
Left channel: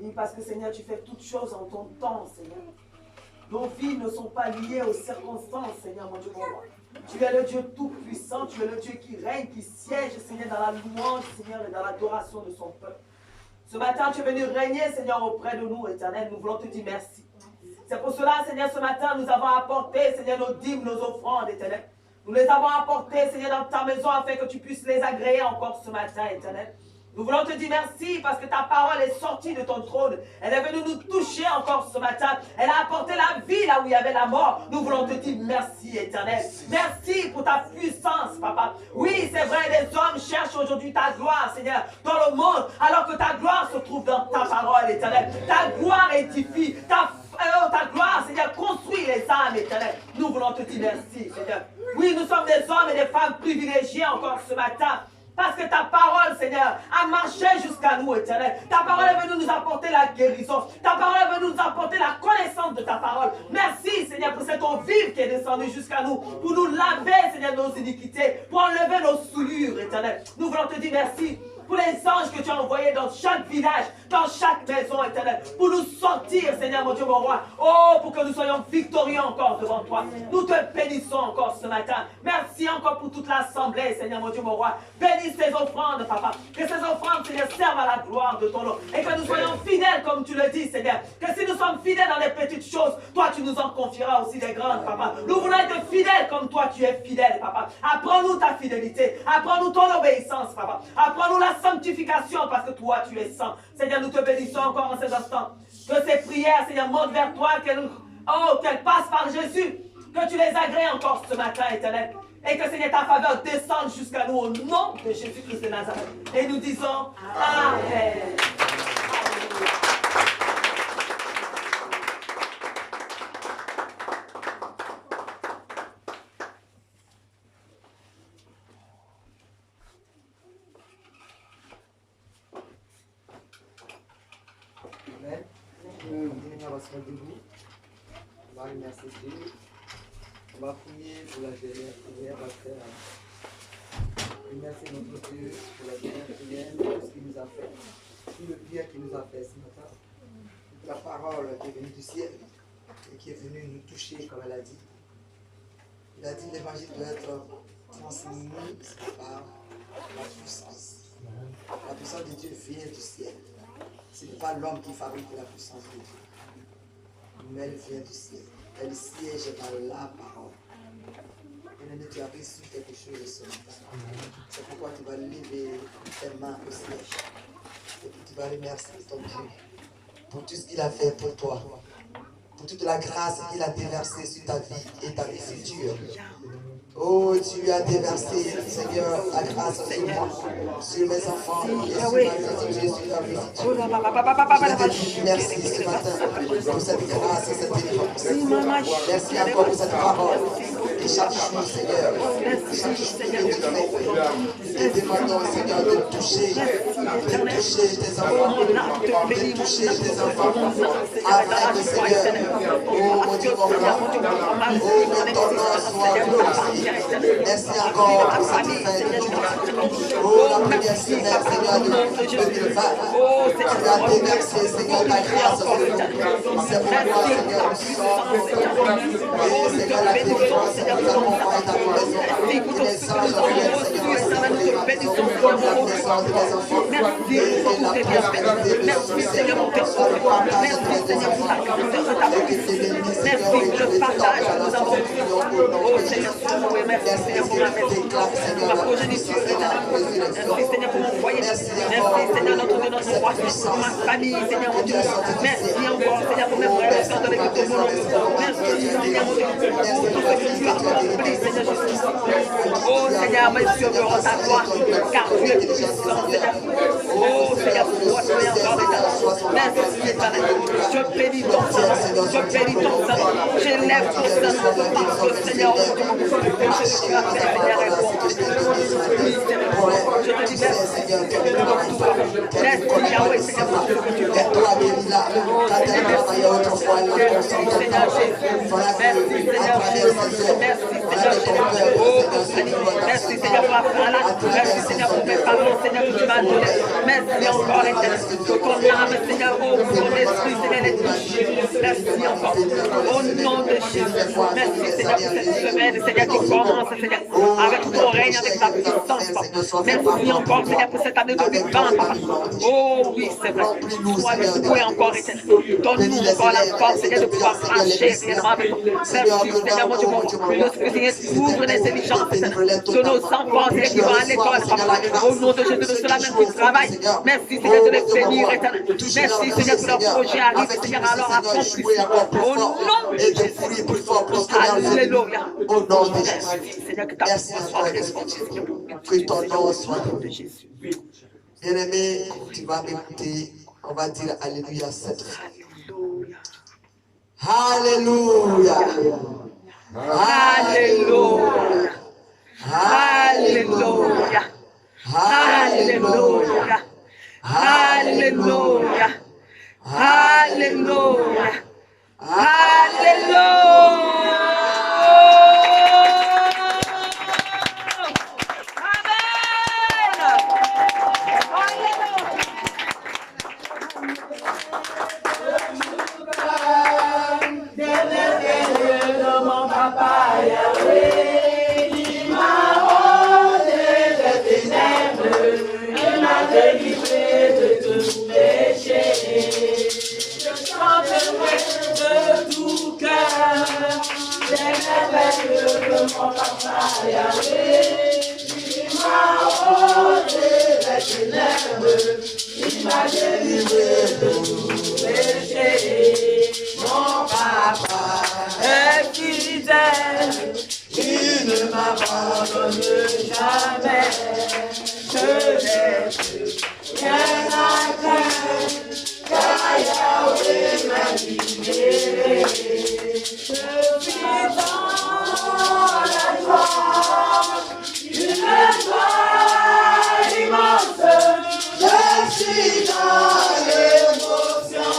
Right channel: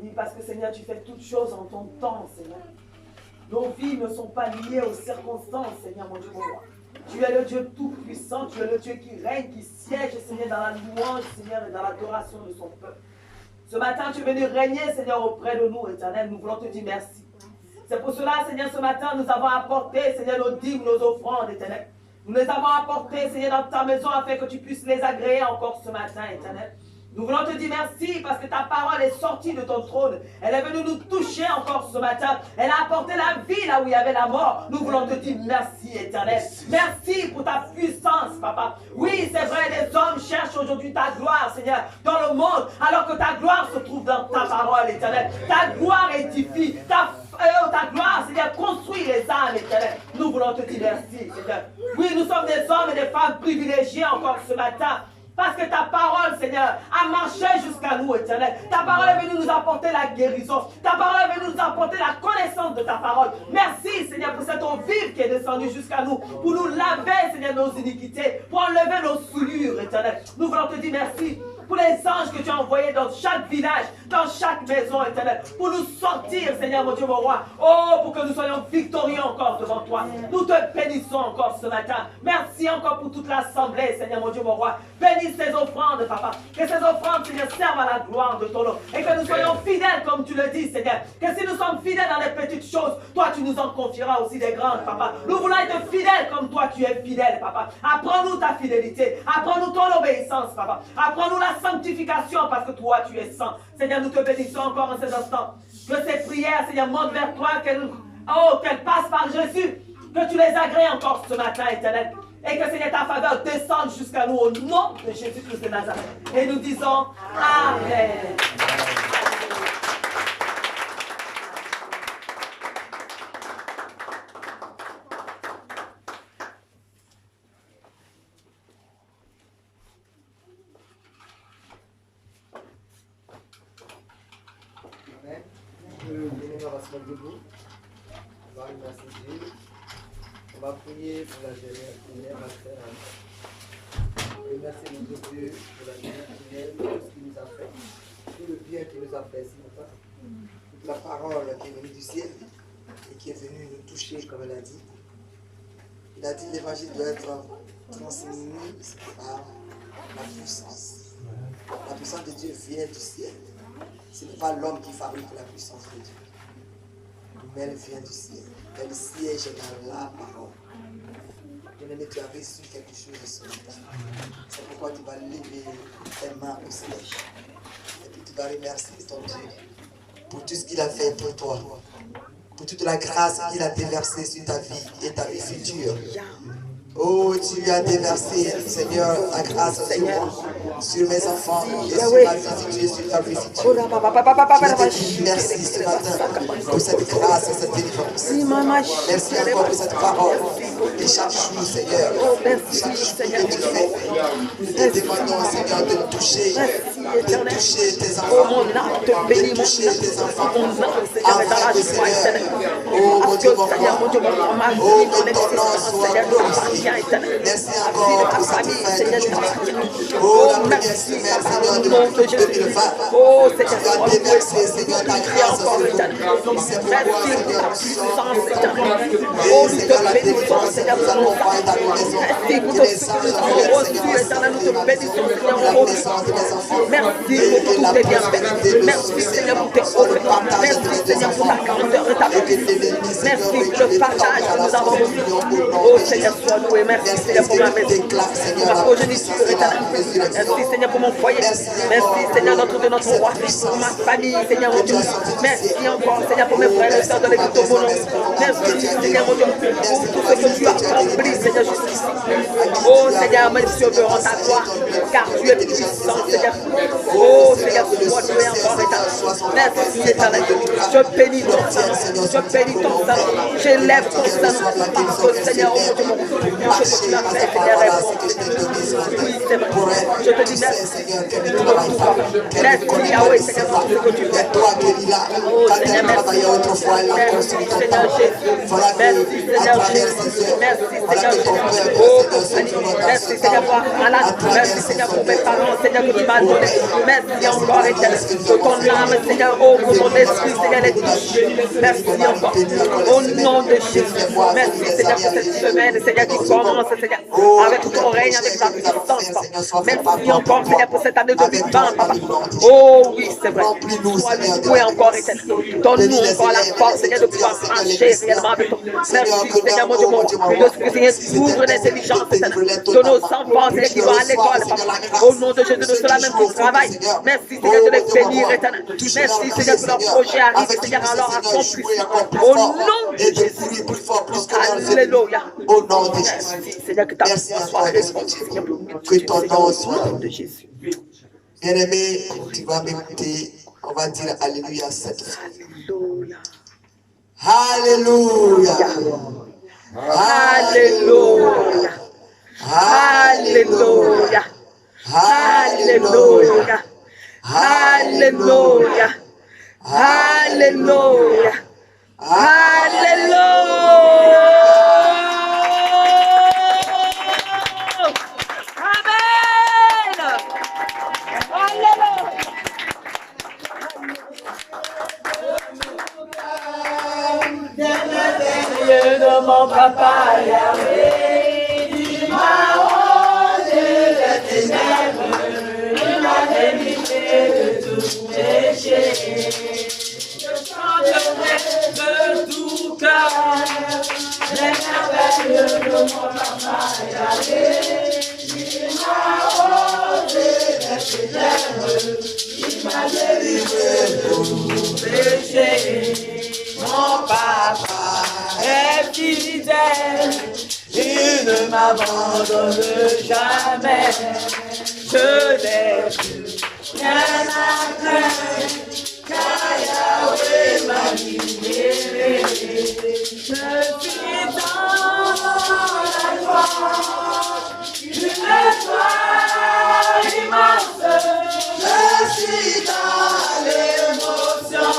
Oui, parce que, Seigneur, tu fais toutes choses en ton temps, Seigneur. Nos vies ne sont pas liées aux circonstances, Seigneur, mon Dieu, mon roi. Tu es le Dieu tout-puissant, tu es le Dieu qui règne, qui siège, Seigneur, dans la louange, Seigneur, et dans l'adoration de son peuple. Ce matin, tu es venu régner, Seigneur, auprès de nous, Éternel. Nous voulons te dire merci. C'est pour cela, Seigneur, ce matin, nous avons apporté, Seigneur, nos dîmes, nos offrandes, Éternel. Nous les avons apportées, Seigneur, dans ta maison afin que tu puisses les agréer encore ce matin, Éternel. Nous voulons te dire merci parce que ta parole est sortie de ton trône. Elle est venue nous toucher encore ce matin. Elle a apporté la vie là où il y avait la mort. Nous voulons te dire merci, Éternel. Merci pour ta puissance, Papa. Oui, c'est vrai, les hommes cherchent aujourd'hui ta gloire, Seigneur, dans le monde, alors que ta gloire se trouve dans ta parole, Éternel. Ta gloire édifie, ta gloire, Seigneur, construit les âmes, Éternel. Nous voulons te dire merci, Seigneur. Oui, nous sommes des hommes et des femmes privilégiés encore ce matin. Parce que ta parole, Seigneur, a marché jusqu'à nous, Éternel. Ta parole est venue nous apporter la guérison. Ta parole est venue nous apporter la connaissance de ta parole. Merci, Seigneur, pour cette eau vive qui est descendue jusqu'à nous. Pour nous laver, Seigneur, nos iniquités. Pour enlever nos souillures, Éternel. Nous voulons te dire merci pour les anges que tu as envoyés dans chaque village, dans chaque maison, éternel, pour nous sortir, Seigneur mon Dieu, mon roi. Oh, pour que nous soyons victorieux encore devant toi. Nous te bénissons encore ce matin. Merci encore pour toute l'assemblée, Seigneur mon Dieu, mon roi. Bénis ces offrandes, papa. Que ces offrandes, Seigneur, servent à la gloire de ton nom. Et que nous soyons fidèles, comme tu le dis, Seigneur. Que si nous sommes fidèles dans les petites choses, toi, tu nous en confieras aussi des grandes, papa. Nous voulons être fidèles comme toi, tu es fidèle, papa. Apprends-nous ta fidélité. Apprends-nous ton obéissance, papa. Apprends-nous la sanctification parce que toi, tu es saint. Seigneur, nous te bénissons encore en ces instants. Que ces prières, Seigneur, montent vers toi, qu'elles passent par Jésus. Que tu les agrées encore ce matin, éternel. Et que, Seigneur, ta faveur descende jusqu'à nous au nom de Jésus-Christ de Nazareth. Et nous disons Amen. Amen. On va se mettre debout. On va remercier Dieu. On va prier pour la dernière prière à faire. Remercier notre Dieu pour la dernière prière, pour tout ce qu'il nous a fait, tout le bien qu'il nous a fait ce matin. Toute la parole qui est venue du ciel et qui est venue nous toucher, comme elle a dit. Il a dit que l'évangile doit être transmis par la puissance. La puissance de Dieu vient du ciel. Ce n'est pas l'homme qui fabrique la puissance de Dieu. Mais elle vient du ciel. Elle siège dans la parole. Bien-aimé, tu as reçu quelque chose ce matin. C'est pourquoi tu vas lever tes mains au ciel. Et puis tu vas remercier ton Dieu pour tout ce qu'il a fait pour toi. Pour toute la grâce qu'il a déversée sur ta vie et ta vie future. Oh, tu as déversé, Seigneur, la grâce sur moi, sur mes enfants et sur ma vie future, sur ta vie future. Je te dis merci ce matin pour cette grâce et cette délivrance. Merci encore pour cette parole. Et chaque jour, Seigneur, chaque jour que tu fais, nous te demandons, Seigneur, de toucher tes enfants, de toucher tes enfants, afin que, Seigneur, oh mon Dieu, mon roi, oh, que ton nom soit glorifié. Merci encore pour cette fin de journée. Oh, la première semaine, Seigneur, de 2020. Tu as déversé, Seigneur, ta grâce sur nous. C'est pourquoi, Seigneur, nous sommes. Et Seigneur, la délivrance nous accompagne dans nos maisons. Que les anges viennent, Seigneur, nous la naissance de mes enfants. Et que la prospérité, le succès, le partage entre tes enfants. Et que l'ennemi, Seigneur, récupère ton grâce à la merci Seigneur pour ma maison, ma progéniture, merci Seigneur pour mon foyer, merci Seigneur de notre roi, pour ma famille, Seigneur mon Dieu, merci encore Seigneur pour mes frères et sœurs de l'équipe de mon nom, merci Seigneur mon Dieu pour tout ce que tu as accompli Seigneur jusqu'ici. Oh Seigneur, mes yeux verront ta gloire, car tu es puissant Seigneur. Oh Seigneur, toi tu es encore éternel. Merci éternel, je bénis ton Seigneur, je bénis ton Seigneur, j'élève ton Seigneur, parce que Seigneur, oh mon Dieu, je te dis merci, Seigneur, que tu travailles pas. Merci, Yahweh, Seigneur, que tu fais. Toi, Béli-là, quand elle travaillait autrefois, elle a construit ton temple. Il faudra que, à travers ses œuvres, voilà que ton peuple, Seigneur, merci, Seigneur, pour la malade. Merci, Seigneur, pour mes parents, Seigneur, que tu m'as donné. Merci encore, éternel, que ton âme, Seigneur, oh, pour ton esprit, Seigneur, est touché. Merci encore. Au nom de Jésus. Merci, Seigneur, pour cette semaine, Seigneur, qui commence, Seigneur, avec ton règne, avec ta puissance, papa. Merci encore, Seigneur, pour cette année 2020, papa. Oh oui, c'est vrai. Toi, oui, encore, éternel. Donne-nous encore la force, Seigneur, de pouvoir marcher réellement avec toi. Merci, Seigneur, mon Dieu, mon Dieu. Seigneur, ouvre l'intelligence, de nos enfants, Seigneur, qui vont à l'école, papa. Au nom de Jésus, de ceux-là même qui travaillent. Merci, Seigneur, de les bénir, éternel. Merci, Seigneur, que leur projet arrive, Seigneur, à leur accomplissement. Au nom de Jésus. Alléluia. Au nom de Jésus. Merci encore, que ton nom soit. Bien-aimé, tu vas m'écouter. On va dire Alléluia cette fois. Alléluia. Alléluia. Alléluia. Alléluia. Alléluia. Alléluia. Alléluia. de mon papa Yahweh. Il m'a ôté les ténèbres, il m'a délivré de tout péché. Je chanterai de tout cœur les merveilles de mon papa Yahweh. Il m'a ôté les ténèbres, il m'a délivré de tout péché. Mon papa est fidèle, il ne m'abandonne jamais. Je n'ai plus rien à craindre, car Yahweh m'a libéré. Je suis dans la joie, une joie immense. Je suis dans l'émotion,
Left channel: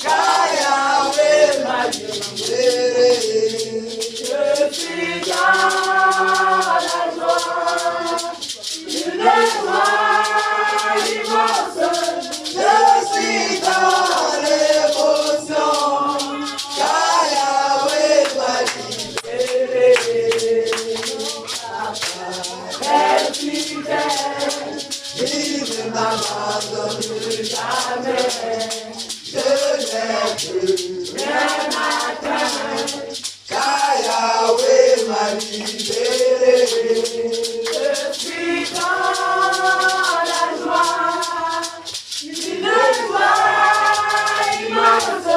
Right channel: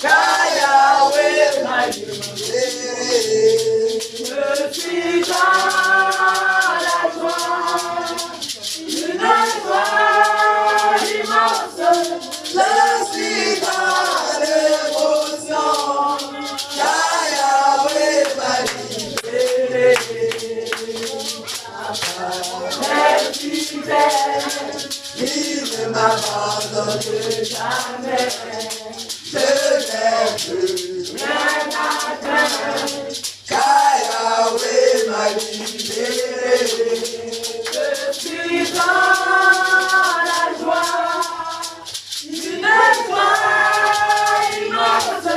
car Yahweh m'a libéré. Je suis dans la joie, une joie immense. Je suis dans l'émotion, car Yahweh m'a libéré. Papa est fidèle, il ne m'abandonne jamais. Je n'ai plus rien à craindre, car Yahweh m'a libéré. Je suis dans la joie, une joie immense.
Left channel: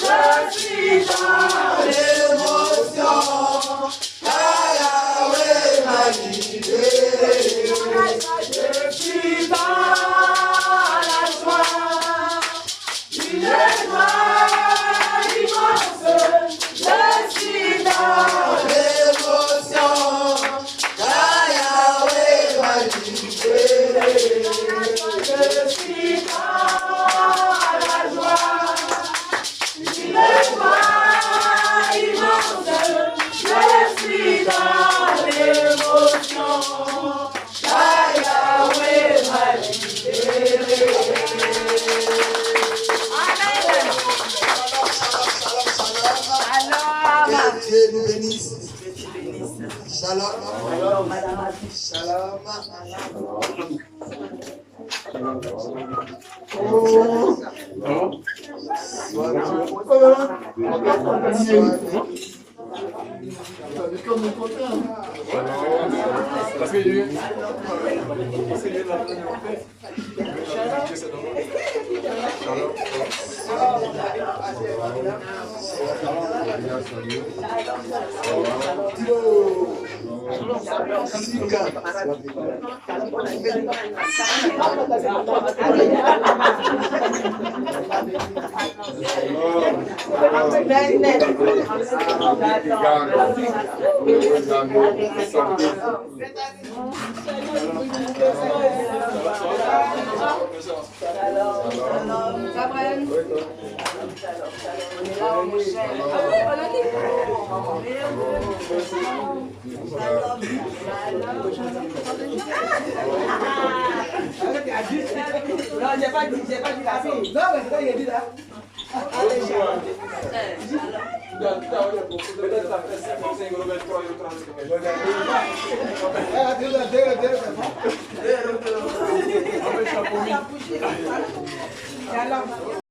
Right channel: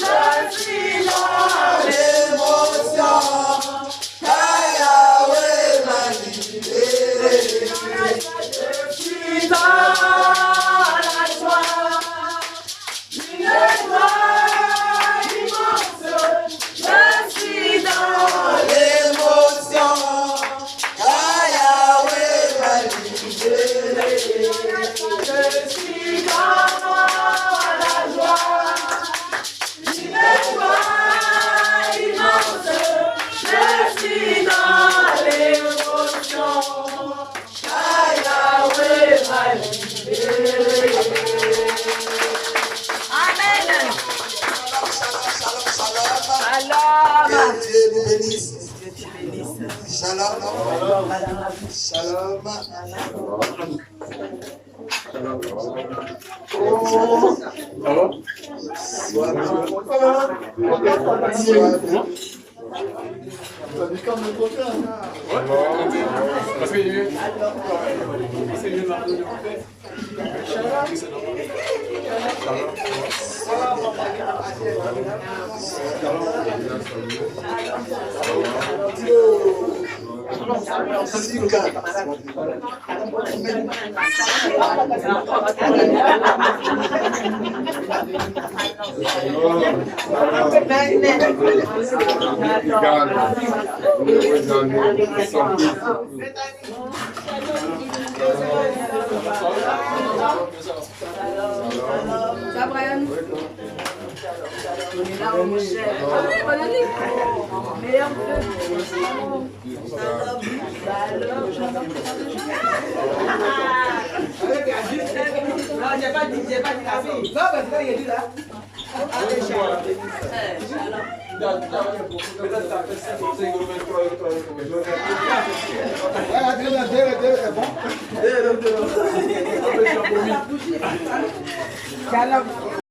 Je suis dans l'émotion, car Yahweh m'a libéré. Je suis dans la joie, une joie immense. Je suis dans l'émotion, car Yahweh m'a libéré. Je suis dans la joie, une joie immense. Je suis dans l'émotion, car Yahweh m'a libéré. Amen. Que Dieu nous bénisse. Shalom. Shalom. Parce qu'il est Shalom.